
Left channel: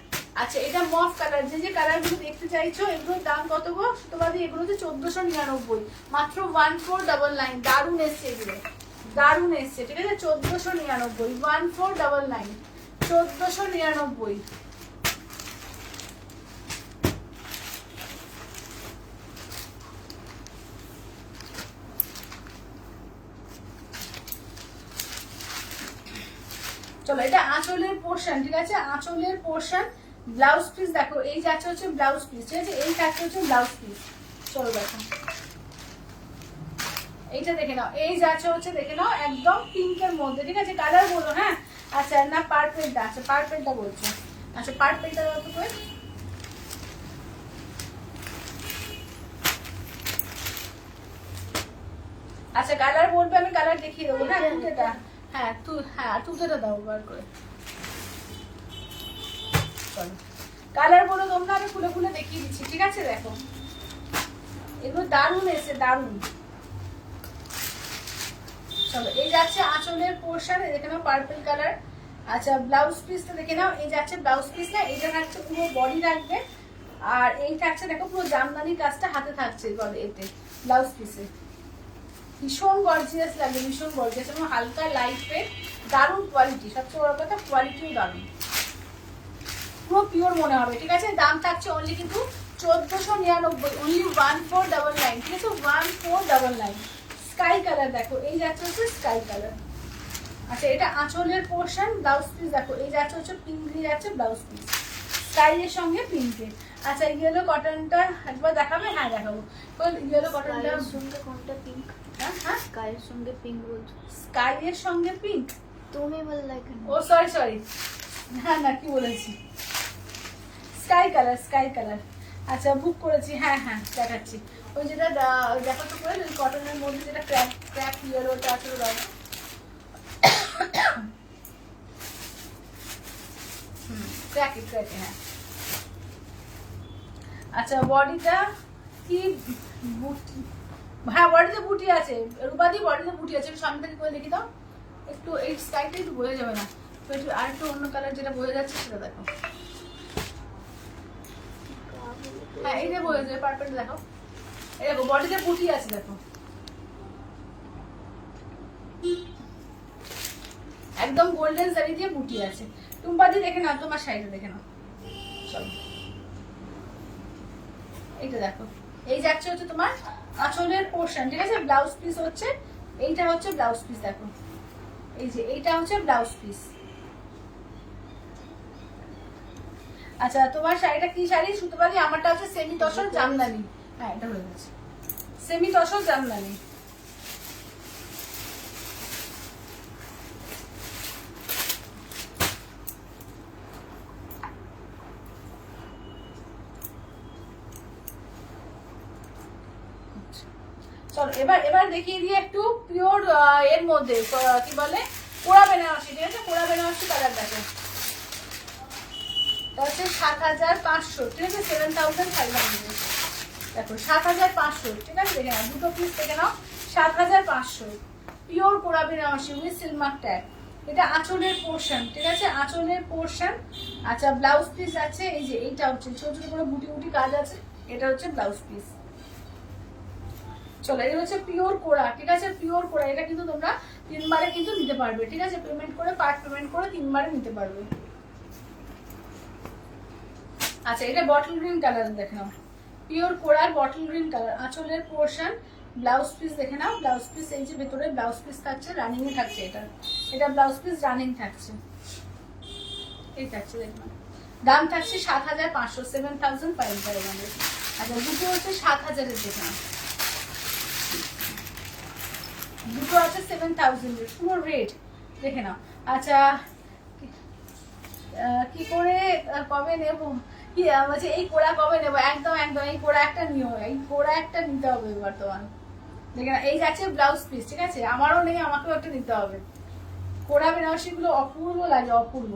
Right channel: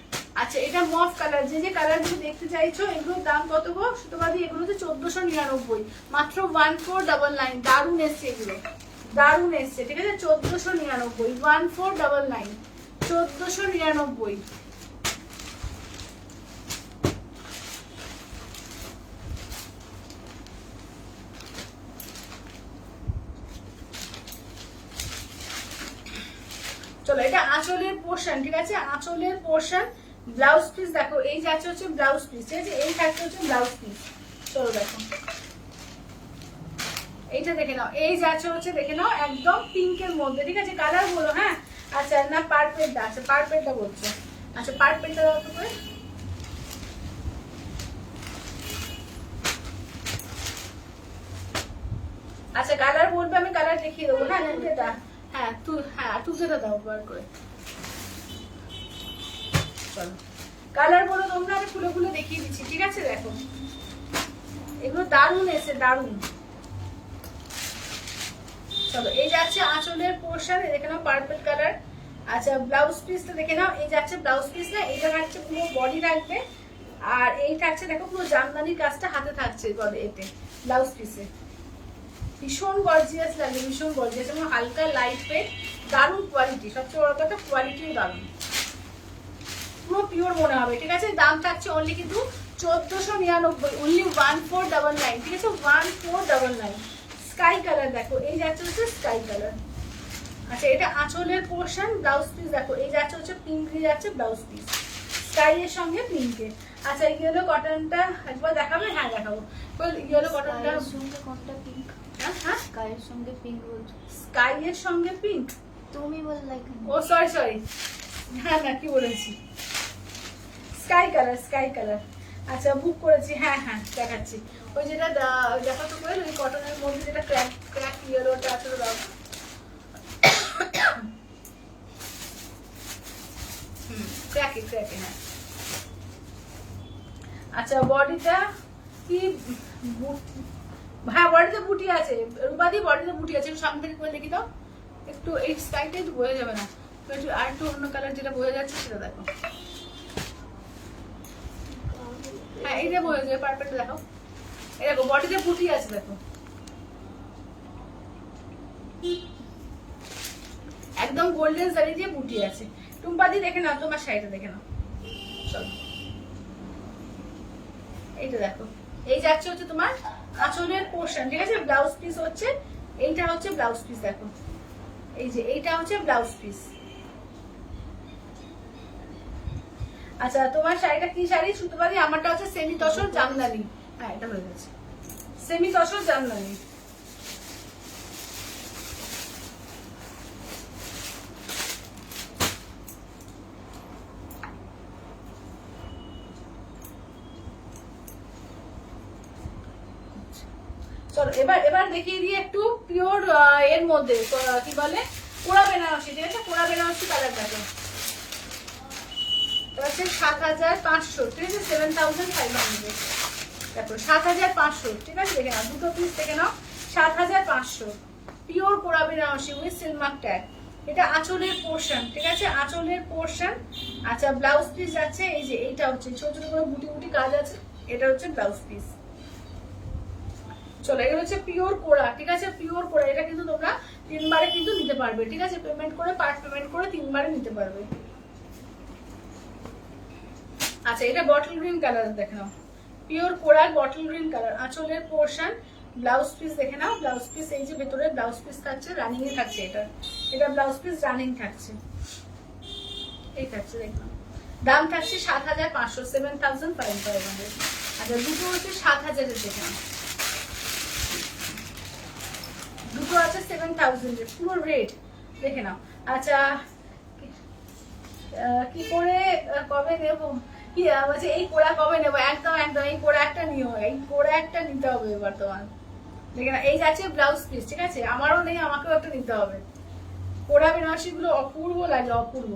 আচ্ছা এটা মফ কালার, যে যে কালার গুলো দেখতে চাইছো এগুলোর দাম কত গো সুতোবাদি, এগুলো হচ্ছে 1499, মাত্র 1499। দারুন এসছে এগুলো, দারুন এসছে, ঠিক আছে, 1499, 1499, 1499। চলো এটা আঁচলের পোর্শন, ঠিক আছে, আঁচলের পোর্শন ব্লাউজ পিস দেখো, এই যাচ্ছে হচ্ছে ব্লাউজ পিস, ঠিক আছে, এই থাকছে হচ্ছে ব্লাউজ পিস। চলো দেখো এইটা দেখে নাও, এই যাচ্ছে হচ্ছে দেখে নাও একদম পিঙ্কের মধ্যে, ঠিক আছে, কালার বলো, হ্যাঁ আচ্ছা না পার্পেলটা, আচ্ছা পার্পেলটা বলছো, আচ্ছা পার্পেলটা কত করে, আচ্ছা কালার বলবে, আমি কালার দেখিয়ে দেবো, হ্যাঁ তুলতেটা, হ্যাঁ তুলতেটা দাও বার করে। চলো কালার বলো তোমরা, আমি খুলে খুলে দেখিয়ে দিচ্ছি, ঠিক আছে, দেখো এগুলো দারুন এসে, দারুন। চলো এই যাচ্ছে আঁচলের পোর্শন, দেখে নাও পার্পল কালার। আচ্ছা ব্লাউজ পিসটা দেখে নাও, এই যাচ্ছে ব্লাউজ পিস, না এইটা থাকছে পুরো বডি থাকবে, আর এই থাকছে দেখো পুরো জামদানি কাজটা হাতে থাকছে এতে ব্লাউজ পিসে, ভীষণ গর্জিয়াস লাগে, ভীষণ গর্জিয়াস এবং হালকা লাইট ওয়েট, দারুণ কোয়ালিটি, সবচেয়ে বড় কথা কোয়ালিটিও দারুণ, পুরো পিওর মনে হবে। ঠিক আছে, দাম থাকছে অনলি কিন্তু 1499, অনলি 1499। ঠিক আছে, 1499। স্কাই কালার দেখো, এই যাচ্ছে হচ্ছে স্কাই কালার। আচ্ছা, এটা আঁচলের পোর্শন, ব্লাউজ পিস দেখো এই যাচ্ছে হচ্ছে পিঙ্ক দিয়ে যাচ্ছে ব্লাউজ পিস, স্কাই এর সঙ্গে পিঙ্কে। আচ্ছা, ইয়েলো কটনটা একবার দেখাবে? হ্যাঁ দেখাবো। ইয়েলো কটনটা স্কাইয়ের সঙ্গে কোনটা পিঙ্ক? হ্যাঁ হ্যাঁ, স্কাইয়ের সঙ্গে পিঙ্ক বলছো? স্কাই এর সঙ্গে পিঙ্ক। তুমি বললে এখানে। ও সরি সরি, হ্যাঁ না কি বলেছি, স্কাই কালার, স্কাই কালার। আচ্ছা বুক করেছি, হ্যাঁ হ্যাঁ দেখাচ্ছি। ওই যেটা দেখো তো করে, ওই কটনের মধ্যে যেটা ক্র্যাক ক্র্যাক ইয়েলোটা আছে দাও। ক্র্যাকে ক্র্যাকে, হ্যাঁ। আচ্ছা, বডিটা কি বুটি? হ্যাঁ বডিতে বুটি আছে, রূপাদি বডিতে বুটি আছে। একটু সামনে থেকে করে দেখি দাও, একটু এই স্কাইটা একটু বোঝা যাবে না তো, একটু আর একটু অন্য কালার যেটা বোঝা যাচ্ছে সেটা দেখো। হ্যাঁ এই যে বোঝা যাবে, পার্পেল দেখো, এই দেখো বডিতে বুটি আছে দেখো, একদম গোল্ডেন শাড়ি দিয়ে বুটি আছে। টুম্পাদি দেখে নাও, তোমার শাড়িটা দেখে নাও, চলো এইটা দেখো। এই যাচ্ছে হচ্ছে তোমার আঁচলের পোর্শন। ঠিক আছে, ব্লাউজ পিস হচ্ছে এইটা, হচ্ছে ব্লাউজ পিস দেখো, এই যে এইটা হচ্ছে ব্লাউজ পিস। আচ্ছা, তোমার শাড়িটা কি শাড়ি সুতোবাদি? আমারটা হচ্ছে সেমি তসর জামদানি। হ্যাঁ এটা হয়ে গেছে, সেমি তসর জামদানি। চলো এবার এবার দেখিয়ে দিয়ে একটু পিওর এর মধ্যে কি বলে কোরা বেনারসি। ঠিক আছে, কোরা বেনারসি কালার দেখো, এটা হচ্ছে 7500। ঠিক আছে, 7500 দেখো, 7500। ঠিক আছে, দেখে নাও, দুটো পিস দেখে নাও, 7500 পিওর কোরা বেনারসি উইথ সিলমার্ক ট্যাগ। এটা আঁচলের পোর্শন। ঠিক আছে, আঁচলের পোর্শন। আচ্ছা, ব্লাউজ পিস আছে এই যে, এইটা হচ্ছে ছোট ছোট করে বুটি বুটি কাজ আছে, এটা হচ্ছে ব্লাউজ পিস। চলো, এটা হচ্ছে পিওর কোরা। ঠিক আছে, পিওর কোরা। এটা কিন্তু তোমরা 3 বারে কিন্তু নিতে পারবে। ঠিক আছে, পেমেন্ট করে, পার্ট পেমেন্ট করে 3 বারে নিতে পারবে। আচ্ছা, এটা বটল গ্রিন কালার দেখে নাও, পিওর কোরার বটল গ্রিন কালার, আঁচলের পোর্শন, ব্লাউজ পিস দেখে নাও। ব্লাউজ পিস এই যে ভেতরে ব্লাউজ পিস থাকছে, রানিং এ থাকছে, এটা ব্লাউজ পিস রানিং থাকছে, এই থাকছে দেখো। দাম থাকছে 7500, 7500। আচ্ছা, দুটো হচ্ছে 7000 এর দেখে নাও, দুটো আছে 7000 এর, পুরো রেড দেখে নাও। আচ্ছা, কি করে কবে নেব? কি বলছে এই কোড়া কবে নেবো? একদম একদম, এই কোড়া একটা নিও, এই কোড়া একটা নিতে হবে এবার তোমার। দেখে না, এই যাচ্ছে ব্লাউজ পিস। ঠিক আছে, আমারও নেই, আমাকেও একটা নিতে হবে। কোড়া বেনারসি গুলো অপূর্ব লাগে, অপূর্ব।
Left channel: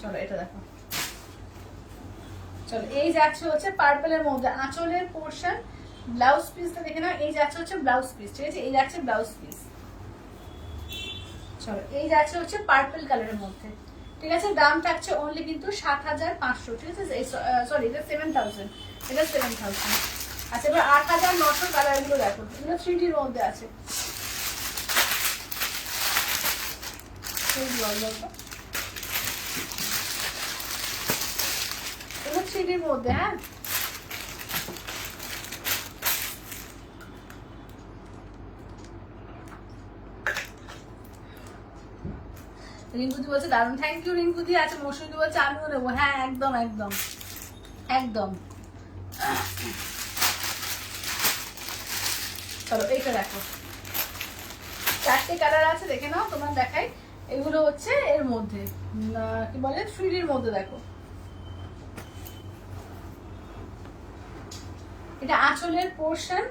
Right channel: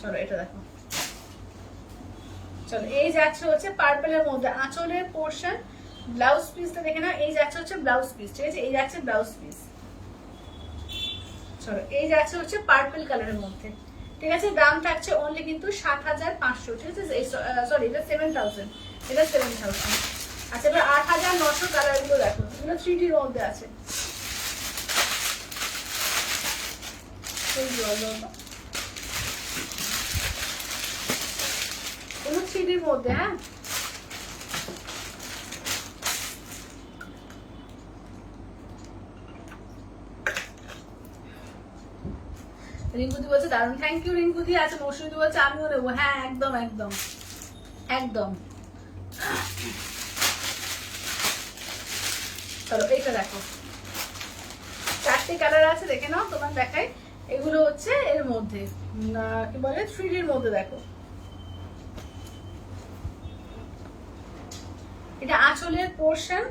চলো এটা দেখো, চলো এই যাচ্ছে হচ্ছে পার্পলের মধ্যে আঁচলের পোর্শন, ব্লাউজ পিসটা দেখে না, এই যাচ্ছে হচ্ছে ব্লাউজ পিস। ঠিক আছে, এই যাচ্ছে ব্লাউজ পিস। চলো এই যাচ্ছে হচ্ছে পার্পল কালারের মধ্যে। ঠিক আছে, দাম থাকছে অনলি কিন্তু 7500। ঠিক আছে, সরি এটা 7000, এটা 7000। আচ্ছা, এবার 8900 কালার গুলো দেখো, এগুলো 3D এর মধ্যে আছে। এগুলো 3D এর মধ্যে, হ্যাঁ। রিঙ্কুদি বলছে দারুণ, থ্যাংক ইউ রিঙ্কুদি। আছে মৌসুমী বলছে আমিও নেবো, হ্যাঁ একদম একদম একদম। চলো এইটা দেখো, 4টে কালার আছে দেখে নাও, তোমার দেখাই। এগুলো হচ্ছে এর মধ্যে কি বলে 3D এর মধ্যে দেখো। এটা আঁচলের পোর্শন।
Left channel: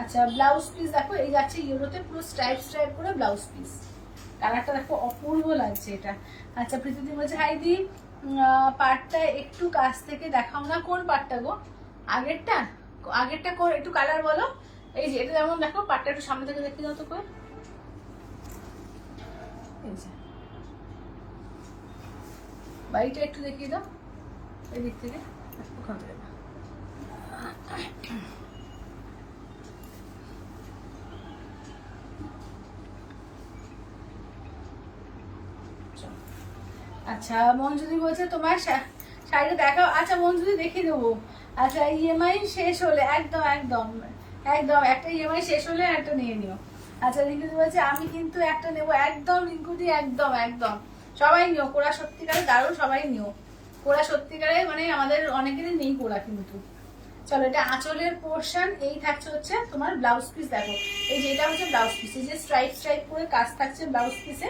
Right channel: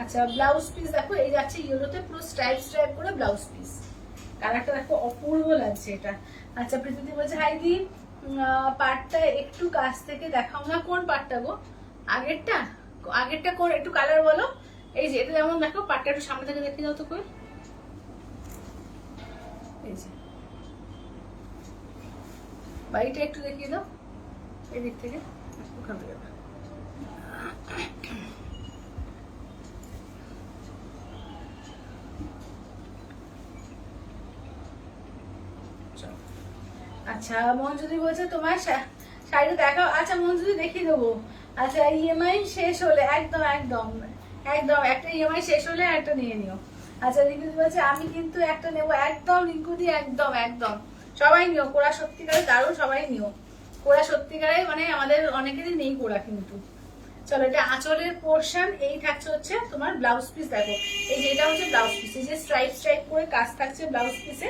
আচ্ছা, ব্লাউজ পিস দেখো, এই যাচ্ছে ইয়েলোতে পুরো স্ট্রাইপ স্ট্রাইপ করে ব্লাউজ পিস। কালারটা দেখো অপূর্ব লাগছে এটা। আচ্ছা, প্রীতিদি বলছে হাই দি, পার্টটা একটু কাছ থেকে দেখাও না। কোন পার্টটা গো? আগেরটা? আগেরটা কোন, একটু কালার বলো। এই যে এটা যেমন দেখো, পার্টটা একটু সামনে থেকে দেখে দাও তো করে। এই যে বাড়িটা একটু দেখিয়ে দাও এদিক থেকে। ওখান থেকে দাও। আচ্ছা মঞ্জুদি বলছে তোমার শাড়িটা দেখাও। আচ্ছা মঞ্জুদি দেখিয়ে দেবো। আচ্ছা ইএমআই শেষ হলে একদম একদম একদম একটা ইএমআই শেষ হলে একটা নিয়ে নিও। আচ্ছা রিঙ্কুদি বলছে আমি কিন্তু একটা নেবো। একদম রিঙ্কুদি একদম একদম সবাই নিও। কোরা সত্যিকারে দারুণ, সবাই নিও কোরা সত্যিকারে, মানে আমাদের অনেকেরই নেই কোরা কিন্তু। চলো এটা আঁচলের পোর্শন। এই থাকছে হচ্ছে তোমার ব্লাউজ পিস। দেখো এই যে এটা হচ্ছে ব্লাউজ পিস, এই যে স্ট্রাইপ স্ট্রাইপ করে কাজ থাকছে ব্লাউজ পিসে,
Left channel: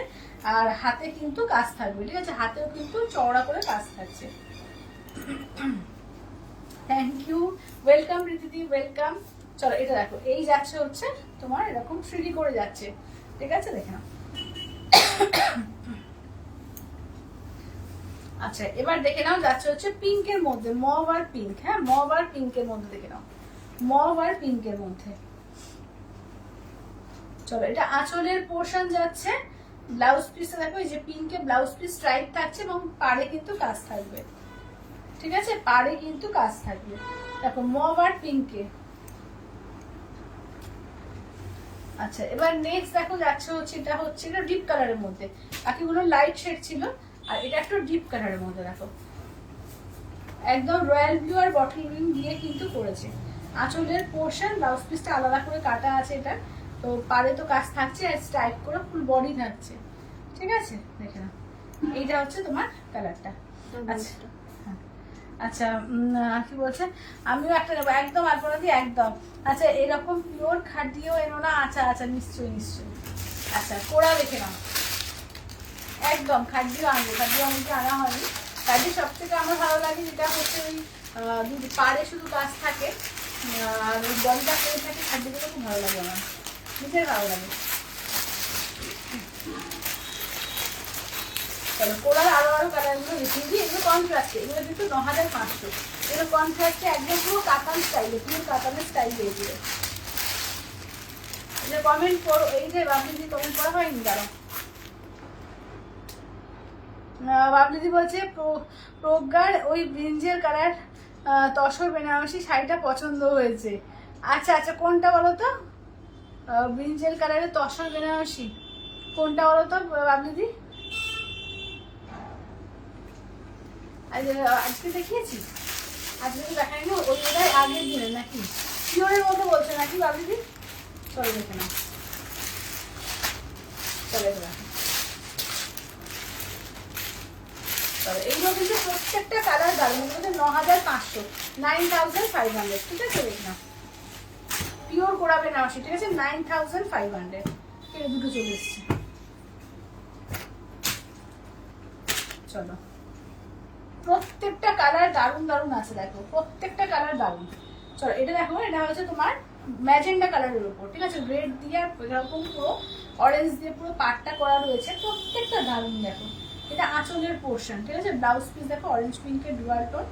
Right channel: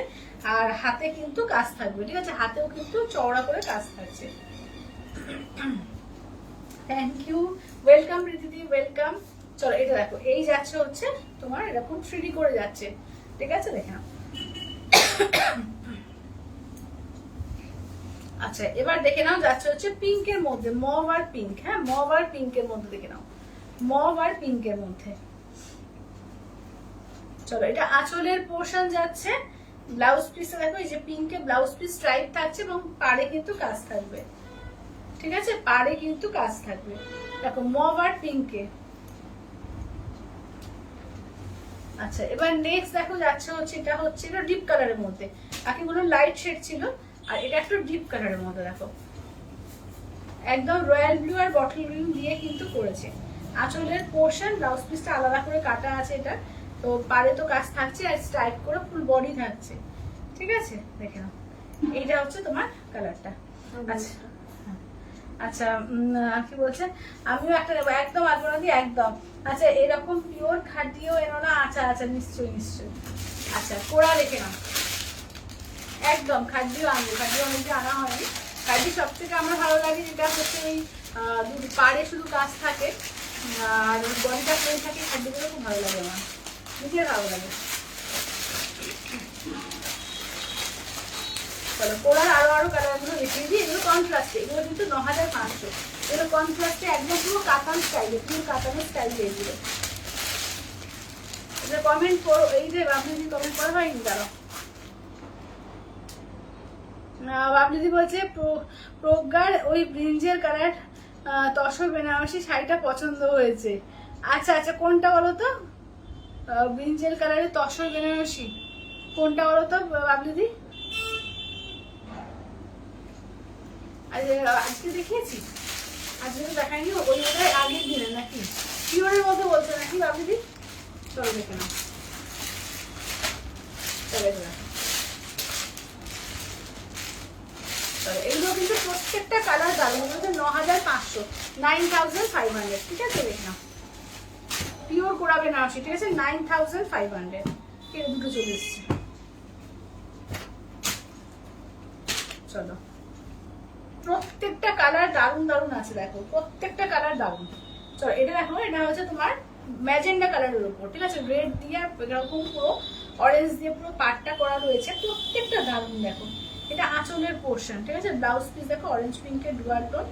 আর হাতে কিন্তু কাজ থাকবে, ঠিক আছে? হাতেও কিন্তু চওড়া করে কাজ থাকছে। থ্যাংক ইউ, ওয়েলকাম প্রীতিদি, ওয়েলকাম। চলো এটা দেখো, এই যাচ্ছে হচ্ছে তোমার এরকম 3D করে যাচ্ছে, ঠিক আছে? দেখে নাও। আচ্ছা এবার দেখে নাও যাচ্ছে হচ্ছে পিঙ্কের মধ্যে, মভ আর পিঙ্ক। হ্যাঁ মভ আর পিঙ্কের মধ্যে দেখে নাও, মভ আর পিঙ্কের মধ্যে। চলো এটা আঁচলের পোর্শন যাচ্ছে। ব্লাউজ পিসে দেখো এই যে পিঙ্কে ব্লাউজ পিস স্ট্রাইপ থাকছে এবং পাড়ে কিন্তু কাজ থাকবে, ঠিক আছে? পাড়ে কিন্তু কাজ থাকবে। দেখো মভ আর পিঙ্কে। আচ্ছা এবার নেক্সট দেখো যাচ্ছে হচ্ছে এটা হচ্ছে এটা ডিপ কালারের মধ্যে, বাকিগুলো লাইট শেড ছিল, আর এটা একটু ডিপ কালারের মধ্যে। দেখো একদম রয়্যাল ব্লু আর বটল গ্রিন দিয়ে কিন্তু করেছে। আঁচলের পোর্শন, ব্লাউজ পিসটা আলাদা করে কাটা আছে এটা, তো পাড়ে তো কাজ থাকছে আর স্ট্রাইপ করে ফুল বডি থাকছে, ঠিক আছে? দেখে নাও এইটা হচ্ছে তোমার কালারটা। আচ্ছা আচ্ছা কি বলছে আমিও একটা নেবো। একদম আপনারা কি একদম। আচ্ছা এরকম পিওর খাটিও এনো না? আচ্ছা আচ্ছা নিশ্চয়ই নিশ্চয়ই। আচ্ছা কোরা দেখে নাও, একদম খাটিও আনবো। খাটিও আমাকে আনা হয়নি। খাটি সব থেকে আমার ভালো লাগে যেটা হচ্ছে ওই পাড়ে শুধু কাজ থাকে আর বডিটা পরে থাকে, খাটিগুলো খুব ভালো লাগে আমার, নিজের ভালো লাগে। চলো কোরার আরো আরো কালারগুলো দেখিয়ে দিই। এগুলো কন্ট্রাস্টে, এগুলো কিন্তু 9500। এগুলো কন্ট্রাস্টে একদম পুরো কাতান স্টাইলে, পুরো কাতানের স্টাইলে এগুলো। এগুলো কমেন্ট করো। এই যে বাবলিদি কমেন্ট করা হয়নি দাঁড়াও। বাবলিদি বলছে প্রজ্ঞার ওই ব্রিঞ্জের কালার তসর বেনারসি শাড়িটা পছন্দ হয়েছে। আচ্ছা আচ্ছা কোনটা বলো তো? ব্রিঞ্জের কালারের তসর বেনারসি কোনটা বলো তো বাবলিদি? আজকে দেখিয়েছি? আজকে তো দেখাইনি, ওই ওটাই আগের দিনে নাকি পিওরের মধ্যে বলছে নাকি বাবলিদি? চলো দেখে না, চলে দেখো। এইগুলো কিন্তু প্রত্যেকটা কালার দারুন। 9500, 9500, ঠিক আছে? দেখ না পিওর কোরা বেনারসি, ঠিক আছে? 9500। এই দুটো চলে এসছে। চলো প্রত্যেকটা কালার দারুন দারুন আছে, দেখো প্রত্যেকটা কালার দারুন। চলো এটা দেখো, এটা হচ্ছে তোমার ম্যাজেন্ডা কালারের উপর, ঠিক আছে? রেড দিয়ে এরকম পুরো অরেঞ্জ দিয়ে পুরো পাটটা করা রয়েছে, প্রত্যেকটা দারুন। দেখো এটা আঁচলের পোর্শন, ঠিক আছে? ব্লাউজ পিস দেখো অরেঞ্জ পিঙ্কের ডুয়াল টোন,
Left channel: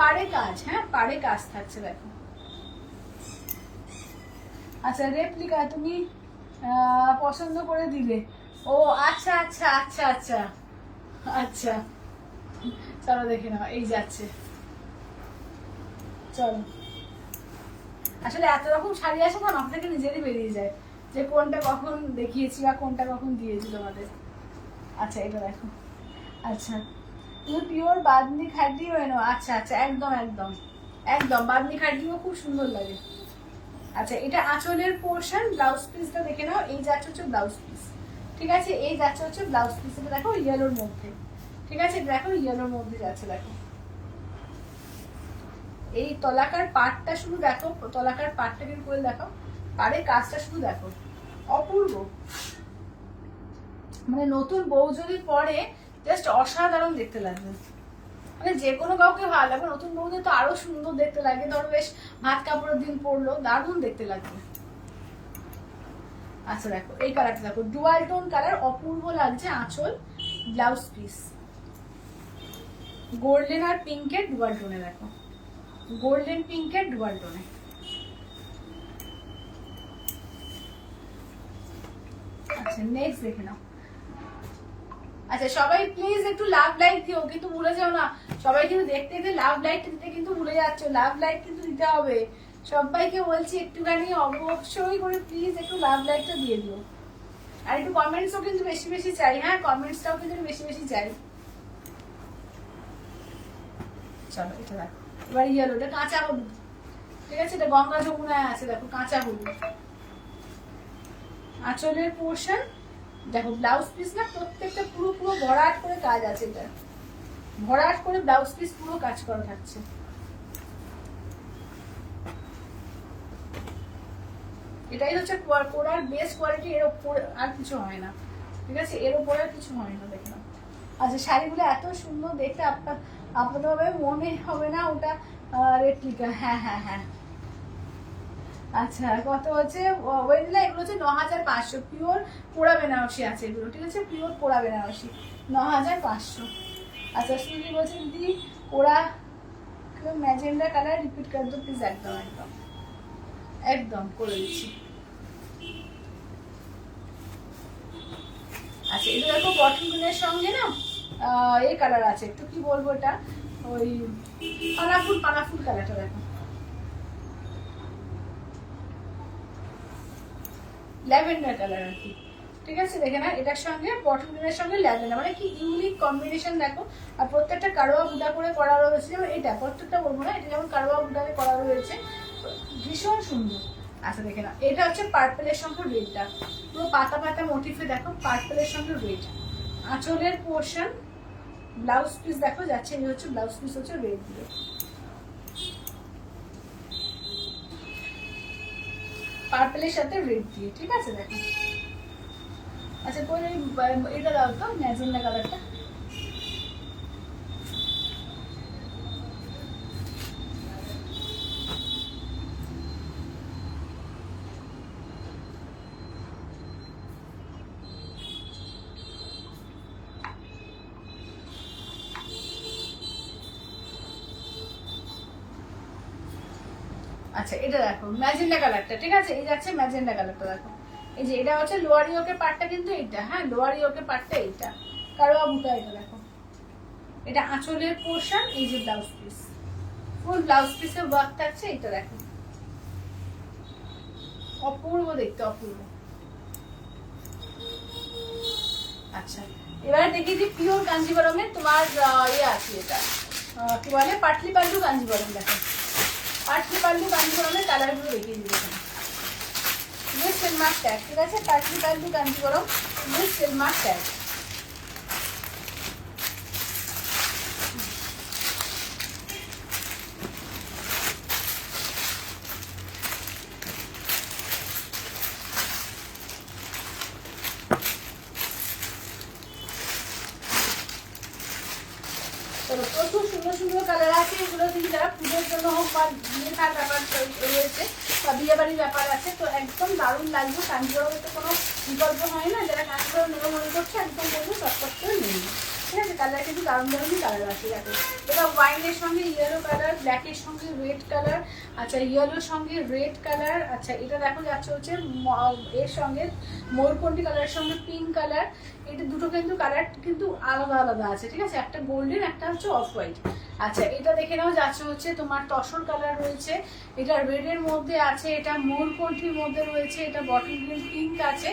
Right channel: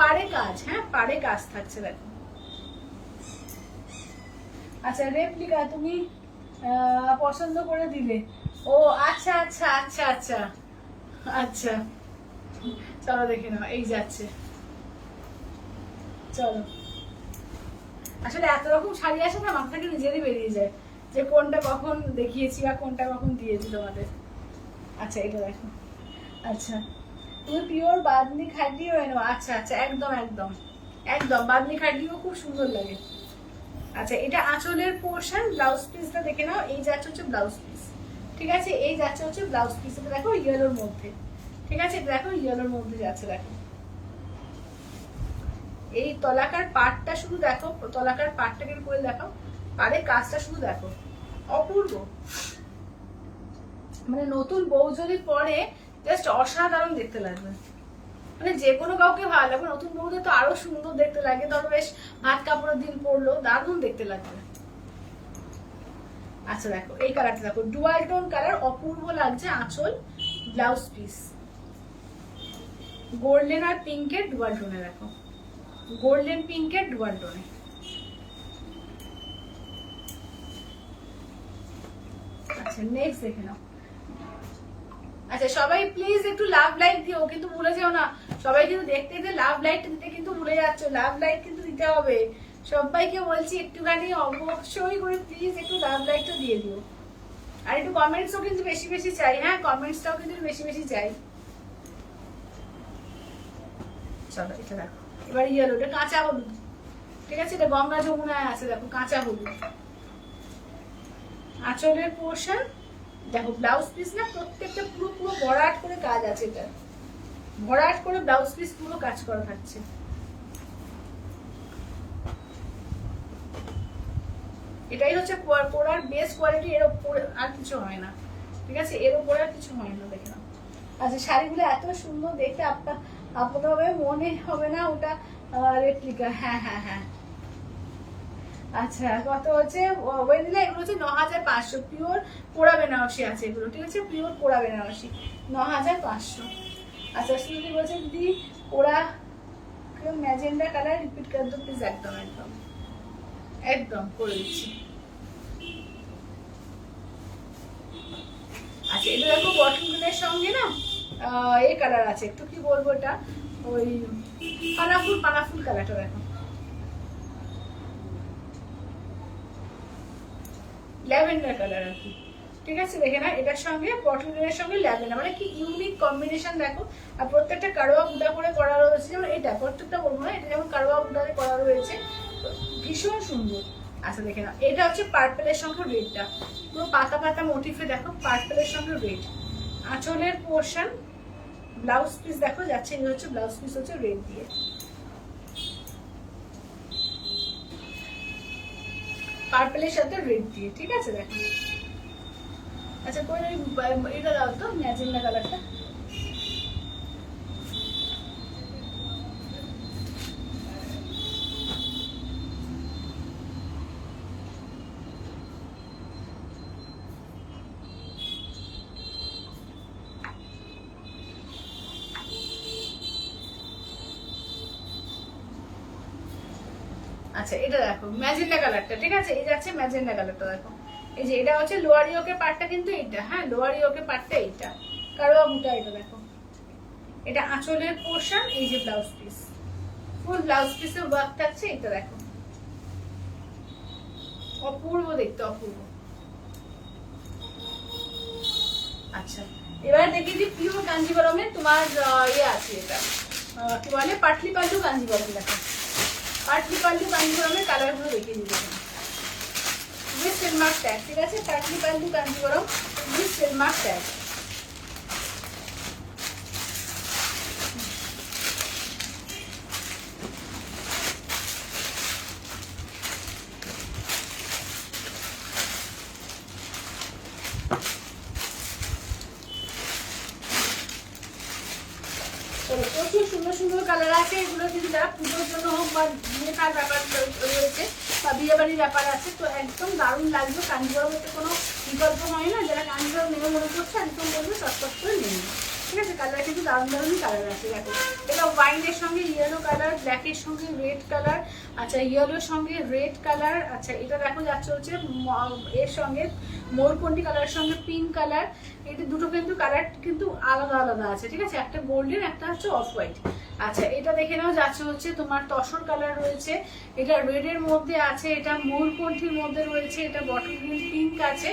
পাড়ে কাজ। হ্যাঁ পাড়ে কাজ থাকছে দেখো। আচ্ছা রেপ্লিকা তুমি পছন্দ করে দিলে? ও আচ্ছা আচ্ছা আচ্ছা আচ্ছা আচ্ছা। চলো দেখে নাও, এই যাচ্ছে। চলো আসলে এত রকম শাড়ি আসে না, মাথা থেকে নিজেরই বেরিয়ে যায় যে কোনটা কখন দেখিয়েছি বা কোনটা কখন দিয়েছি তোমাদের। আচ্ছা এটা দেখো। আচ্ছা তুমি পিওর বাদনি খাটিও এনো? আচ্ছা আচ্ছা একদম একদম একদম বাদনি খাটিও খুব সুন্দর লাগে। আচ্ছা এটা আঁচলের পোর্শন, ব্লাউজ পিসটা দেখে নাও। এই যাচ্ছে হচ্ছে ব্লাউজ পিস, ঠিক আছে? এই যাচ্ছে হচ্ছে ব্লাউজ পিস। এটা দেখো ইয়েলোর মধ্যে, ঠিক আছে? দেখো ইয়েলোর মধ্যে যাচ্ছে। দেখো এই তলাকার পাটটা শুধু দেখো, তলাকার পাটটা কিন্তু করে দেখো, পাড়ে কাজটা শুধু দেখো, অপূর্ব। মানে নতুন বউ যদি পরে জাস্ট অসাধারণ দেখতে লাগবে, মানে যে কোনো কাউকে ভালো লাগবে। নতুন বউদের তো আরো সুন্দর দেখতে লাগে, ধরো বেশ ভাত কাপড়ের দিন পরলো দারুণ দেখতে লাগবে। আচ্ছা দেখো এই কালারটা দেখো, ডুয়াল টোন কালার, অপূর্ব লাগছে। আঁচল, ব্লাউজ পিস গোল্ডেন আর পিঙ্কের ডুয়াল টোনে, দেখো গোল্ডেন পিঙ্কের ডুয়াল টোনে। আচ্ছা নেক্সট দেখে নাও। আচ্ছা সবাই প্লিজ একটু লাভ লাইক দিও, কিন্তু ভুলে যেও না। সবাই কিন্তু দেখতে দেখতে লাভ লাইক দিতে কিন্তু ভুলে যাচ্ছ। লাভ লাইক কিন্তু দিতে হবে। সবাইকে বলছি একটুখানি অবশ্যই করে প্লিজ একটু লাভ লাইকটা দিয়ে দিও। আর একটু কমেন্টসও কিন্তু বেশি বেশি চাই। হ্যাঁ, কমেন্টসটাও কিন্তু বেশি বেশি চাই। চলো এটা দেখো, এবার ইয়েলো, এটা কাঁচা হলুদ। ঠিক আছে, এটা গঙ্গা যমুনায় আছে, দেখো কাঁচা হলুদ। আঁচলের পোর্শন দেখো, ব্লাউজ পিস না প্রত্যেকটা পুরো পুরো ভরাট করে কাজ আছে। এটা ভরাট করে ব্লাউজ পিস পুরো কাজ করা থাকছে। এটাই হচ্ছে পরার বেস্ট কোয়ালিটি, এর উপরে আর কিছু হয় না। ঠিক আছে, এর উপরে আর কিছু হয় না। দেখে নাও। আচ্ছা শাড়িগুলো এত সুন্দর দেখতে, আপনাদের মনে হবে না ওটা রেপ্লিকা। হ্যাঁ হ্যাঁ হ্যাঁ। আচ্ছা কত হচ্ছে ওয়েদিলা? এগুলো হচ্ছে 9500 পিওর পোড়া বেনারসি আছে এগুলো। ঠিক আছে, পিওর পোড়া বেনারসি 9500। আচ্ছা সুন্দর বলছে দিদি ওরা ম্যাজেন্ডা কালার রিপিট করে দো প্লিজ। একদম একদম একদম করে দিচ্ছি। আচ্ছা এটা দেখো বটল গ্রিনের সঙ্গে না এই কালার আছে, একটু কি বলবো এটা, ওই পানাফুল কালারটা দেখো, ল্যাভেন্ডার কালার আর কি। ঠিক আছে, দেখে না এটার সঙ্গে বটল গ্রিনের সঙ্গে ল্যাভেন্ডার, মানে কি ইউনিক কম্বিনেশন দেখো। আর প্রত্যেকটা কারোয়া বুটা করে করা রয়েছে, যেমন এটা প্রত্যেকটা বলবো না, এটা যেমন কারোয়া বুটারে করা রয়েছে, ভীষণ সুন্দর। আচ্ছা দেখে না, এটা হচ্ছে পার্পেলের সঙ্গে রেডটা, পুরো পাতা পাতা মোটিফে দেখো, পার্পেলের সঙ্গে রেড। আঁচলের পোর্শন, ব্লাউজ পিস দেখো যাচ্ছে, এই হচ্ছে ব্লাউজ পিস হচ্ছে রেড দিয়ে, পার্পেলের সাথে রেড দিয়ে। ঠিক আছে দেখো। আচ্ছা কোন এটা দাও তো ম্যাজেন্ডা কালারটা। আচ্ছা এটা দেখো ম্যাজেন্ডা কালারটা। ঠিক আছে, এই যাচ্ছে ম্যাজেন্ডা কালারটা দেখো। এই যে এটা হচ্ছে লোয়ার ইয়োকের পার্টটা কিন্তু এইটা। হ্যাঁ, লোয়ার ইয়োকের পার্টটা এইটা, কারোয়া বুটা। এটা দেখো, এটা আঁচলের পোর্শন, এই যে ব্লাউজ পিস, ফুল ব্লাউজ পিসের ওয়ার্ক থাকছে। এটা দেখো অপূর্ব দেখতে, অপূর্ব। আচ্ছা এবারে দেখি যে পিওর কাঞ্জিবরমের তোমার ইয়ে আছে, এটা কি বলে পাটলি পাল্লু কাঞ্জিবরম। দেখো পাটলি পাল্লু কাঞ্জিবরমের কালার গুলো দেখিয়ে দিচ্ছি। সেলমার্ক ট্যাগ। ঠিক আছে, পাটলি পাল্লু কাঞ্জিবরম সেলমার্ক ট্যাগ। প্রচুর সুন্দর সুন্দর কালার আছে। এগুলো কিন্তু যারা পুজোর জন্য হোক বা বিয়ে থার ব্যাপার রয়েছে বা বিয়ে বাড়ির ব্যাপার আছে, তো একদম দারুণ লাগবে। কাঞ্জিবরমের তো কোনো বিকল্প হয় না। যারা কাঞ্জিবরম নেবে মনে করছে একদম বলবো চটপট করে নেই। ঠিক আছে, কালার কিন্তু দারুণ দারুণ কালার আছে। দেখো এটা ওয়াইনের সঙ্গে ইয়েলো কালার, ব্ল্যাকের সঙ্গে রেড কালার। আচ্ছা ইয়েলোর সঙ্গে রেড কালার। আচ্ছা এটা দেখো যাচ্ছে হচ্ছে এর সঙ্গে ময়ূরকণ্ঠী কালারের সঙ্গে পিঙ্ক কালার। এটা দুটো কিন্তু কালার কিন্তু আলাদা আলাদা আছে। ঠিক আছে, একটা গোল্ডেন, একটা হচ্ছে অফ হোয়াইট। আচ্ছা এটা দেখে নাও যাচ্ছে হচ্ছে তোমার তসর কালার রয়েছে, এটা রেডের মধ্যে আছে, এটা ময়ূরকণ্ঠীর মধ্যে রয়েছে, এটা বটল গ্রিন পিঙ্ক আছে।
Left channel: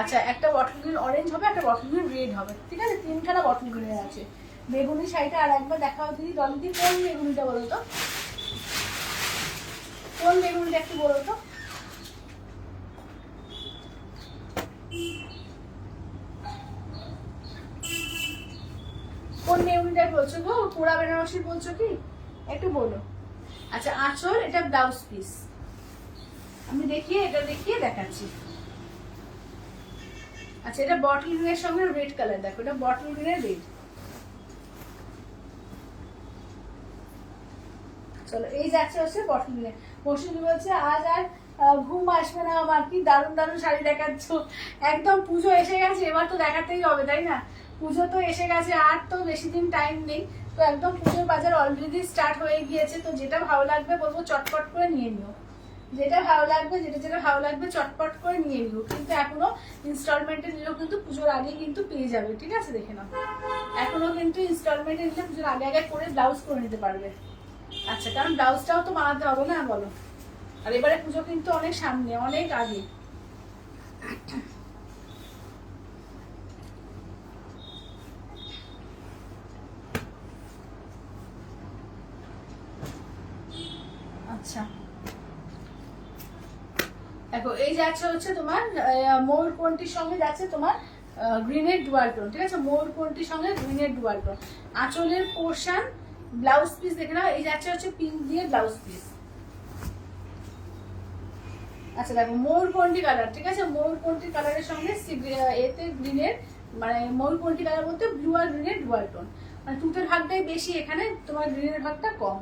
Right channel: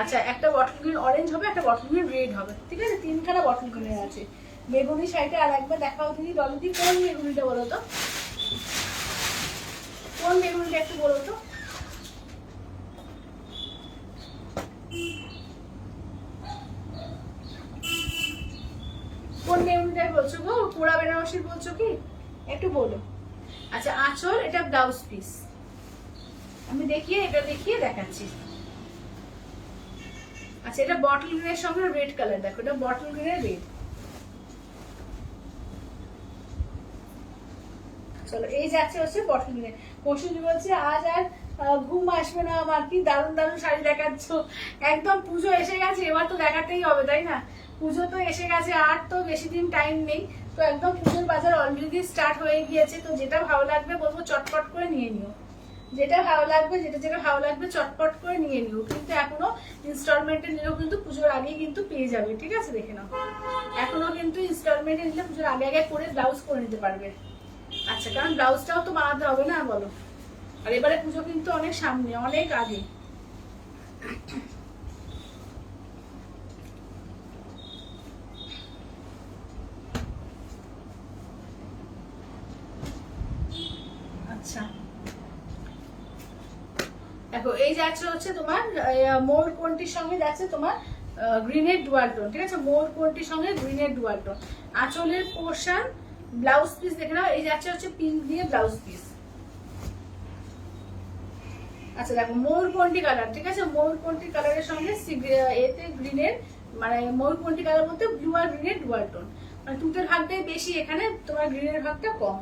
আচ্ছা একটা বটল গ্রিন অরেঞ্জ হবে, একটা বটল গ্রিন রেড হবে। ঠিক আছে, তিনখানা বটল গ্রিনের আছে। বেগুনি শাড়িটা আর একবার দেখাও দিদি। দলদি কোন বেগুনিটা বলো তো, কোন বেগুনিটা একটু বলো তো। কোন বেগুনিটা বলছো গো? পোড়া বেনারসি বলছো কি একটু বলো। আচ্ছা আঁচল, এটা ব্লাউজ পিস আমি দেখিয়ে দেখাচ্ছি। আচ্ছা এটা বটল গ্রিনের সঙ্গে রেড কালার। দেখো এটা বটল গ্রিনের রেড। চলো এই যাচ্ছে হচ্ছে বটল গ্রিনের। পরশুদি বলছে আজ আর ঘুম আসবে না আমার, কি দারুণ দারুণ শাড়ি দেখাচ্ছ। একদম পুজো এসে গেছে, এবার তো দেখাতেই হবে তাই না? পুজো তো এসে গেছে, আর তো বেশি দিন টাইম নেই। তো একদম পুজোর বাজার অলরেডি স্টার্ট হয়ে গিয়েছে। তো যেটা ভালো লাগবে বলবো চটপট করে নিয়ে নিও। যেটা ভালো লাগবে, যেটা ভালো লাগবে চটপট করে নিয়ে নিও, কিন্তু এখনো ইনস্টলমেন্টে নিলেও কিন্তু পুজোর আগে কিন্তু পেয়ে যাবে, ঠিক আছে? দেখে নাও, এখনো কিন্তু ইনস্টলমেন্টে নিলে পুজোর আগে আগে করে ব্লাউজ করে নিতে পারবে। আচ্ছা, কারণ ব্লাউজটাও তো বানাতে হবে না বলো, আর এবারে পুজো কিন্তু অনেক সামনে, অনেক আগে। আচ্ছা দেখো, এই যাচ্ছে হচ্ছে তোমার মোর কোনটির সঙ্গে যাচ্ছে তোমার গ্রিনের ডুয়াল টোন, ঠিক আছে? মোর কোনটির সঙ্গে গ্রিনের ডুয়াল টোন। আঁচলের পোর্শন ব্লাউজ পিস দেখে নাও, এই যাচ্ছে হচ্ছে পিঙ্ক দিয়ে ব্লাউজ পিস। আচ্ছা দেখো, মোর কোনটি কালার, ঠিক আছে? মোর কোনটি কালারের সঙ্গে এতে গ্রিনের, মানে মোর কোনটি কালার বলতে ব্লু আর গ্রিনের ডুয়াল টোন, মানে তুতের ভাগটাই বেশি, এখানে তোমার গ্রিনের ভাগটা কম।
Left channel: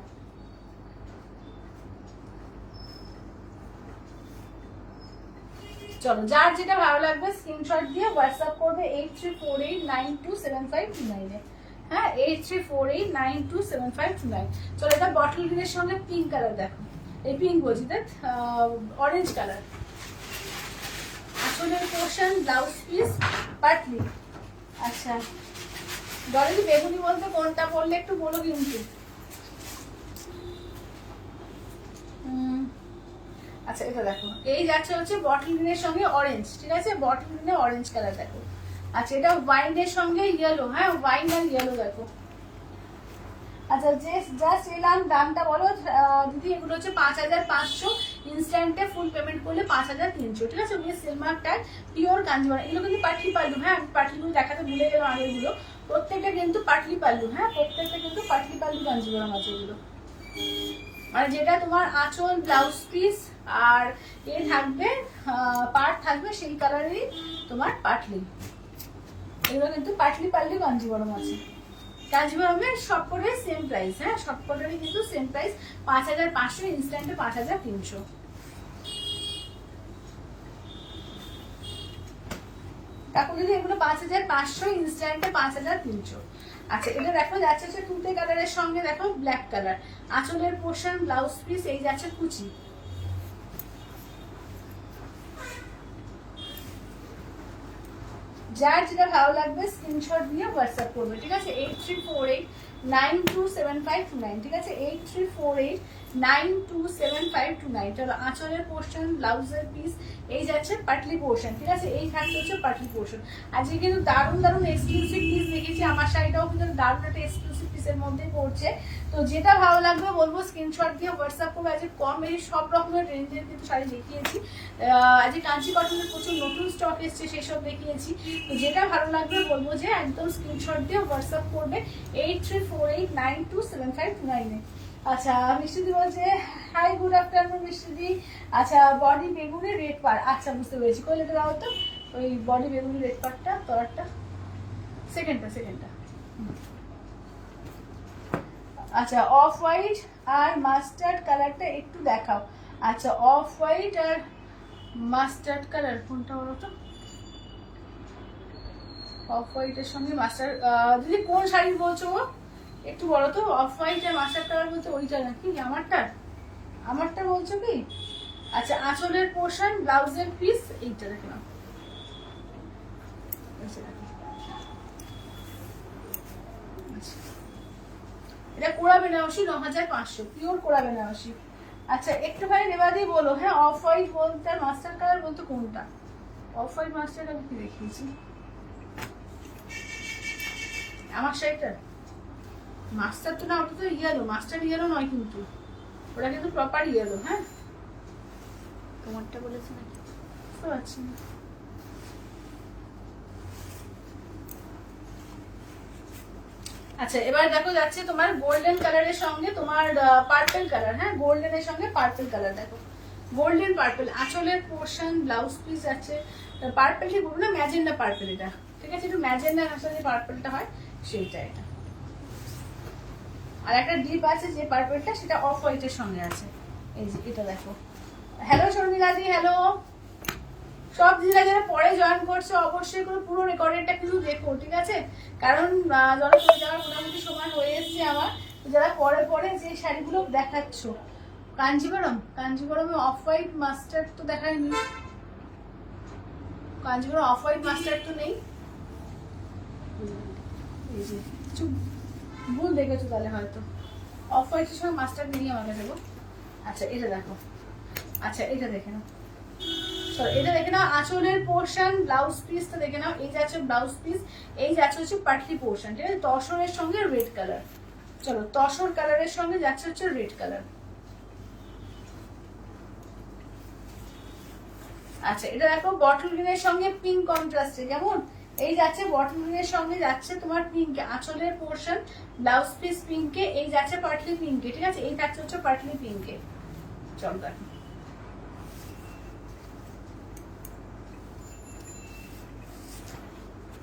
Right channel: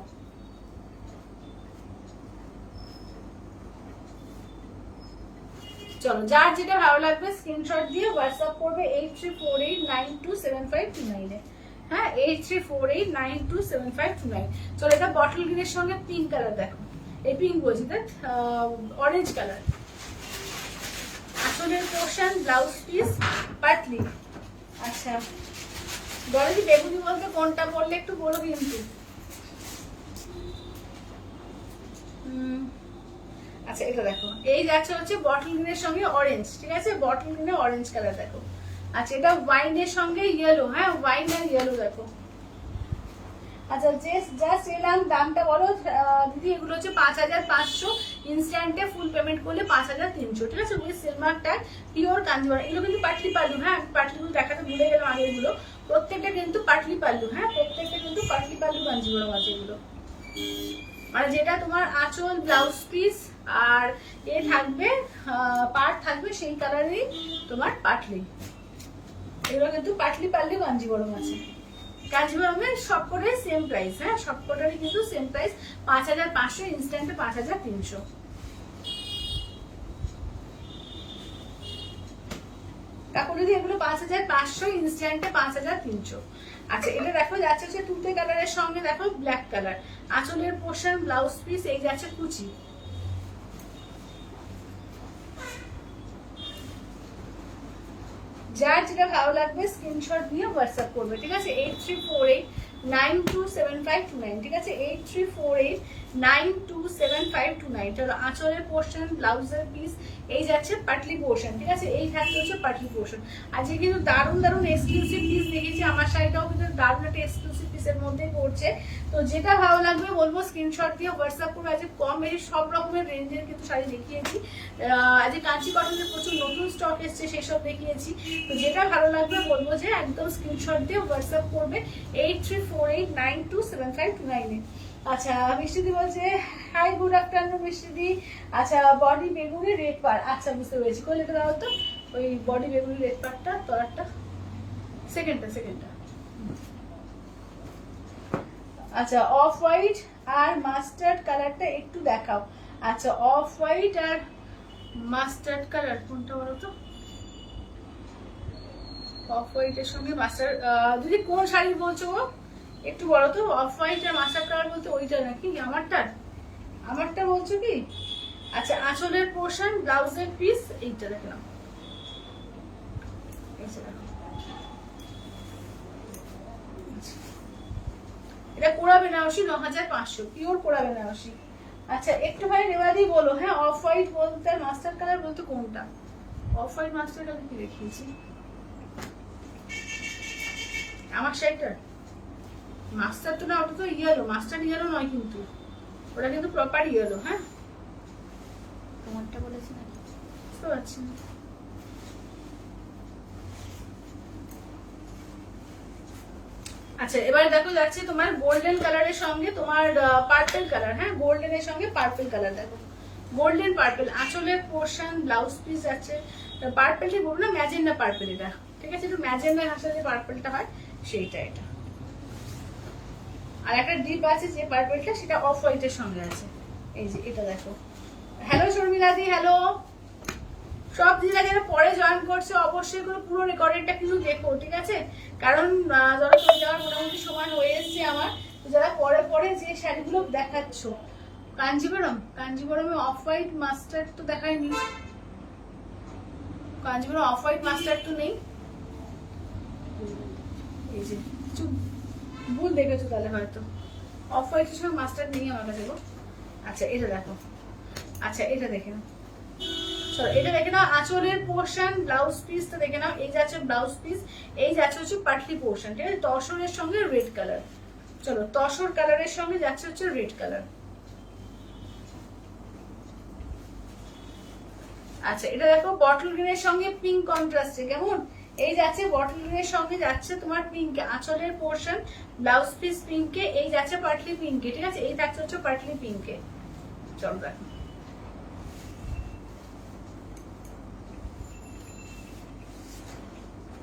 চলো, যার যেটা ভালো লাগবে স্ক্রিনশট দিয়ে হোয়াটসঅ্যাপ করবে 8348927529 এ। হ্যাঁ, 8348927529। চলো, এটা বটল গ্রিনের সঙ্গে পিঙ্ক কালার দেখো, এই পিঙ্ক বলছি দেখ, অরেঞ্জ কালার। আসলের পোর্শন ব্লাউজ পিস পাটলি। আচ্ছা, গরজি বেগুনি বলতে কোনটা বললে একটু বলো কিন্তু। আচ্ছা, এটা দেখো, এই যাচ্ছে হচ্ছে বটল গ্রিনের সঙ্গে অরেঞ্জ, ঠিক আছে? বটল গ্রিনে অরেঞ্জ কালার দেখো। আচ্ছা, এটা ওয়াইনের সঙ্গে ইয়েলো, হ্যাঁ ওয়াইন আর ইয়েলো দেখো। আচ্ছা, জাস্ট এলাম, দামটা বলো দিদি। এগুলো হচ্ছে 5500, ইনস্ট্যান্টে ফুল পেমেন্ট করলে 5300, ঠিক আছে? With silk mark tag, pure Kanjeevaram. এগুলো কিন্তু পাটলি পাল্লু, হ্যাঁ পাটলিগুলো দেখাতে ভুলে গেলাম আগেরগুলো, প্রত্যেকটা কিন্তু পাটলি পাল্লু, হ্যাঁ প্রত্যেকটা কিন্তু পাটলি পাল্লু কাঞ্জিবরম আছে এগুলো। মানে যেটা তোমার আঁচল ব্লাউজ পিস আর এ থাকবে, পাট থাকবে সেই কালারেরই তোমার পাটলি। এগুলো কিন্তু পাটলি পাল্লু কাঞ্জিবরম আছে। কাঞ্জিবরমের সবকটাই সেম প্রাইস, হ্যাঁ সবকটারই কিন্তু সেম প্রাইস, 5500, ইনস্ট্যান্টে 5300। তারপর যদি এগুলো 5500, ইনস্ট্যান্টে 5300। আচ্ছা, এটা দেখো যাচ্ছে হচ্ছে তুতে কালারের সঙ্গে দেখো ব্ল্যাক কালার, আঁচলের পোর্শন ব্লাউজ পিস, এই যাচ্ছে কুচি। যার যেটা ভালো লাগবে স্ক্রিনশট নিয়ে হোয়াটসঅ্যাপ করবে, ঠিক আছে? 8348927529, ঠিক আছে? 8348927529। চলো, আঁচলের পোর্শন ব্লাউজের পিস, এই যাচ্ছে পাটলি পোর্শন, ঠিক আছে? এই থাকছে হচ্ছে পাটলি পোর্শন। আজকে কিন্তু দারুণ দারুণ এক্সক্লুসিভ পিস দেখেছি, আমার শাড়িটাও কিন্তু দারুণ একটা এক্সক্লুসিভ পিসের মধ্যে পড়ছে। তো যেটা ভালো লাগবে বলবো স্ক্রিনশট দিয়ে হোয়াটসঅ্যাপ করবে। আজকে কম বেশি সব রকমের রেঞ্জের কিন্তু শাড়ি দেখিয়েছি। আজকে কাঞ্চি কটনের প্রচুর নতুন স্টক এসছে, সেসব দেখিয়েছি। তো যেটা ভালো লাগবে বলবো যে একদম স্ক্রিনশট দিয়ে হোয়াটসঅ্যাপ করবে 8348927529 এ। আচ্ছা, মিষ্টিদি বলছে হাই গুড আফটারনুন মিষ্টিদি। আচ্ছা, বডি বেগুনি রেড পার, আচ্ছা বুঝতে পেরেছি। কই লেখা দাও তো ওই বডি বেগুনি রেড পারটা, তলারটা, সেকেন্ডটা। আচ্ছা, অফ হোয়াইট আর মাস্টার্ড কালারটা একটু দেখাও। আচ্ছা, অফ হোয়াইট আর মাস্টার্ড কালার কোনটা বলো তো? অফ হোয়াইটের সঙ্গে মাস্টার্ড, দিদি কোন শাড়ি বলছো একটু বলো তো? অফ হোয়াইট আর মাস্টার্ড কালার বলতে ওইটা নাকি আমারটা বলছো কি? আচ্ছা, আঁচলের পোর্শন ব্লাউজের পিস, এইটা দেখলাম। এটা কোরা বেনারসি 9500, পিওর কোরা বেনারসি। আচ্ছা, একটু ভাই নেবাদি বলো, হ্যাঁ অফ হোয়াইট বলতে মাস্টার্ড কালার বলতে কোনটা? অফ হোয়াইট মাস্টার্ড আমি কি দেখিয়েছি আমার শাড়িটা? মাস্টার তো না, ওটা তো ইয়েলো, মাস্টার্ড ইয়েলো নয় কিন্তু, ওটা কিন্তু প্রপার ইয়েলো। হ্যাঁ, তোমারটা বলেছি না, বুঝতে পারছি না। আচ্ছা, এবার দেখো যাচ্ছে তোমার গোল্ডেন কালারের সঙ্গে তোমার পার্পল কালার, হ্যাঁ গোল্ডেনের সঙ্গে পার্পল কালার দেখো, গোল্ডেন পার্পল। আঁচলের পোর্শন ব্লাউজ পিস যাচ্ছে পার্পলই বলবো না, ম্যাজেন্ডা পার্পল এটা, ঠিক আছে? একটু ম্যাজেন্ডার আসলে যে পার্পলটা হয় সেইটা এটা। আর একটা ডিপ আছে যে পার্পলটা, সেটা অফ হোয়াইটের সঙ্গে আছে, এই যে এটা দেখো। হ্যালো শর্মিলাদি, হ্যালো। সব দিদিরা যারা পরে জয়েন করছে অবশ্যই এগুলো পুরো রেকর্ডেডটা কিন্তু দেখো, ঠিক আছে? কারণ জল করে যাওয়ার মোটামুটি সময় হয়ে এসছে আমার। যারা পরে পরে যে শাড়িগুলো দেখাচ্ছ, কাঞ্জিবরমে অফ হোয়াইট মাস্টার্ড তো দেখায়নি, কাঞ্জিবরম অফ হোয়াইট মাস্টার্ড তো নেই। এই যে কিছু ভুল দেখেছো তাহলে হয়তো, অফ হোয়াইটের সঙ্গে মাস্টার্ড নেই আমার কাছে গো। আচ্ছা এটা দেখো, আচ্ছা এটা দেখে নাও, চলো এটা দেখে নাও। আঁচলের পোর্শন ব্লাউজ পিসটা দেখে নাও। এই যাচ্ছে ব্লাউজ পিস, এই যাচ্ছে হচ্ছে পাটলি পোর্শন, ঠিক আছে। তসরের সঙ্গে রেড কালার, চলো তসর কালারের সঙ্গে যাচ্ছে হচ্ছে রেড কালার। আচ্ছা এটা দেখো বটল গ্রিনের সঙ্গে পিঙ্ক কন্ট্রাস্টে, কেমন? এই যাচ্ছে বটল গ্রিনের সঙ্গে যাচ্ছে তোমার পিঙ্কে, আঁচলের পোর্শন ব্লাউজ পিস পিঙ্কে, এই যাচ্ছে পাটলি পিঙ্কে, ঠিক আছে। এই থাকছে হচ্ছে পাটলি পিঙ্কে। চলো দেখো,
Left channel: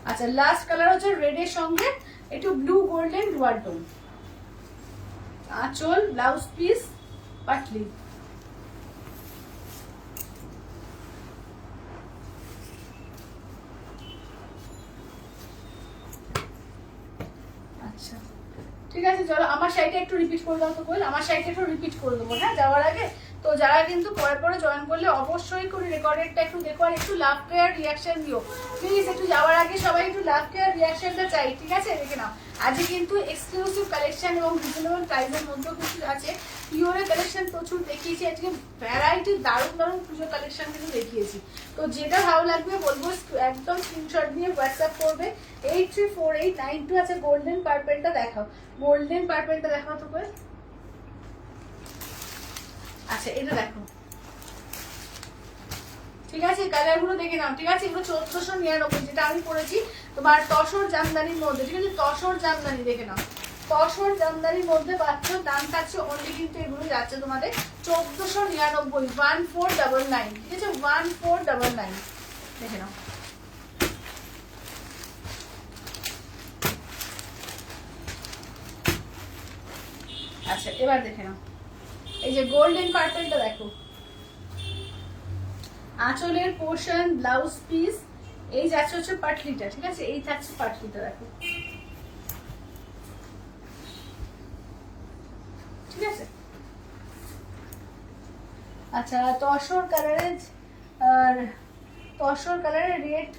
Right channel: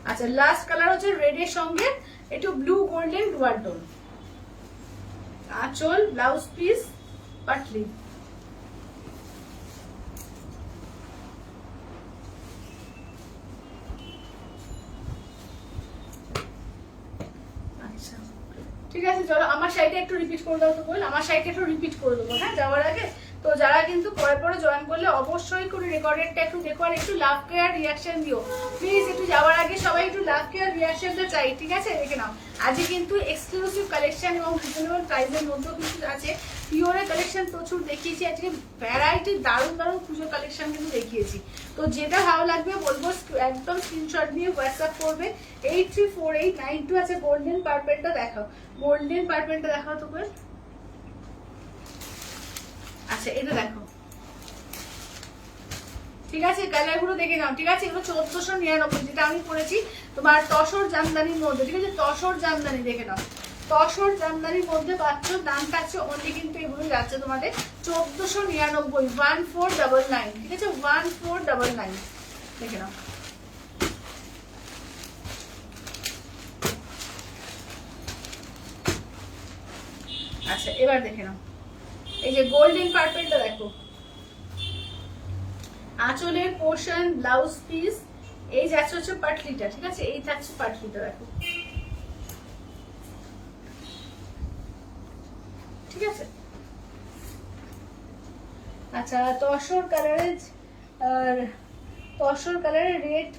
আচ্ছা লাস্ট কালার হচ্ছে রেড এর সঙ্গে একটু ব্লু গোল্ডেন ডুয়াল টোন, আঁচল ব্লাউজ পিস পাটলি। আচ্ছা ঠিক আছে, চলো আমার শাড়িটা একটু রিপিট করে দাও তো বল, আমার শাড়িটা একটু রিপিট করে দেবো হ্যাঁ যাওয়ার আগে। তো যারা কিন্তু পরে জয়েন করলে অবশ্যই করে রেকর্ডেডটা একটু দেখো, আর একটু লাভ কেয়ার রিয়াকশন দিও প্লিজ। একটু যাওয়ার আগে সবাই একটু লাভ কেয়ার রিয়াকশনটা চাই, ঠিক আছে। দেখে নাও আজকে কিন্তু এক্সক্লুসিভ কালেকশন এবং রিজনেবল প্রাইসের মধ্যেও কিছু আছে। পিওরের কালেকশন প্রচুর দেখিয়েছি আজকে, ভ্যারাইটি দারুণ পুজোর কালেকশন কিন্তু দেখিয়েছি। তো যেটা ভালো লাগবে বলবো একদম স্ক্রিনশট নিয়ে হোয়াটসঅ্যাপ করবে 834892। আছে গোল্ডেন পার্পেলটা দেখাও, গোল্ডেন পার্পেলটা দেখাও তো করে। আচ্ছা এটা দেখো, ঠিক আছে কালার গুলো দেখে নাও, ঠিক আছে। এগুলো 1499 যেটা আমি পরেছি তোমার তসর জামদানির মধ্যে, ঠিক আছে। তসর জামদানি দেখে নাও, তসর জামদানির মধ্যে পাচ্ছ, দাম পাচ্ছ অনলি কিন্তু এগুলো যাচ্ছে তোমাদের 1499, 1499, ঠিক আছে 1499 দেখে নাও। আচ্ছা এবার দেখে নাও এই যে গোল্ডেন পার্পেলটা দেখো, আঁচলের পোর্শন ব্লাউজ পিস, এই যাচ্ছে হচ্ছে পাটলিটা, ঠিক আছে। এই থাকছে পাটলিটা দেখো, ঠিক আছে। আচ্ছা তসর কালারের রেড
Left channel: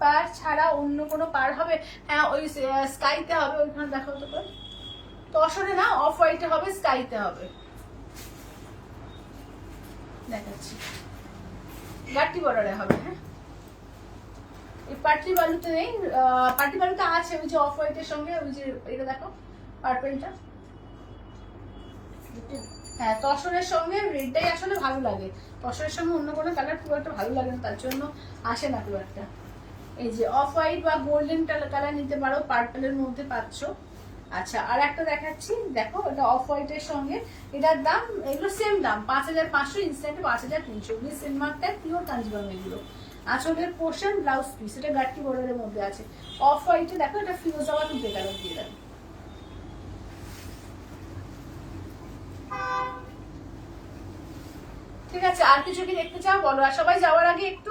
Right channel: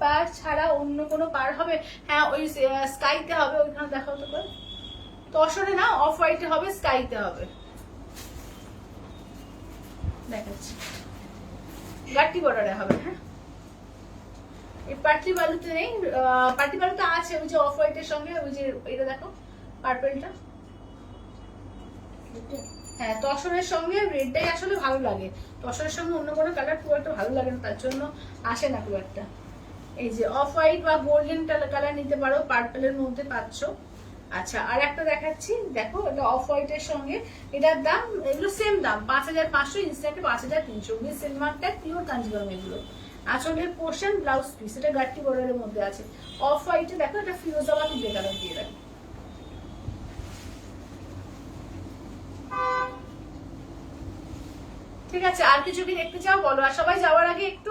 পার ছাড়া অন্য কোনো পার হবে? হ্যাঁ ওই স্কাইতে হবে, ওইখানে দেখো তো করে। তসরে না অফ হোয়াইটে হবে, স্কাইতে হবে, দেখাচ্ছি। গাট্টি বর্ডারে হবে, হ্যাঁ এই পাটলি বালুতে নেই, পাটলি বালুতে আছে ওই যে অফ হোয়াইটের সঙ্গে ওই যে এটা দেখো পার্পেলটা, হ্যাঁ তসরের সঙ্গে রেডটাই আসলে ভালো লাগে, তসরের সঙ্গে অন্য কোনো কালার খুব একটা ভালো লাগে না, তার জন্য আসে না খুব একটা। এই যে অফ হোয়াইট বা গোল্ডেন কালার নিতে পারো, পার্পেলের মধ্যে পাচ্ছ। আচ্ছা আর একটা দেখাচ্ছি দেখো, এটা অফ হোয়াইটের সঙ্গে, এটার দাম এগুলো সেম দাম 5500, ইনস্ট্যান্টে 5300, সিলমার্কটা পিওর কাঞ্জিবরম এগুলো। আঁচলের পোর্শন ব্লাউজ পিস, এটা গাট্টি বর্ডারের মধ্যে আছে। অফ হোয়াইটে দেখো এটা ফিরোজাবাদ উঠে কালার দিয়ে দেখো, ঠিক আছে। আর কিছু কি দেখতে চাও বলো, আর সবাই যাওয়ার আগে একটু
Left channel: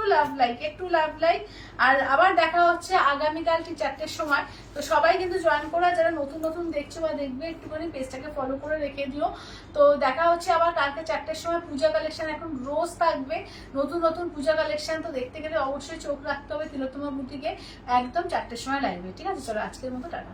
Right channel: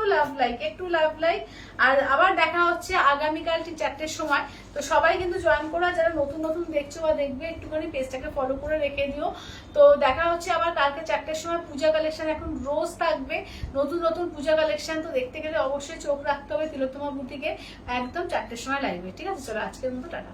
লাভ লাইক। আর আবার দেখা হচ্ছে আগামীকাল ঠিক 4টের সময়। তো সবাই কিন্তু জয়েন করো, যারা নতুন দেখছো বা দেখবে একটুখানি পেজটাকে ফলো করে রেখে দিও। তো দেখা হচ্ছে আবার কালকে 4টের সময়। পূজা কালেকশন এখন রোজ থাকবে, নতুন পূজা কালেকশন। তো দেখতে গেলে অবশ্যই চোখ রাখতে হবে তিলোত্তমা বুটিকে, একদম 4টের সময় লাইভে, ঠিক আছে। চলো আজকের মতো টাটা।